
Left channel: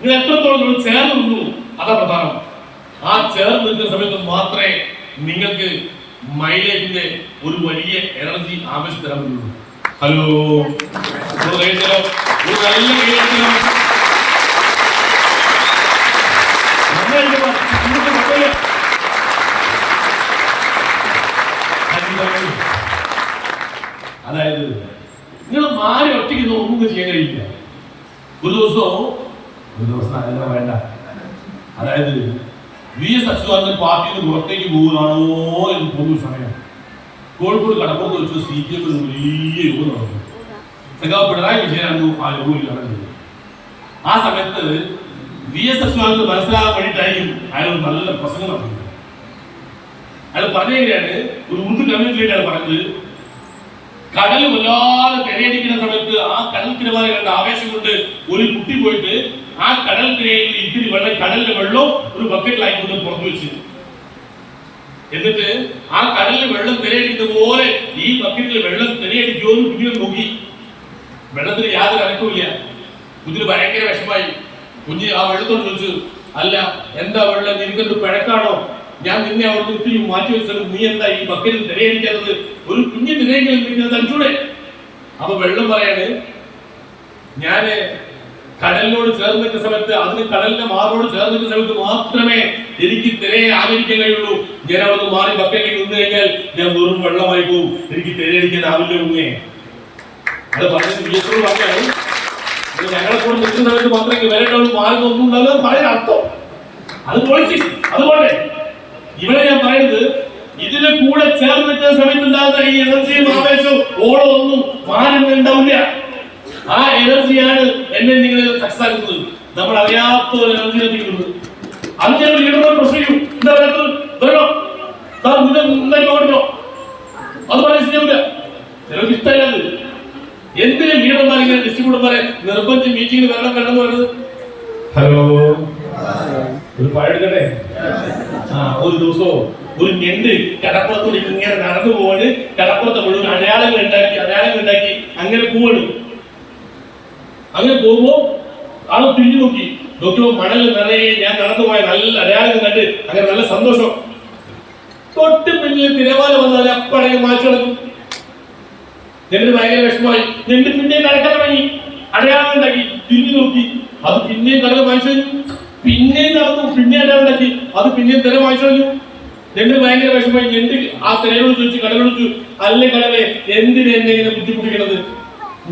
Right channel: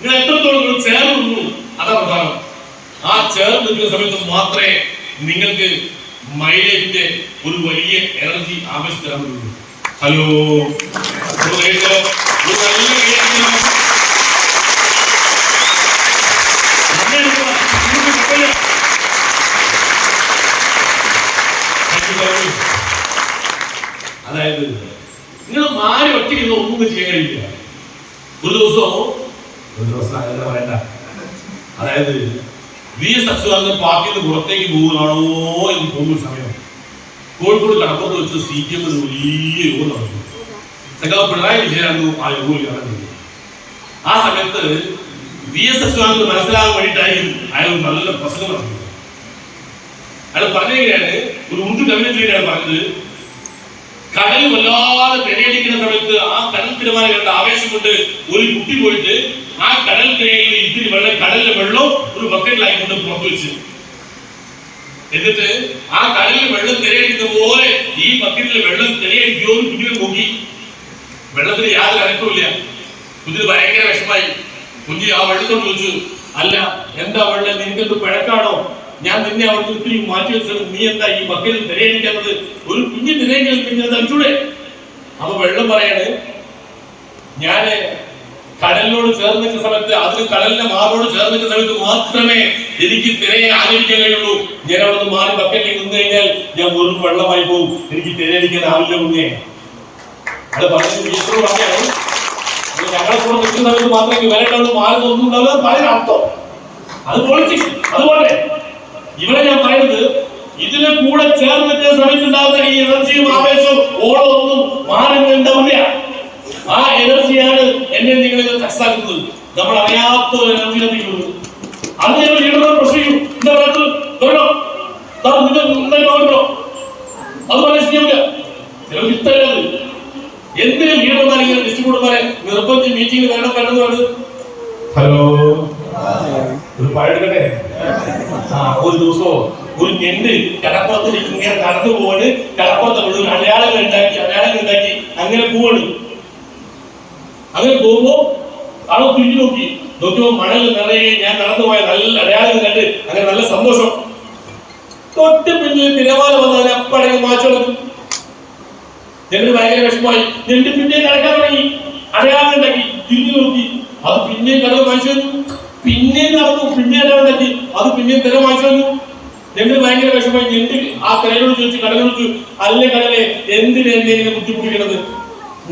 നിങ്ങൾ എത്രത്തോളം ചേർന്ന് നിന്നു അതാ പ്രധാനം. ആ ചേർന്ന് നിൽക്കുന്ന സമയത്ത് മാത്രമേ നിങ്ങൾക്ക് മൈലേജിന്റെ ഒരു വലിയ എനർജി ആവശ്യം തരാൻ പറ്റുള്ളൂ. ഹലോ, അതായത് നിങ്ങൾ മാറി ഒറ്റയ്ക്ക് ഒന്നും ചെയ്യാൻ കഴിയില്ല. ഒരു ദിവസം അങ്ങനെ വേണ്ട. അതായത് VS അച്യുതാനന്ദൻ പാർട്ടിയിൽ നിന്ന് പുറത്തേക്ക് പോകുകയാണോ എന്ന് തോന്നുന്ന സമയം കോഴിക്കോട് കടപ്പുറത്ത് വെച്ച് CPM വലിയ യോഗം നടന്നു. സഖാവ് പിണറായി വിജയനായിരുന്നു ആ യോഗം നടന്നത്. ആ സമയത്ത് VS അച്യുതാനന്ദൻ മനസ്സിലാകാൻ വേണ്ടിയിട്ടായിരിക്കും അയാൾ നല്ല പ്രസംഗം നടത്തുന്നത്. അയാൾ പറഞ്ഞു കഴിഞ്ഞാൽ ഒരു ഉറുദു കവിതയിലാണ് പറഞ്ഞത്, കടൽ വല്ലാതെ തിരയടിക്കുന്ന സമയത്ത് ആ കടൽ തിരമാല കണ്ട ആവേശം കൊണ്ട് ഒരു കുട്ടി പോയിട്ട് ആ കടൽ തിരയിൽ ഇത്തിരി വെള്ളം, കടലിലെ വെള്ളം ഒരു ബക്കറ്റിലായിക്കൊണ്ട് പുറത്തു വെച്ച്, എന്നിട്ട് ആ കടലിൽ വെള്ളം തിരയടിക്കുന്ന പോലെ ഈ ബക്കറ്റിൽ വെള്ളം തിരയടിക്കുമോ എന്ന് കുഞ്ഞിനെ നോക്കി. വെള്ളത്തിന് യാതൊരു അനക്കമില്ല. കുഞ്ഞിന് ഭയങ്കര വിഷമായി. കുഞ്ഞ് ആ വെള്ളത്തോട് ചോദിച്ചു, അല്ല എന്താ വെള്ളം, നിനക്കെന്ത് പിഴക്കാണോ? ഞാൻ നിന്നെ അവിടെ ഒത്തിരി മാറ്റി വെച്ചത്, നീ എന്താ ഈ ബക്കറ്റിൽ തിരയടിക്കുന്നത്? ഒരു കുഞ്ഞ് തിരയെങ്കിലും തനിച്ചൂടെ? അപ്പൊ വെള്ളം പറയാണ്, ഞാന് കടലിനോട് ചേർന്ന് നിൽക്കുന്ന സമയത്ത്, അതിന് കടലിന്റെ മാറോട് ചേർന്ന് നിൽക്കുന്ന സമയത്ത് മാത്രമേ എനിക്ക് തിരയെ ആലോചിക്കാൻ കഴിയുള്ളൂ. ഞാൻ അവിടെ നിന്ന് മാറി ബക്കറ്റിൽ നിന്ന് കഴിഞ്ഞാൽ ഞാൻ വെറും വെള്ളമായി പോകും, എനിക്ക് തിരയടിക്കാൻ ആവില്ല കുഞ്ഞെ. അത് പറഞ്ഞാണ് ഞങ്ങളെ കൂടെ നിൽക്കുന്ന സമയത്ത് മാത്രമേ വിലണ്ടാവും, മാറുന്ന ഒന്നും ഉണ്ടാവില്ല പറയുന്ന അർത്ഥം. അത് പൊളിറ്റിക്സ്. അതുപോലെ ഇവിടെ ഞാൻ പറയുന്നത്, ഇതിനെ കൂടെ ചേർന്ന് നിൽക്കുന്ന സമയത്ത് ഉണ്ടാകുന്ന ഈ എനർജിയും ആവേശവും ഓളം ഒന്നും മാറുന്നുണ്ടാവില്ല. ആ എനർജിയാണ് എന്നെ നിങ്ങളെ സക്സസ് ആക്കുന്നത്. നമ്മൾ അറിയാത്ത ഒരു എനർജി എത്തിക്കുന്നത്. അത് ഞങ്ങൾ ലീഡറോട് പ്രശ്നം ചെയ്യും. എന്താ പറയുന്നത്? അത് പറയാൻ ശരിയാവില്ല. ചിലർക്ക് ഇഷ്ടമല്ല. അത് എന്തിനും ലീഡർമാരെ ഡിസ്ട്രിബ്യൂട്ടർമാരെ നിർബന്ധിച്ച് മീറ്റിംഗിൽ വരണം എന്ന് പറയുന്നത്. ഹലോ, ഒരു പാടെടുക്കട്ടെ. ഒരു ദിവസവും ഒരു ഞണ്ട് കടപ്പുറത്ത് ഇങ്ങനെ നടന്നു പോവാണ്. കടപ്പുറത്ത് മുഴുവൻ അടയാളങ്ങൾ ഉണ്ടാക്കി അങ്ങനെ പോവാണ്. അങ്ങനെ പോകുമ്പോ ആളെ തിരിഞ്ഞു നോക്കിയപ്പോ മണൽ നിറയെ ഞാൻ നടന്നു പോയ നല്ല അടയാളങ്ങൾ കണ്ട് അങ്ങനെ നല്ല സന്തോഷം. തൊട്ട് പിന്നിൽ തിരമാല വന്നാൽ അപ്പടങ്ങ് മാച്ചടക്കും. ഞണ്ട് ഭയങ്കര വിഷമമായി. ഞണ്ട് പിന്നെ നടക്കാൻ തുടങ്ങി. അടയാളങ്ങൾ ഉണ്ടാക്കി തിരിഞ്ഞു നോക്കി. അത് പിന്നെയും കടൽ വായിച്ചു. പിന്നെയും നടന്നു. പിന്നെ അടയാളം ഉണ്ടാക്കി. അത് പിന്നെയും തിര വായിച്ചു. ഞണ്ട് ഭയങ്കര വിഷമമായി. ഞണ്ട് ആ തിരയോട് ചോദിച്ചു, കടലോട് ചോദിച്ചു, അല്ലേ കടലെ, എന്തിനാ എന്നെ ഇങ്ങനെ ബുദ്ധിമുട്ടിക്കണത്?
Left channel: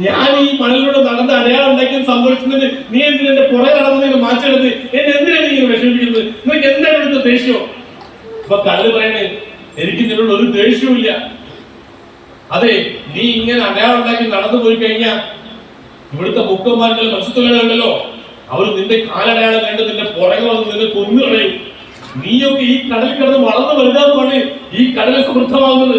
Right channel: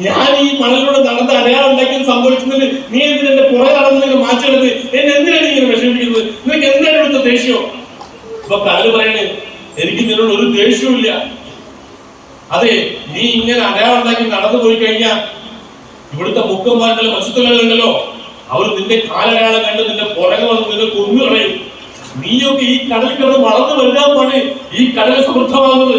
ഞാൻ ഈ മണലിലൂടെ നടന്ന് അടയാളം ഉണ്ടാക്കിയത് സംഭവിക്കുന്നത്, നീ എന്തിനാ എന്റെ പുറകെ നടന്നതിന് മാറ്റണത്? എന്നെ എന്തിനാണ് നീ വിഷമിപ്പിക്കുന്നത്? നിനക്ക് എന്താണ് ഇവിടുത്തെ ദേഷ്യം? ഇപ്പൊ കല്ല് പറയണേ, എനിക്ക് നിന്നോട് ഒരു ദേഷ്യവും ഇല്ല. അതെ, നീ ഇങ്ങനെ അടയാളം ഉണ്ടാക്കി നടന്നു പോയി കഴിഞ്ഞാൽ ഇവിടുത്തെ മുക്കന്മാരുടെ മത്സ്യത്തൊഴിലാളികളുണ്ടല്ലോ, അവർ നിന്റെ കാലടയാളം കണ്ട് നിന്റെ പുറകെ വന്ന് നിന്നെ കൊന്നു കളയും. നീയൊക്കെ ഈ കടൽ കിടന്ന് വളർന്നു വലുതാകുമ്പോഴാണ് ഈ കടൽ സമൃദ്ധമാകുന്നത്.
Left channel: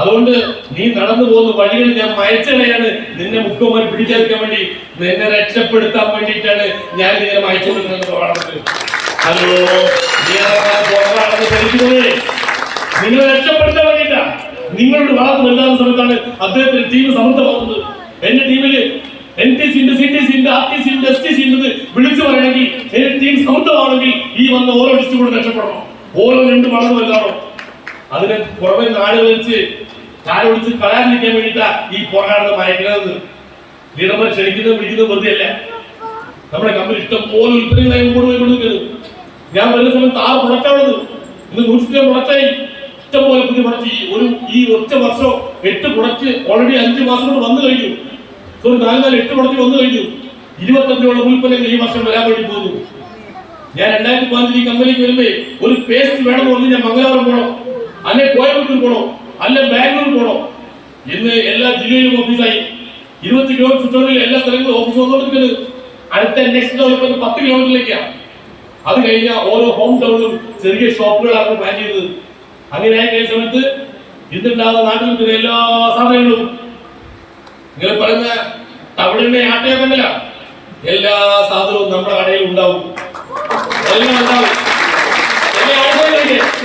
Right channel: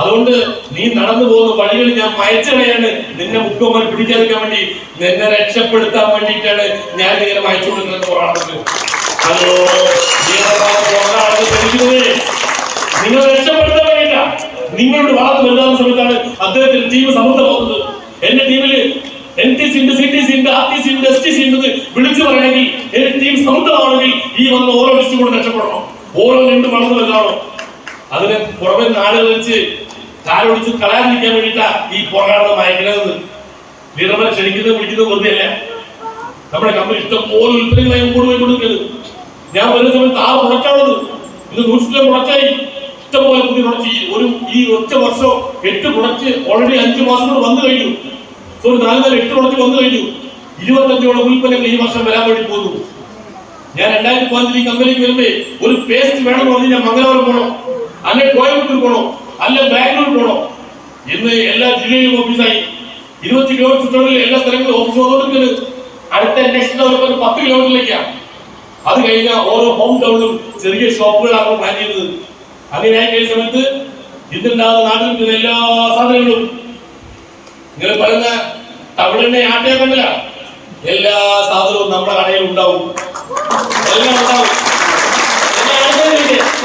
അതുകൊണ്ട് നീ നടന്നു പോകുന്ന വഴികൾ ഞാൻ മയച്ചടയാണ്. നിന്നെ മുക്കന്മാർ പിടിച്ചെടുക്കാൻ വേണ്ടി, നിന്നെ രക്ഷപ്പെടുത്താൻ വേണ്ടിയിട്ടാണ് ഞാൻ ഇങ്ങനെ മയച്ചുകൊണ്ടിരുന്നത്. ഹലോ, നിങ്ങൾ രക്ഷപ്പെടുത്താൻ വേണ്ടിയിട്ട. നിങ്ങളോട് വളർന്നു വലുതാകുന്ന സമയത്താണ് അദ്ദേഹത്തിന്റെ ടീം സമൃദ്ധമാകുന്നത്. എന്റെ ടീമില് NTC ഉണ്ട്, CTC ഉണ്ട്, RTC ഉണ്ട്, STC ഉണ്ട് വിളിച്ചു പറയണമെങ്കിൽ എന്റെ ടീം സമൃദ്ധമാണെങ്കിൽ ഈ വന്ന ഓരോ ഡിസ്ട്രിബ്യൂട്ടർ രക്ഷപ്പെടണം. ഓരോ രണ്ട് വളർന്നു വല്ലാണോ അതിനെ പുറമെ നാടുകൾ വെച്ച് കാലൊടിച്ച് കളയാതിരിക്കാൻ വേണ്ടിയിട്ടാ ഈ പോരാട്ടം അയക്കുന്നത്. ലീഡർമാരെ ക്ഷണിക്കുന്നത് വിളിക്കുന്നത് വെറുതെ അല്ല. നമ്മുടെ കമ്പനി ഇഷ്ടം പോലെ ഉൽപ്പന്നങ്ങളായി കൊണ്ടുപോയി കൊടുക്കുന്നത്. ഞാൻ വരുന്ന സമയത്ത് 6 പ്രൊഡക്റ്റാണത്. ഇന്ന് 100 പ്രൊഡക്റ്റായി. ഇഷ്ടംപോലെ പുതിയ പ്രൊഡക്റ്റ് ഈ ഒറ്റ വർഷം 8 പ്രൊഡക്റ്റ് ഓൾറെഡി 5 മാസം കൊണ്ട് വന്നു കഴിഞ്ഞു. 8 പ്രൊഡക്റ്റ് വന്നു കഴിഞ്ഞു. 25ഓളം ഉൽപ്പന്നങ്ങൾ ഈ വർഷം വരാൻ വേണ്ടി പോകുന്നു. ഞാൻ 2015 ഈ കമ്പനിക്ക് വരുമ്പോ ഒരു പേസ്റ്റ് വേണമെന്ന് പറഞ്ഞ് ഞാൻ മംഗലാപുരം പോകണം, അല്ലെ കോയമ്പത്തൂർ പോകണം, അല്ലെ ബാംഗ്ലൂർ പോകണം. ഇന്ന് എല്ലാ ജില്ലയിലും ഓഫീസായി. 20 കിലോമീറ്റർ ചുറ്റളവിൽ എല്ലാ സ്ഥലങ്ങളിലും ഓഫീസ് വന്നുകൊണ്ടിരിക്കുന്നത്. അടുത്ത നെക്സ്റ്റ് 10 കിലോമീറ്ററിലേക്കാണ്. അത് കഴിഞ്ഞാൽ ഓരോ ഹോം ടൗണിലും ചെറിയ ഷോപ്പുകളാണ് പ്ലാൻ ചെയ്തത്. അങ്ങനെ ആയി കഴിഞ്ഞ സമയത്ത് ഇന്നുണ്ടാകുന്ന നാട്ടിൽ കിട്ടുന്ന എല്ലാ സാധനങ്ങളും നിങ്ങൾ പറയുന്ന തവിടെണ്ണ ആട്ടയാക്കണ്ടല്ല, എല്ലാ സാധനവും നമ്മുടെ കടയിൽ ഉണ്ടാവും. എല്ലാം ഉണ്ടാവും.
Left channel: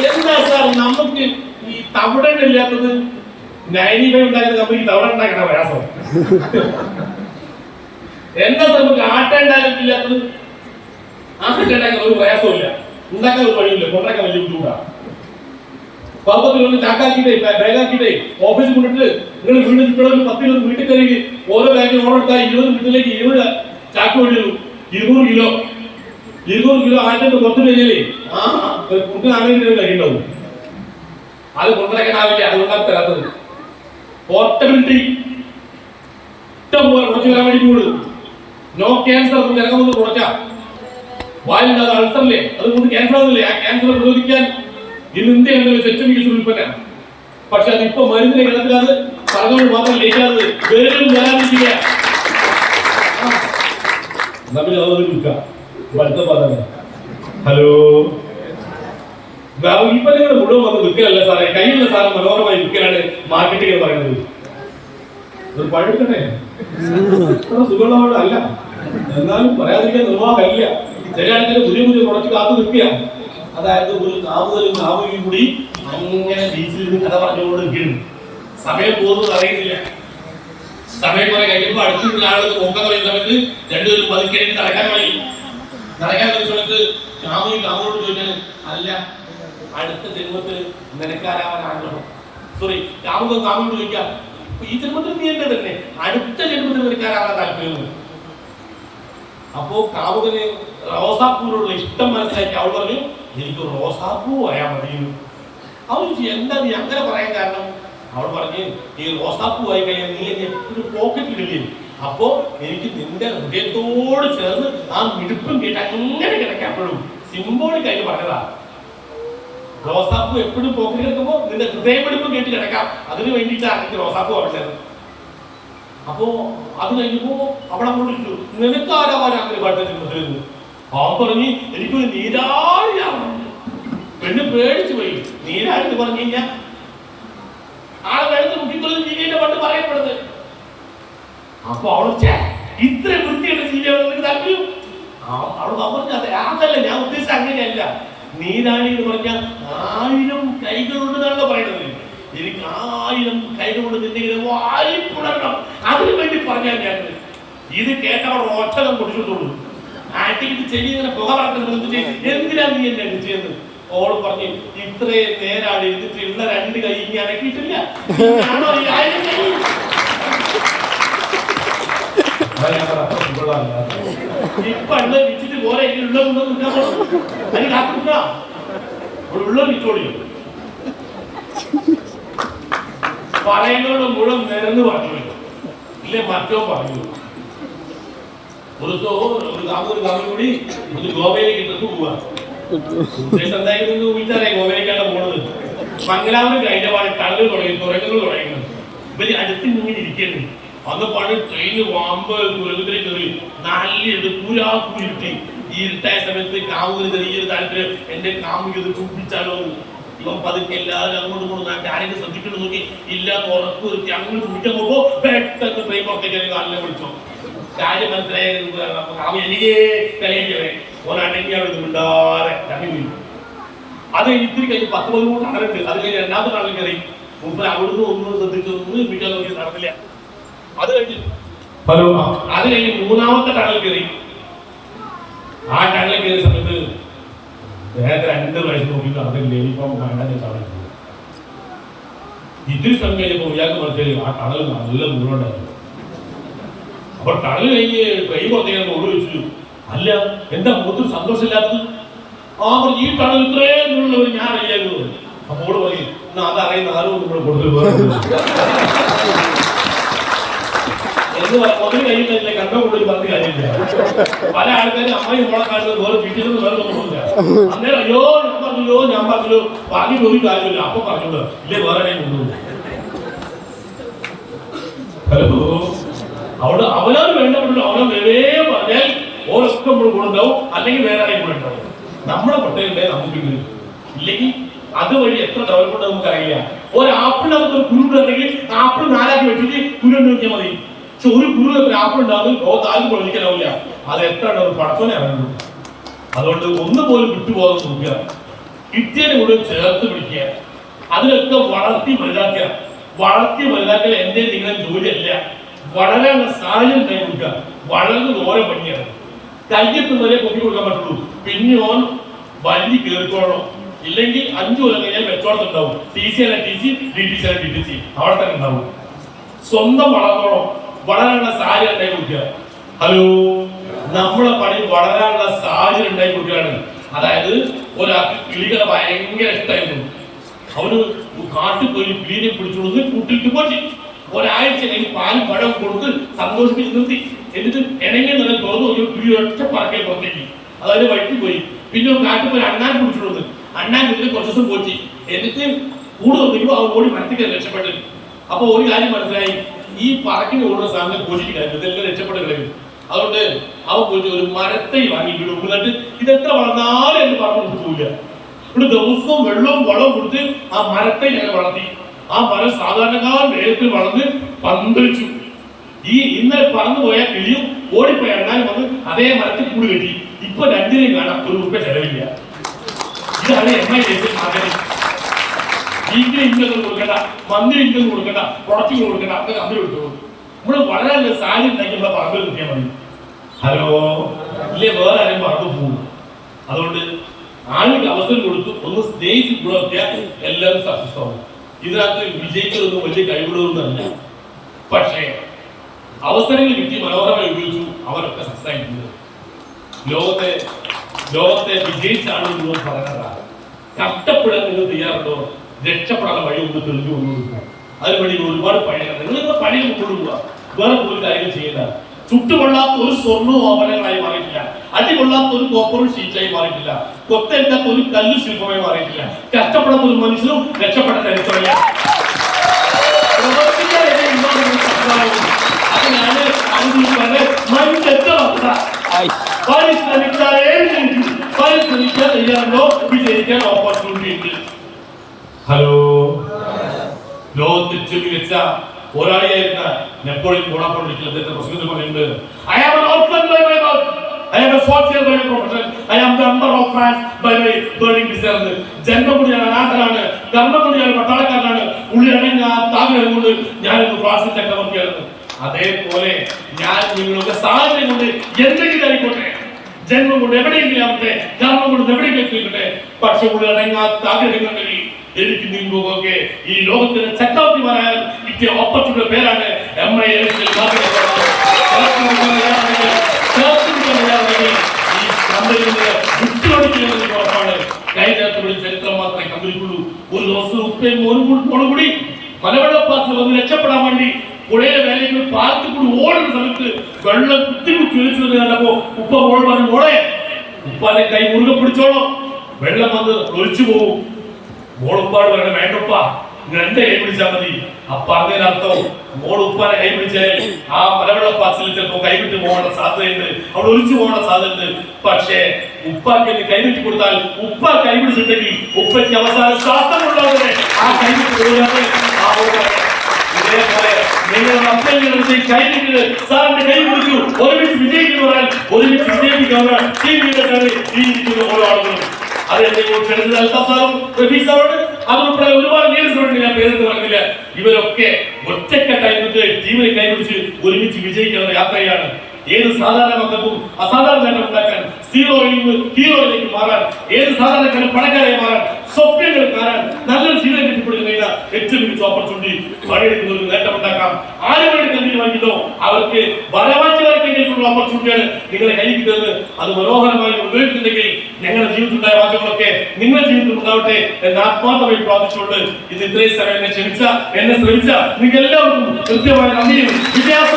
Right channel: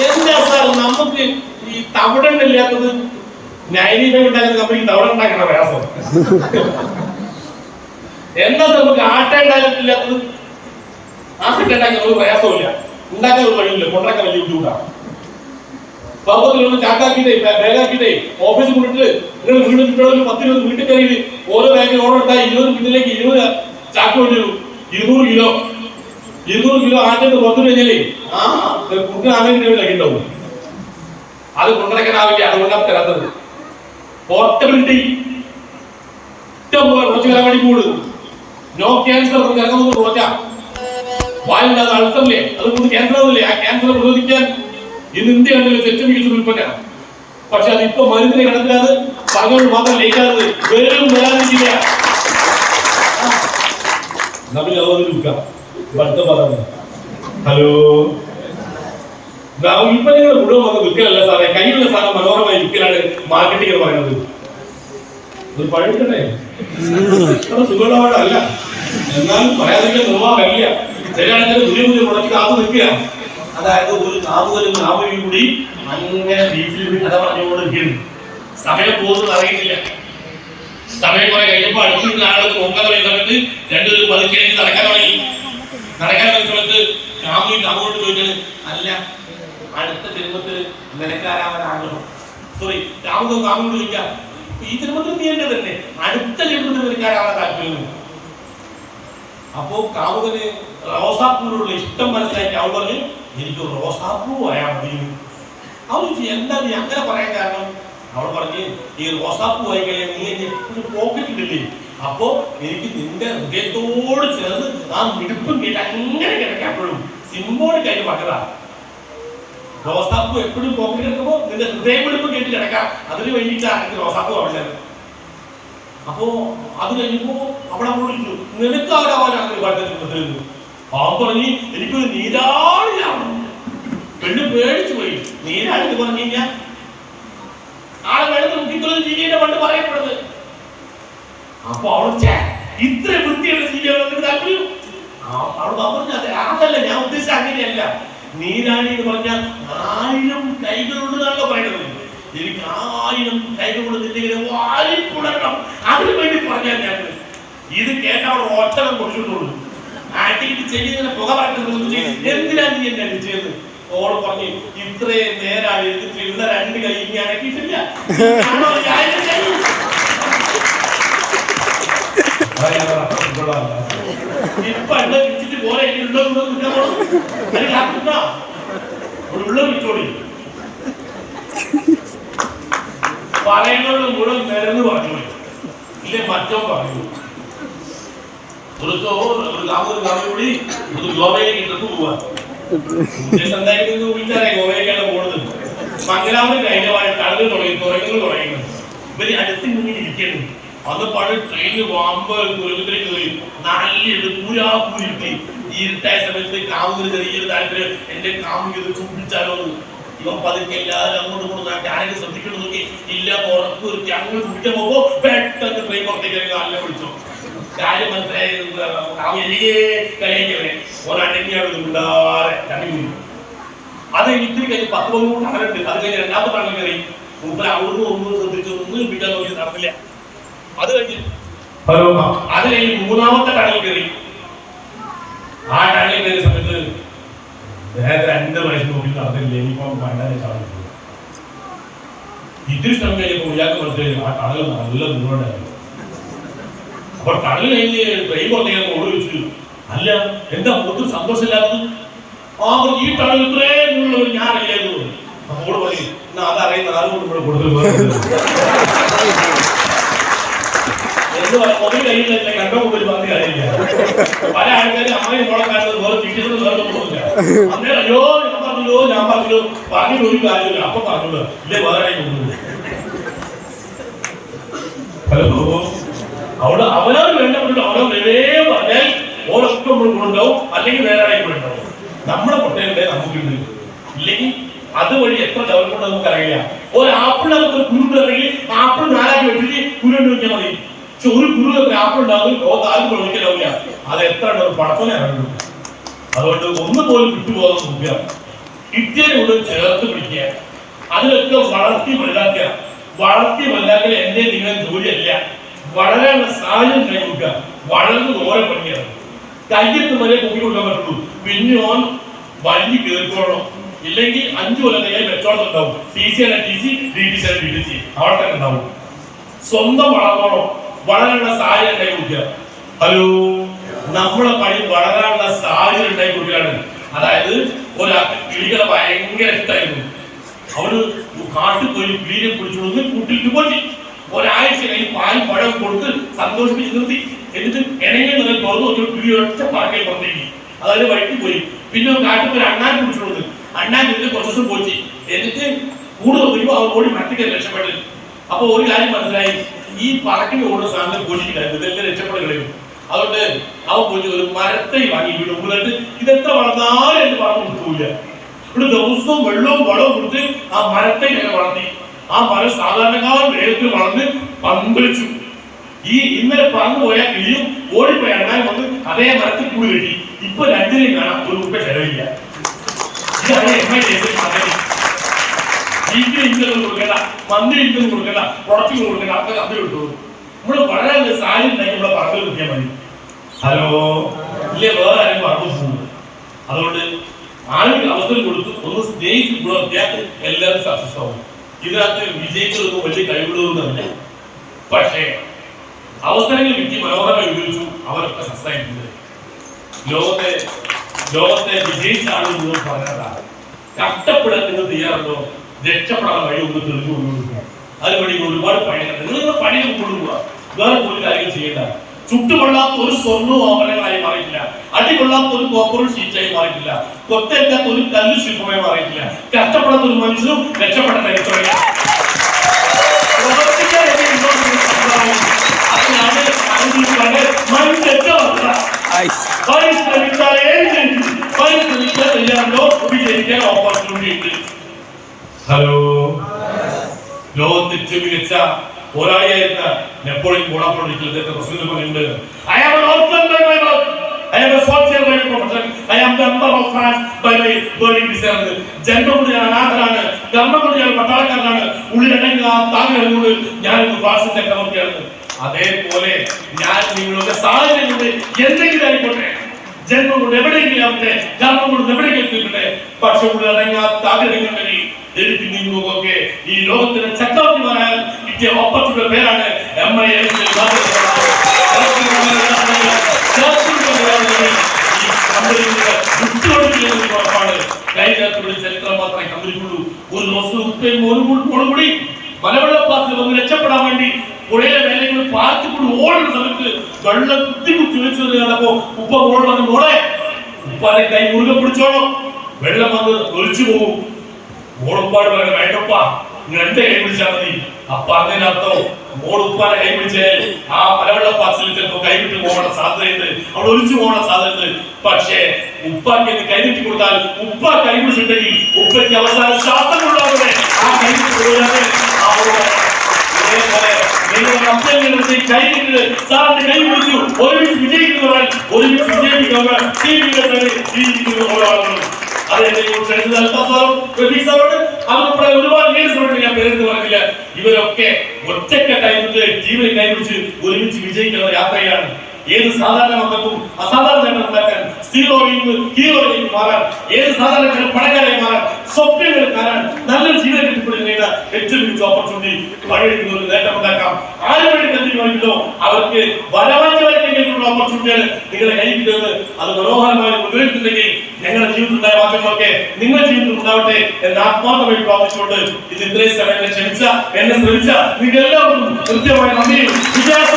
എന്താ സാർ നമുക്ക് ഈ തവിടെണ്ണ ഇല്ലാത്തത്? 95 ഉണ്ടാക്കുന്ന കമ്പനിക്ക് തവിടെണ്ണ ഉണ്ടാക്കണ പ്രയാസം. എന്താ സാർ നമുക്ക് ആട്ട ഉണ്ടാക്കില്ലാത്തത്? ആട്ട ഉണ്ടാക്കാൻ ഒരു പ്രയാസമില്ല, ഉണ്ടാക്കാൻ ഒരു വഴിയില്ല, കൊണ്ടാക്കാൻ വലിയ ബുദ്ധിമുട്ടാണ്. പാപ്പത്തിലൊന്ന് ചാക്കാക്കിട്ടേ ബാഗാക്കിട്ടേ ഓഫീസിൽ കൊണ്ടിട്ട് നിങ്ങൾ വീട് ചുറ്റളവിൽ 10-20 വീട്ടിൽ കയറി ഓരോ ബാഗിൽ ഓർഡർ എടുത്താൽ 20 വീട്ടിലേക്ക് 20 ചാക്ക് വേണ്ടി വരും. 200 കിലോ ആട്ടിട്ട് പുറത്തു കഴിഞ്ഞാലേ കുട്ടിനാണെങ്കിൽ അത് കൊണ്ടുനടക്കാനാവില്ല. അതുകൊണ്ടാണ് തരാത്തത്. പോർട്ടബിലിറ്റി ഇഷ്ടം പോലെ കുറച്ച് വരാൻ വേണ്ടി കൂടും. നോ ക്യാൻസർ ഇറങ്ങുന്നത് കുറച്ചാ. വായില്ലാതെ അൾസറില്ലേ, അതുകൊണ്ട് ക്യാൻസർ ആവില്ലേ? ആ ക്യാൻസർ പ്രതിരോധിക്കാൻ ഇന്ന് ഇന്ത്യയാണെങ്കിലും ഏറ്റവും മികച്ച ഉൽപ്പന്നം. പക്ഷെ അതിപ്പോ മരുന്നിനെ കിടക്കാതെ സർക്കാർ മാത്രം ലേക്കാതെ വേരും വരാതിരിക്കില്ല. ഹലോ, ഉൽപ്പന്നങ്ങൾ മുഴുവൻ വന്ന് വിൽക്കലല്ല സാറേ, കയ്യിലുള്ള സാധനം മനോഹരമായി വിൽക്കലാണ് മാർക്കറ്റിംഗ് പറയുന്നത്. ഒരു പഴുക്കട്ടെ സുഖമുള്ളവരുടെ അല്ല, എന്നാലും പറയാതിരിക്കാൻ നിർവാഹമില്ല. ചിലയാണെങ്കിൽ പുതിയ പ്രൊഡക്റ്റ് കാത്തു നിൽക്കുക. അതായത് ഒരു കാവുകലും കാവുകയും കൂടി അങ്ങനെ ബീച്ചിൽ കഥ പറഞ്ഞുകൊണ്ടിരിക്കുന്നു. സമയം പോകുന്നത് അറിയില്ല. സമയം കുറെ കഴിയുമ്പോൾ അടുത്തുള്ള ആളുകൾ നോക്കാൻ പറയുന്ന സമയത്ത് രണ്ടുപേരും പതുക്കേക്ക് നടക്കാൻ തുടങ്ങി സമയത്ത് കാമോട്ട് പോയിട്ട് അല്ല അടുത്ത ജന്മത്തിൽ നിനക്കാരാവാൻ ആഗ്രഹം. സോറി, കാമുകൊണ്ട് ചോദിക്കാം, ഈ ജന്മത്തിൽ നീ എന്റെ തന്നെ, അടുത്ത ജന്മത്തിൽ നിനക്കാരാവാൻ താല്പര്യം. അപ്പോ കാമുകന് റോസാപ്പൂവിനോടുള്ള ഇഷ്ടം മനസ്സിലാക്കി അവൾ പറഞ്ഞു, എനിക്ക് റോസാപ്പൂ ആയാൽ മതി. അവൾ എന്താ നീ അങ്ങനെ പറയാൻ കാരണം? അവൾ പറഞ്ഞ്, ഈ റോസാപ്പൂ ആയി കഴിഞ്ഞാൽ നീ എന്നെ എപ്പോഴും പോക്കറ്റിടില്ലേ, അപ്പോ എനിക്ക് നിന്റെ ഹൃദയത്തോട് ചേർന്ന് ആ മിടുപ്പും കേട്ട് അങ്ങനെ കിടക്കാപ്പോഴും സിംബോളിക് ആയിട്ട് പറഞ്ഞതാ. റോസാപ്പൂ എപ്പോഴും പോക്കറ്റ് കിടക്കുമ്പോ നിന്റെ ഹൃദയമെടുപ്പും കേട്ട് കിടക്കാം, അതിന് വേണ്ടിയിട്ടാണ് എനിക്ക് റോസാപ്പൂ അവളുടെ. അപ്പോ അത് കഴിഞ്ഞപ്പോ അവിടെ വിളിച്ചു, നിനക്കാരാവാൻ അങ്ങനെ പാട്ടത്തിരുന്നു. അവൻ പറഞ്ഞ് എനിക്കൊരു നീരാളിയാണ്. പെണ്ണ് പേടിച്ചു പോയി. നീരാളെന്ന് പറഞ്ഞു കഴിഞ്ഞാൽ ആളെ വെള്ളത്തിൽ മുക്കിക്കൊള്ളുന്ന ജീവിയുടെ പണ്ട് പറയപ്പെടുന്നത്. അപ്പൊ അവൾ ഇത്ര വൃത്തിയുടെ ജീവിയാണ് താല്പര്യം. അവൾ പറഞ്ഞു, അതല്ല ഞാൻ ഉദ്ദേശിച്ച അങ്ങനെയല്ല. നീരാളി എന്ന് പറഞ്ഞാൽ 1000 കൈകളുണ്ടെന്നാണല്ലോ പറയുന്നത്. എനിക്ക് 1000 കൈകളുണ്ട് നിന്റെ വാരിപ്പുണരണം, അതിനു വേണ്ടി പറഞ്ഞാൽ ഞാൻ ഇത് കേട്ടവൾ ഒറ്റനം കൊടുത്തിട്ടുള്ളൂ. ആട്ടിക്കിട്ട് ചെടി ഇങ്ങനെ പുക പറക്കുന്നത് എന്തിനാ നീ എന്നെ അടിച്ചത്? ഓൾ പറഞ്ഞു, ഇത്രയും നേരാണ് എടുത്തിട്ട് ഉള്ള 2 കൈ ഇനി അടക്കിയിട്ടില്ല. ഇപ്പൊ വിളിച്ചിട്ട് പോലെ ഉള്ള വിറ്റോളി പറയുന്നത് മുഴുവൻ നിരന്ന് പറഞ്ഞു ഇല്ലേ മറ്റോ പറഞ്ഞു. ഒരു കാമം കൂടി ഒരു ഗോവയിലേക്ക് ട്രിപ്പ് പോവാ. ഉദ്ദേശം എന്തായിരുന്നു വിളിച്ചാലേ ഗോവയിലേക്കാണ് പോണത്. മംഗലാപുരം കഴിഞ്ഞ കടലുകൾ തുടങ്ങി, തുറക്കങ്ങൾ തുടങ്ങി. ഇവര് അടുത്ത് മുന്നിൽ ഇരിക്കുന്നു. അന്നപ്പാട് ട്രെയിന് വാമ്പ് തുരങ്കത്തിലേക്ക് കയറി നല്ല പൂരാപ്പൂരിട്ടി. ഈ ഇരുട്ടായ സമയത്ത് കാമുകിന് ചെറിയൊരു താല്പര്യം, എന്റെ കാമുകത് ചൂപ്പിച്ചാലോ. ഇവൻ പതുക്കെ എല്ലാവരും അങ്ങോട്ട് കൊണ്ട് ആരെങ്കിലും ശ്രദ്ധിക്കണം നോക്കി ഇല്ല, ഉറപ്പ് നിർത്തി അങ്ങോട്ട് ചൂപ്പിച്ച പോകുമ്പോ പെട്ടെന്ന് ട്രെയിൻ പുറത്തേക്ക് ഇറങ്ങി നല്ല വിളിച്ചോ. കാര്യം മനസ്സിലായ കാമ എനിക്ക് കളിയാക്കവേ ഒരടങ്ങിയാണ് ഉണ്ടാറെ കമ്മിങ്ങി. അത് ഇത്തിരി കഴിഞ്ഞ് 10-13 ടണലുണ്ട്. അത് കഴിഞ്ഞ് 2ാമത്തെ ടണൽ കയറി. മുമ്പിൽ അവിടുന്ന് ഒന്നും ശ്രദ്ധിച്ചു, ഒന്നും ഇപ്പിക്കാൻ നോക്കി നടന്നില്ല. അത് കഴിഞ്ഞ് 3ാമത്തെ ടണൽ കയറി. ആ ടണലിൽ കയറിയ സമയത്ത് നേരത്തെ 2 പ്രാവശ്യം നോക്കി നടന്നില്ല, ഇനിയിപ്പം കണ്ടാൽ കാണുന്നു. ഇത്തിരി സ്ഥലം കഴിഞ്ഞപ്പോൾ ഇയാൾക്ക് മനസ്സിലായി ആ കടൽ നല്ല മുഴുവനായിരുന്നു. അപ്പൊ കടൽ കഴിഞ്ഞ് ട്രെയിൻ പുറത്തേക്ക് ഓടി വെച്ചു. അല്ല, എന്താ മുഖത്ത് സന്തോഷമില്ലാത്തത്? ഈ കടൽ ഇത്രയും മുഴുവൻ ഞാൻ അറിയായിരുന്നു. അപ്പോൾ പറയും അതറിയുന്ന ആരും കൂടെ കൊടുത്തു എന്ന് ഒരു കയ്യിലല്ലേ കണ്ട കൂടുതൽ പറഞ്ഞ കാര്യമില്ല. പല ആൾക്കാരും അമ്മയും മോളെ കാണുന്നത് വേറെ ടീച്ചറും വേറെ ഒന്നുമില്ല. അന്നേരം അയ്യോ ഞാൻ പറഞ്ഞല്ലോ ബാക്കി ഒരു കാര്യമില്ല. അപ്പൊ പറഞ്ഞല്ലോ ഇല്ലേ വേറെ കൊണ്ടുപോകും. ഹലോ, അവിടെ അവനോട് വേണ്ടപ്പെട്ടു അവനോട് വേറെ പറഞ്ഞാൽ ഓരൊക്കെ നമ്മൾ കൊണ്ടുണ്ടാവും, അല്ലെങ്കിൽ വേറെ ആരെയും കൂടെ ഉണ്ടാവും. നമ്മുടെ പൊട്ടയുണ്ടേ നമുക്കുണ്ട്, ഇല്ലെങ്കിൽ അതുവഴി എത്ര ഡെവലപ്മെന്റ് നമുക്കറിയില്ല. ഒരു ആപ്പിൾ നമുക്ക് ഒരു കുരു ഇറങ്ങി ആപ്പിൾ 4 ആക്കി വെച്ചിട്ട് കുരുണ്ട് വെച്ചാൽ മതി. പക്ഷെ ഒരു കുരു എത്ര ആപ്പിൾ ഉണ്ടാകും ആരും പ്രവചിക്കാനാവില്ല. അത് എത്ര പടച്ചോനെ അറിയുള്ളൂ. അതുകൊണ്ട് ഒന്നുപോലും വിട്ടുപോകാൻ നോക്കുക, കിട്ടിയതിനെ കൂടെ ചേർത്ത് പിടിക്കുക, അതിലൊക്കെ വളർത്തി വലുതാക്കുക. വളർത്തി വലുതാക്കൽ എന്റെ നിങ്ങളുടെ ജോലിയല്ല, വളരാനുള്ള സാഹചര്യം കൈ കൊടുക്കുക. വളർന്ന് ഓരോ പണിയാണ്. കയ്യെത്തും വരെ പൊക്കി കൊടുക്കാൻ പറ്റുള്ളൂ. പിന്നെ ഓൻ വലിയ കേൾക്കോളണം, ഇല്ലെങ്കിൽ 5 കൊല്ലം കഴിഞ്ഞാൽ വെച്ചോളത്തുണ്ടാവും. TC അല്ല TC, DTC അല്ല DTC, അവിടെ തന്നെ ഉണ്ടാവും. സ്വന്തം വളർന്നോണം, വളരാനുള്ള സാഹചര്യം ഉണ്ടായി കൊടുക്കുക. ഹലോ, നമ്മളെ പണി വളരാനുള്ള സാഹചര്യം ഉണ്ടായി കൊടുക്കുകയാണ്. അതായത് ഒരാൾക്ക് കിളികളെ ഭയങ്കര ഇഷ്ടമായിരുന്നു. അവന് കാട്ടിൽ പോയി കിളിനെ പിടിച്ചുകൊണ്ട് കൂട്ടിട്ട് പോറ്റി ഒരാഴ്ച കഴിഞ്ഞ് പാൽ പഴം കൊടുത്ത് സന്തോഷിപ്പിച്ച് നിർത്തി. എന്നിട്ട് ഇണങ്ങൾ തുറന്നു നോക്കി കിളി ഒറ്റ പറക്കൽ പുറത്തേക്ക്, അതായത് വഴിക്ക് പോയി. പിന്നെ കാട്ടിൽ പോയി അണ്ണാൻ പിടിച്ചിട്ടുണ്ട്. അണ്ണാൻ ഇതിന്റെ കുറച്ച് ദിവസം പോറ്റി. എന്നിട്ട് കൂടുതൽ വരുമ്പോൾ അവൻ ഓടി മരത്തിക്കാൻ രക്ഷപ്പെട്ടു. അപ്പൊ ഒരു കാര്യം മനസ്സിലായി, ഈ പറക്കിന് ഓടുന്ന സാധനം പോറ്റിട്ട് കളയും, ഇതെല്ലാം രക്ഷപ്പെട്ട് കളയും. അതുകൊണ്ട് അവൻ പോയിട്ട് ഒരു മരത്തൈ വാങ്ങി ഇവിടെ ഉള്ളിട്ട് ഇതെത്ര വളർന്നാലും എന്ന് പറഞ്ഞു കൊടുക്കൂല. ഇവിടെ ദിവസവും വെള്ളവും വളവും കൊടുത്ത് ആ മരത്തൈ ഞങ്ങൾ വളർത്തി. ആ മരം സാധാരണക്കാരൻ വേഗത്തിൽ വളർന്ന് പന്തളിച്ചു. ഈ ഇന്നലെ പറന്നു പോയ കിളിയും ഓടിപ്പോയ എണ്ണാൻ വന്ന് അതേ മരത്തിൽ കൂടി കെട്ടി. ഇപ്പൊ രണ്ടിനെയും കാണാൻ ₹1 ചെലവില്ല. ഇതാണ് വീട്ടിൽ ഇൻകം കൊടുക്കണ്ട, മന്ത്ലി ഇൻകം കൊടുക്കണ്ട, പ്രൊഡക്റ്റ് കൊടുക്കണ്ട, അതൊക്കെ അത് കിട്ടുള്ളൂ. നമ്മള് വളരെ സാഹചര്യം ഉണ്ടെങ്കിൽ നമ്മളെ പറമ്പിൽ കിട്ടിയാൽ മതി. ഹലോ, ഇല്ലേ വേറെ ആരും പറമ്പ് പോകും. അതുകൊണ്ട് ആളുകൾക്ക് അവസരം കൊടുത്തു ഒന്ന് സ്നേഹിച്ച് ഗുണമൊക്കെയാൽ എല്ലാവരും സക്സസ് ആവും. ഇതിനകത്ത് വിജയിക്കുന്നതൊന്നും വലിയ കഴിവുകളൊന്നുമല്ല. പക്ഷേ അവസരങ്ങൾ കിട്ടി മനോഹരമായി ഉപയോഗിച്ചു, അവരൊക്കെ സക്സസ് ആയിട്ടുണ്ട്. ലോകത്തെ വിജയിച്ച ആളുകൾ പറയാറാണ്, കഷ്ടപ്പെടാൻ നിങ്ങൾ തയ്യാറുണ്ടോ? രക്ഷപ്പെടാൻ വഴി ഒന്ന് തെളിഞ്ഞു കൊണ്ടുപോകുക. അതിനുവേണ്ടി ഒരുപാട് പണികൾ നിങ്ങളുടെ പണികൾ കൊണ്ടുപോകുക. വേറെ പോലും കാര്യങ്ങൾ ചെയ്യേണ്ട. ചുട്ടുകൊള്ളാത്ത ഒരു സ്വർണ്ണവും ആഭരണങ്ങളായി മാറിയിട്ടില്ല. അടികൊള്ളാത്ത ഒരു കോപ്പറും ഷീറ്റായി മാറിയിട്ടില്ല. കൊത്തേൽക്കാത്ത ഒരു കല്ല് ശില്പമായി മാറിയിട്ടില്ല. കഷ്ടപ്പെടാത്ത ഒരു മനുഷ്യനും രക്ഷപ്പെട്ട ചരിത്രമില്ല. വിജയിക്കാൻ ഓപ്പർച്യൂണിറ്റി ഉണ്ട്. ഹലോ, ലോകത്തിൽ മികച്ച പോരാളിയായിരുന്ന നെപ്പോളിയൻ ബോണാപ്പാർട്ട് പ്രസിഡന്റ് പറയുന്നുണ്ട്, I am an orphan by my birth, I am a soldier by my profession, I am the emperor of France by my burning desire. ജന്മം കൊണ്ട് ഞാൻ അനാഥനാണ്, കർമ്മം കൊണ്ട് ഞാൻ പട്ടാളക്കാരനാണ്, ഉള്ളിലടങ്ങ താങ്കളുകൊണ്ട് ഞാനൊരു ഫ്രാൻസിൻ ചക്രവർത്തിയാണ്. അതേപോലെ ഞാൻ നിങ്ങളുടെ സാഹചര്യം കൊണ്ട് എന്തെങ്കിലും ആയിക്കോട്ടെ, ജന്മം കൊണ്ട് എവിടെയെങ്കിലും ആവട്ടെ, കർമ്മം കൊണ്ട് എവിടെയെങ്കിലും കേൾക്കട്ടെ, പക്ഷെ ഉള്ളിലടങ്ങാത്ത ആഗ്രഹങ്ങളിൽ എനിക്ക് നിങ്ങൾക്കൊക്കെ ഈ ലോകത്തിലെ ചക്രവർത്തിമാരായ കിട്ടിയ ഓപ്പർച്യൂണിറ്റിയുടെ പേരാണ് ചരിത്രം മാത്രമേ കണ്ടിട്ടുള്ളൂ. ഒരു ദിവസം കൂടി മലവെള്ളപ്പാസിൽ വന്ന് രക്ഷപ്പെടാൻ വേണ്ടി പുഴയിലെ വേലകൾ പാലത്തിൽ കൂടി ഓടുന്ന സമയത്ത് വെള്ളം കുത്തി കണ്ടപ്പോ ഉപ്പ മോൾ പറഞ്ഞു, മോളെ ഉപ്പാന്റെ കൈ മുറുകെ പിടിച്ചോളൂ, വെള്ളം വന്ന് ഒലിച്ചു പോകും. മോളുപ്പാട് പറയാൻ വേണ്ടപ്പാ, എന്റെ കൈ പിടിച്ചാൽ മതി. അപ്പൊ അതിനർത്ഥം മോൾ ഉപ്പാനെ കൈ പിടിച്ചാൽ ആ മലവെള്ളപ്പാസിൽ ചിലപ്പോ കൈവിട്ട് പോകാനുള്ള സാധ്യതയുണ്ട്, അവിടെ ഒലിച്ചു പോകാനുള്ള സാധ്യതയുണ്ട്. പക്ഷേ ഉപ്പാക്ക് കൈവിട്ടി കൊടുത്താൽ ഉപ്പ കൈപിടിച്ചിട്ടുണ്ടെങ്കിൽ ഉപ്പയ്ക്ക് അവസാന ശ്വാസമുള്ളവരെ ആ കൈവിട്ട് പോയാൽ നിങ്ങളുടെ അമ്മയുടെ കൈവിട്ട് സാറിന്റെ കൈ പിടിച്ചു ഒരുമിച്ച് വിജയിക്കുന്നവരാൽ ഒരുമിച്ച് വിജയിപ്പിക്കാൻ ഒരുപാട് നേരിട്ടുണ്ട്. ഞാൻ പേരെന്ന് പറഞ്ഞില്ല. ഇവരൊക്കെ ഒറ്റക്കെട്ടായിട്ട് ജീവനെ കൈപിടിച്ച് ഒരുമിച്ച് വിജയിക്കുന്ന യാത്രയാണ്. ഏത് സാധാരണ മക്കൾക്കും അസാധാരണ നേട്ടം ഉണ്ടാക്കാൻ, സീറോയിൽ നിന്ന് ഹീറോയിലേക്ക് മാറാൻ, ഏത് സാധാരണക്കാരും പണക്കാരായി മാറാൻ, സ്വപ്നങ്ങൾ കാണാൻ, നല്ലൊരു ജീവിതം കെട്ടിപ്പിടിക്കുന്ന ഏറ്റവും മികച്ച ഓപ്പർച്യൂണിറ്റി പണിയെടുക്കുന്ന ഒരു നേട്ടം ഉണ്ടാക്കാം. ആരും വേണ്ടി കരുതിയോ അവർക്ക് വരവാറ്റുള്ള ഓപ്പർച്യൂണിറ്റിയാണ് നിങ്ങളുടെ കയ്യിൽ കിട്ടുന്നത്. അത് മനോഹരമായി ഉപയോഗിക്കുന്നുണ്ടെങ്കിൽ ഞങ്ങളുടെ ജീവിതത്തിലുണ്ടായ മാറ്റങ്ങളൊക്കെ നിങ്ങളുടെ ജീവിതത്തിൽ ഉണ്ടാവട്ടെ എന്ന് ആത്മാർത്ഥമായി പ്രാർത്ഥിച്ചുകൊണ്ട് ഇത് ഇത്രയും സമയം എന്നെ ശ്രമിച്ച നിങ്ങൾ എല്ലാവർക്കും കൃത്യമായ നന്ദിയും വിശ്വാസം